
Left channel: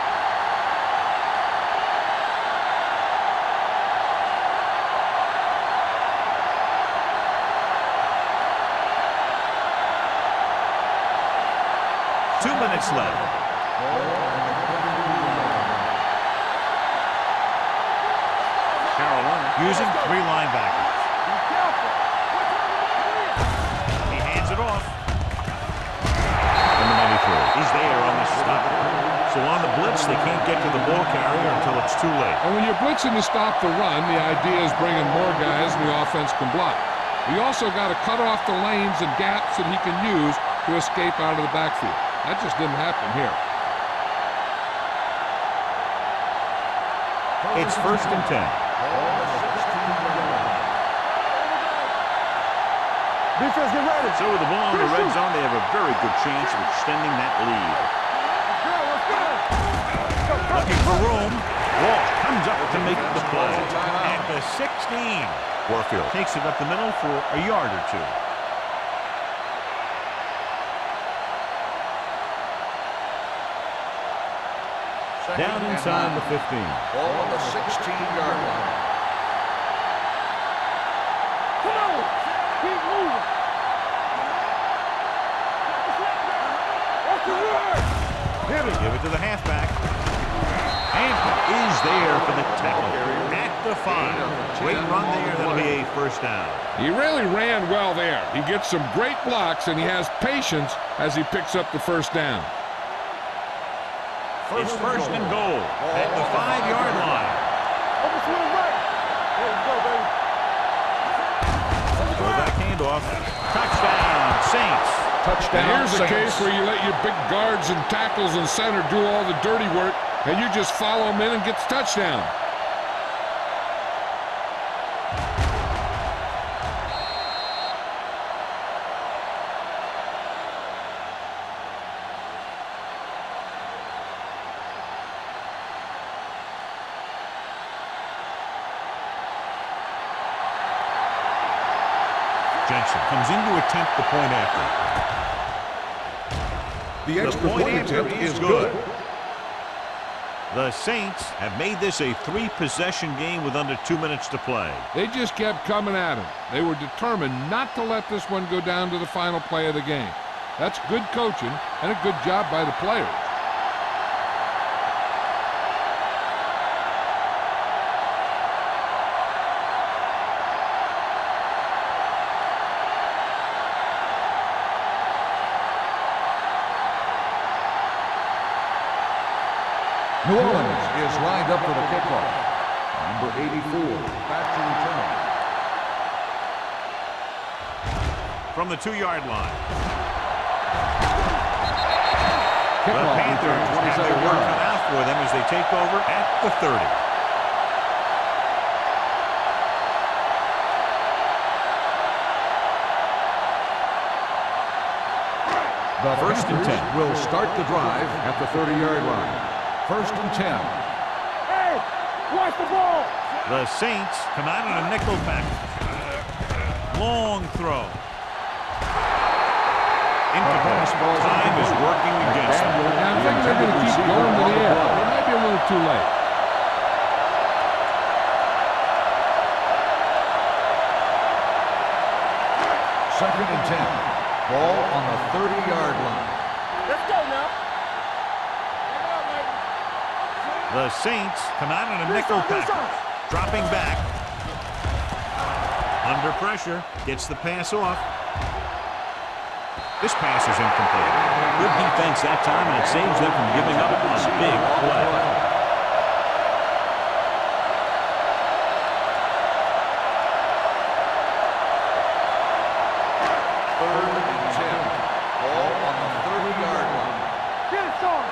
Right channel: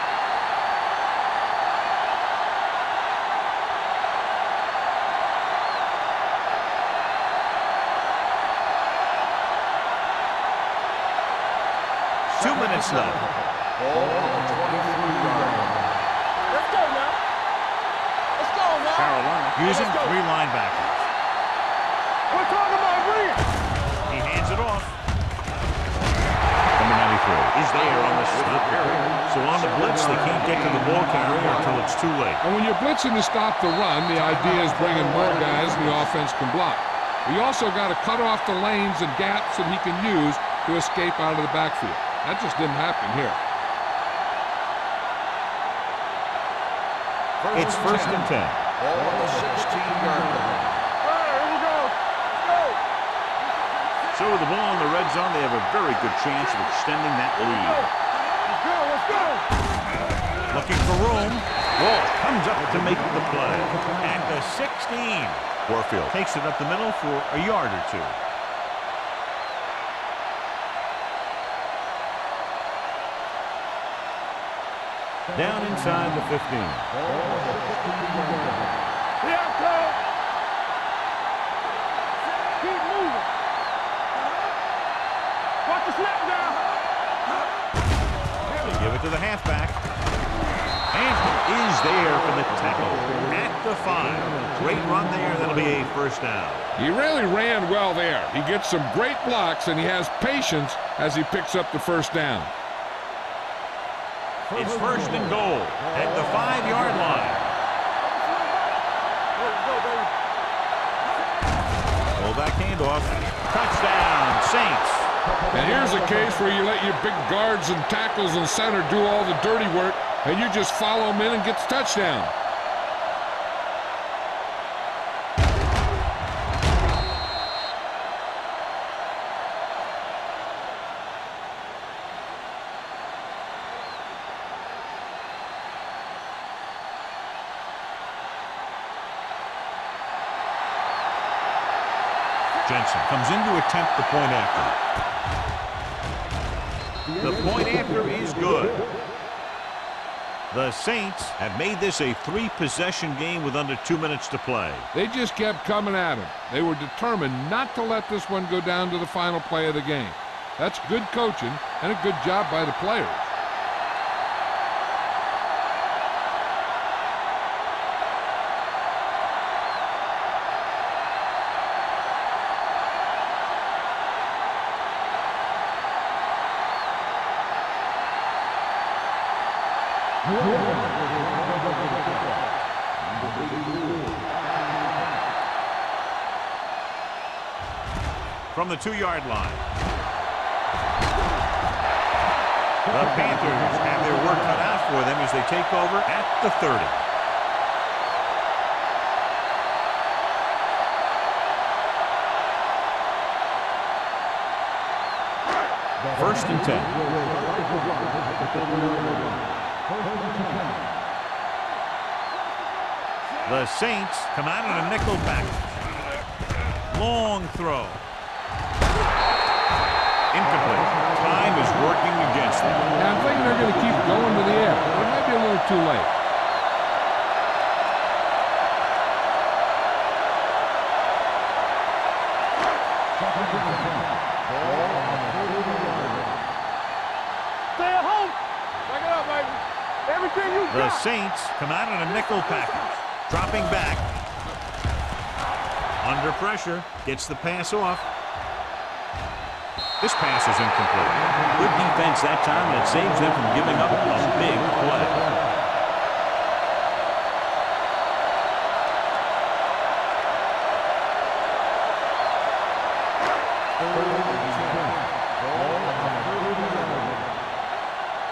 Two minutes left. Ball on the 23-yard line. Let's go, man. Let's go, man. Carolina using Let's go. 3 linebackers. We're talking about agreeing. He hands it off. Number 93 is there on the stop. So on the blitz, they can't get to the ball carrier until it's too late. And when you're blitzing to stop the run, the idea is bringing more guys and the offense can block. We also got to cut off the lanes and gaps that he can use to escape out of the backfield. That just didn't happen here. It's 1st and 10. Ball on the 16-yard line. All right, here we go. Go. Defense, get ready. So with the ball in the red zone, they have a very good chance of extending that lead. Let's go, let's go. Looking for room. Walsh comes up to make the play. At the 16. Warfield takes it up the middle for a yard or two. Down inside the 15. Ball on the 16-yard line. Keep moving. Watch the snap down. They give it to the halfback. Hampton is there for the tackle at the 5. Great run there. That'll be a 1st down. He really ran well there. He gets some great blocks, and he has patience as he picks up the 1st down. It's 1st and goal at the 5-yard line. Open swing right. Here we go, baby. Fullback handoff. Touchdown, Saints. And here's a case where you let your big guards and tackles and center do all the dirty work, and you just follow them in and get the touchdown. Jensen comes in to attempt the point after. The point after is good. The Saints have made this a 3-possession game with under 2 minutes to play. They just kept coming at him. They were determined not to let this one go down to the final play of the game. That's good coaching and a good job by the players. New Orleans is lined up for the kickoff. Number 84, back to return. From the 2-yard line. The Panthers have their work cut out for them as they take over at the 30. The 1st and 10. Will start the drive at the 30-yard line. 1st and 10. Hey, watch the ball. The Saints come out in a nickel package. Long throw. Incomplete. Time is working against them. Yeah, I'm thinking they're going to keep going to the air, but it might be a little too late. Second and 10. Ball on the 30-yard line. Let's go now. Stay at home. Check it out, baby. Everything you The got. Saints come out in a nickel package. Dropping back. Under pressure. Gets the pass off. This pass is incomplete. Good defense that time, and it saves them from giving up a big play. Third and 10. Ball on the 30-yard line. Get it, son.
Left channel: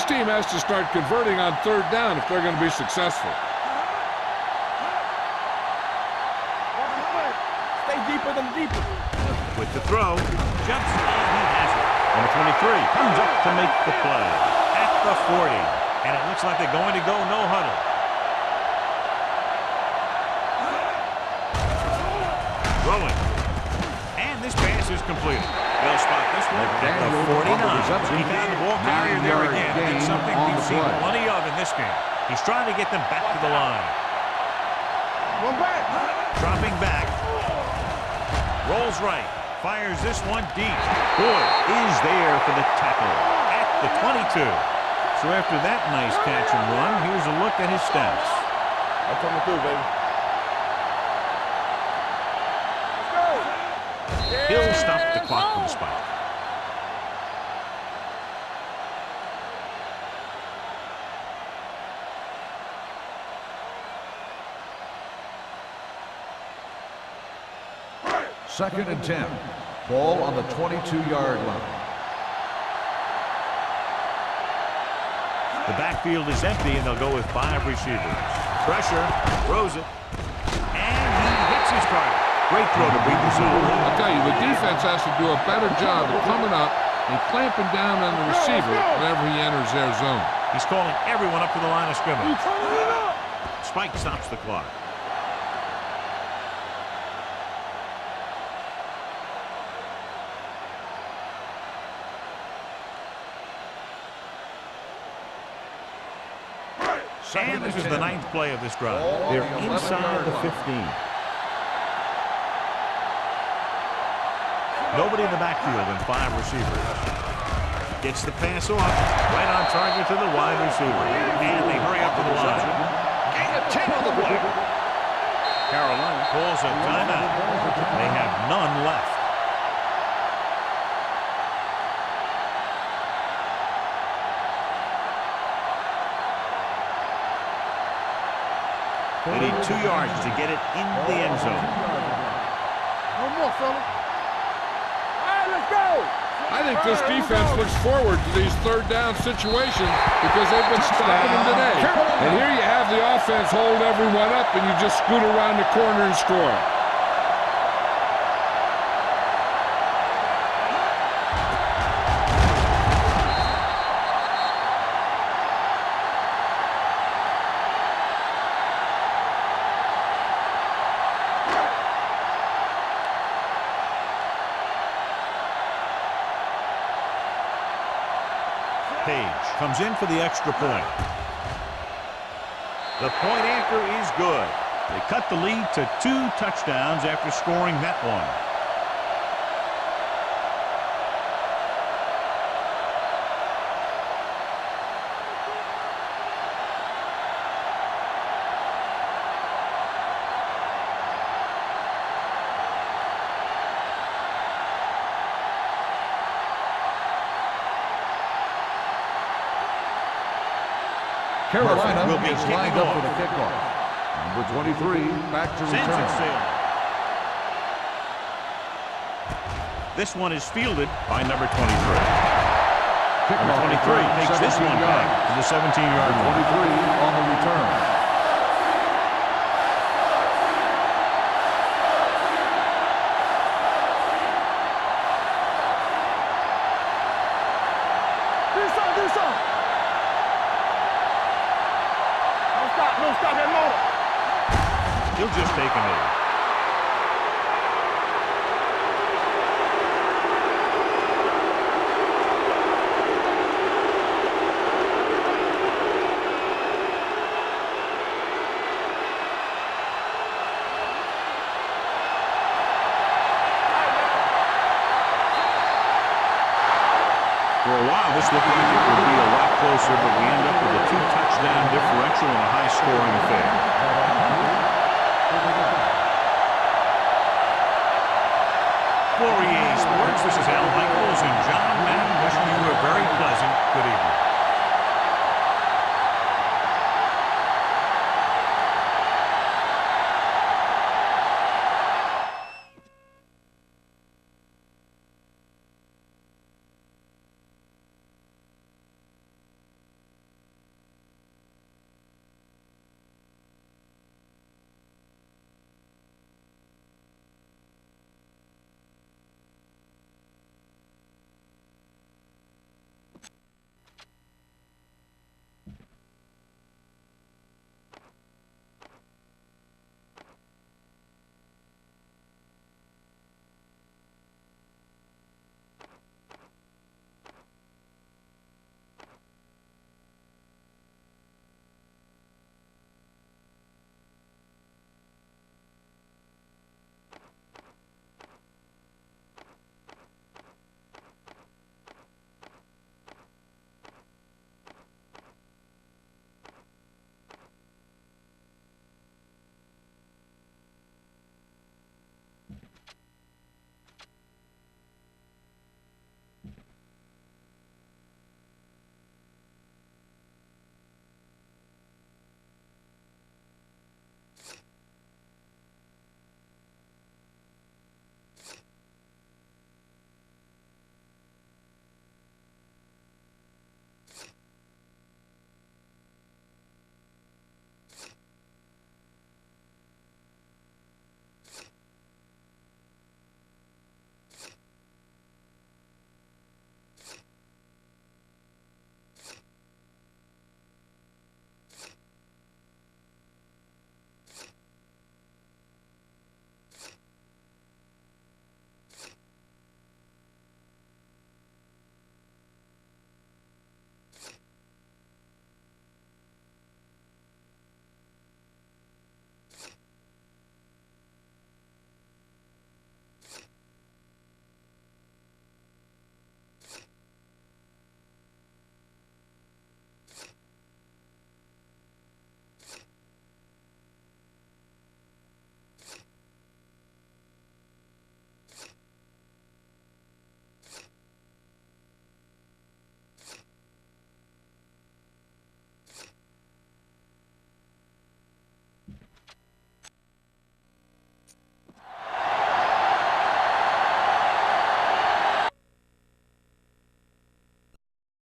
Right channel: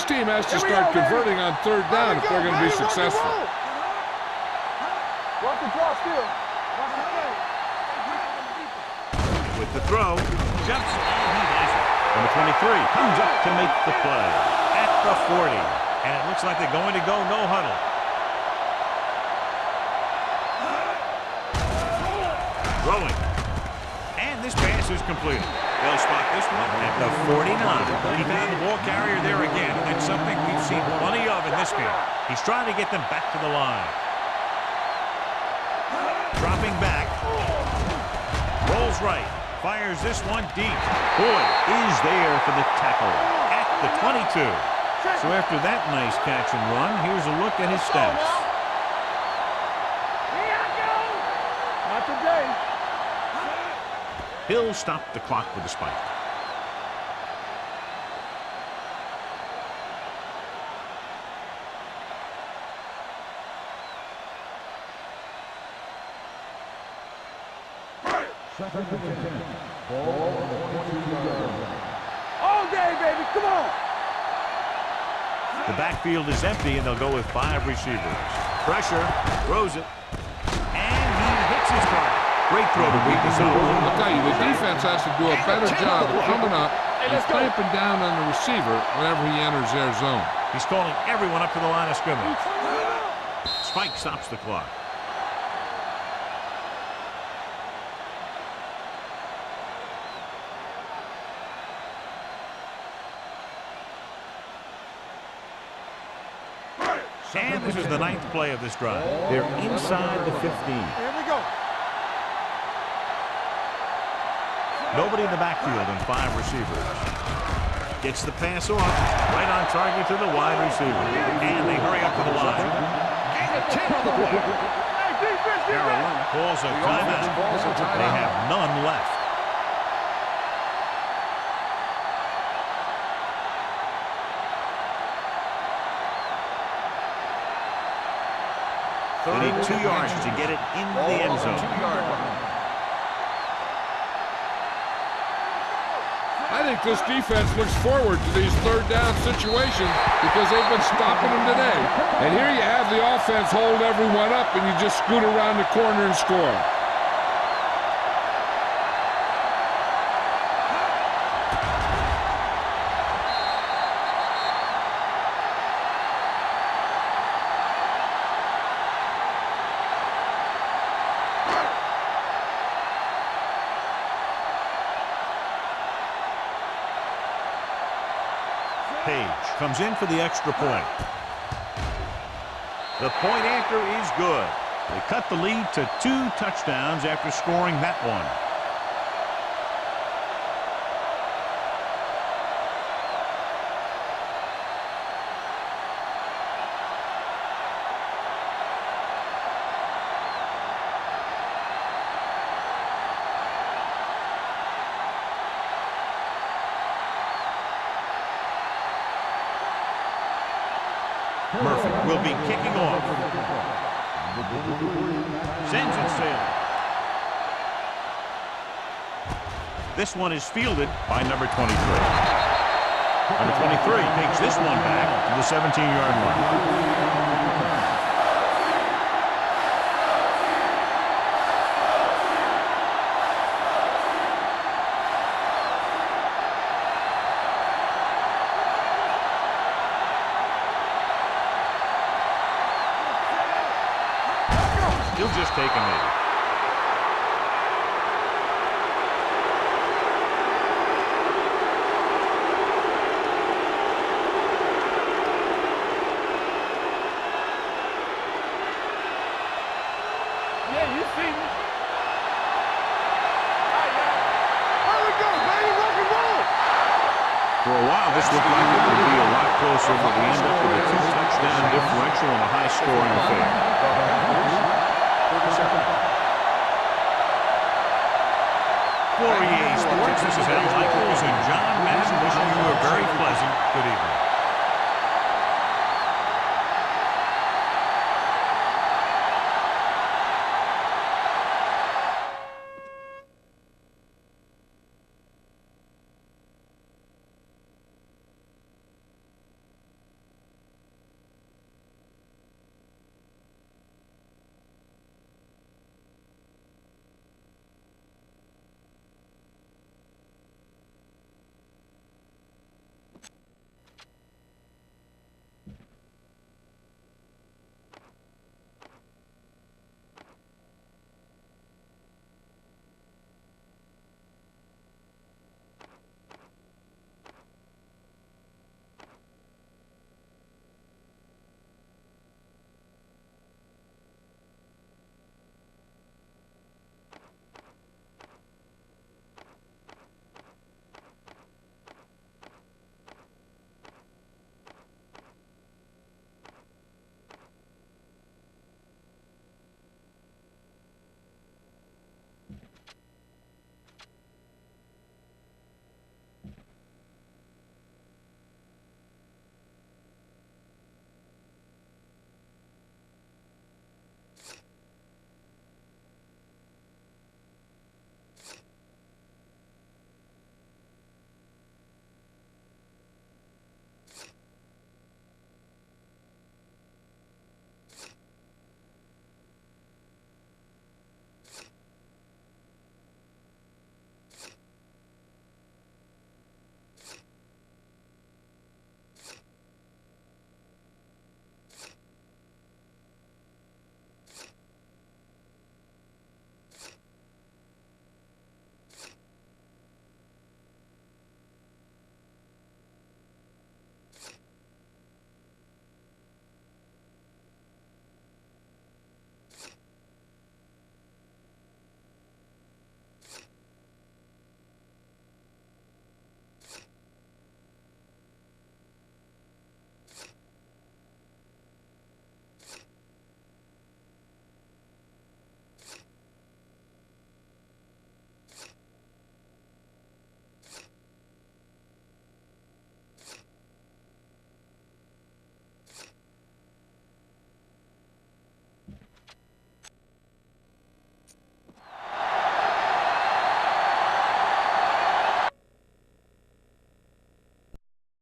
This team has to start converting on third down if they're going to be successful. With the throw, jumps and he has it. Number 23 comes up to make the play at the 40. And it looks like they're going to go no huddle. Throwing. And this pass is completed. They'll spot this one at the 49. He found the ball carrier there again, and that's something we've seen plenty of in this game. He's trying to get them back to the line. Dropping back. Rolls right. Fires this one deep. Boyd is there for the tackle at the 22. So after that nice catch and run, here's a look at his stats. I'm coming through, baby. He'll stop the clock with a spike. Second and 10. Ball on the 22-yard line. All day, baby, come on. The backfield is empty, and they'll go with 5 receivers. Pressure, throws it, and he hits his target. Great throw to beat the zone. I'll tell you, the defense has to do a better job of coming up and clamping down on the receiver whenever he enters their zone. He's calling everyone up to the line of scrimmage. Spike stops the clock. And this is the 9th play of this drive. They're inside the 15. Nobody in the backfield and 5 receivers. Gets the pass off, right on target to the wide receiver. And they hurry up to the line. Gain of 10 on the play. Carolina calls a timeout. They have none left. They need 2 yards to get it into the end zone. I think this defense looks forward to these third down situations because they've been stopping them today. And here you have the offense hold everyone up, and you just scoot around the corner and score. Page comes in for the extra point. The point after is good. They cut the lead to 2 touchdowns after scoring that one. Murphy will be kicking off. Number 23, back to Sends it sailing. This one is fielded by number 23. Number 23 takes this one back to the 17-yard line. on the return. He'll just take a knee. For a while, this looked like it would be a lot closer, but we end up with a 2-touchdown differential and a high-scoring affair. For EA Sports, this is Al Michaels and John Madden wishing you a very pleasant good evening.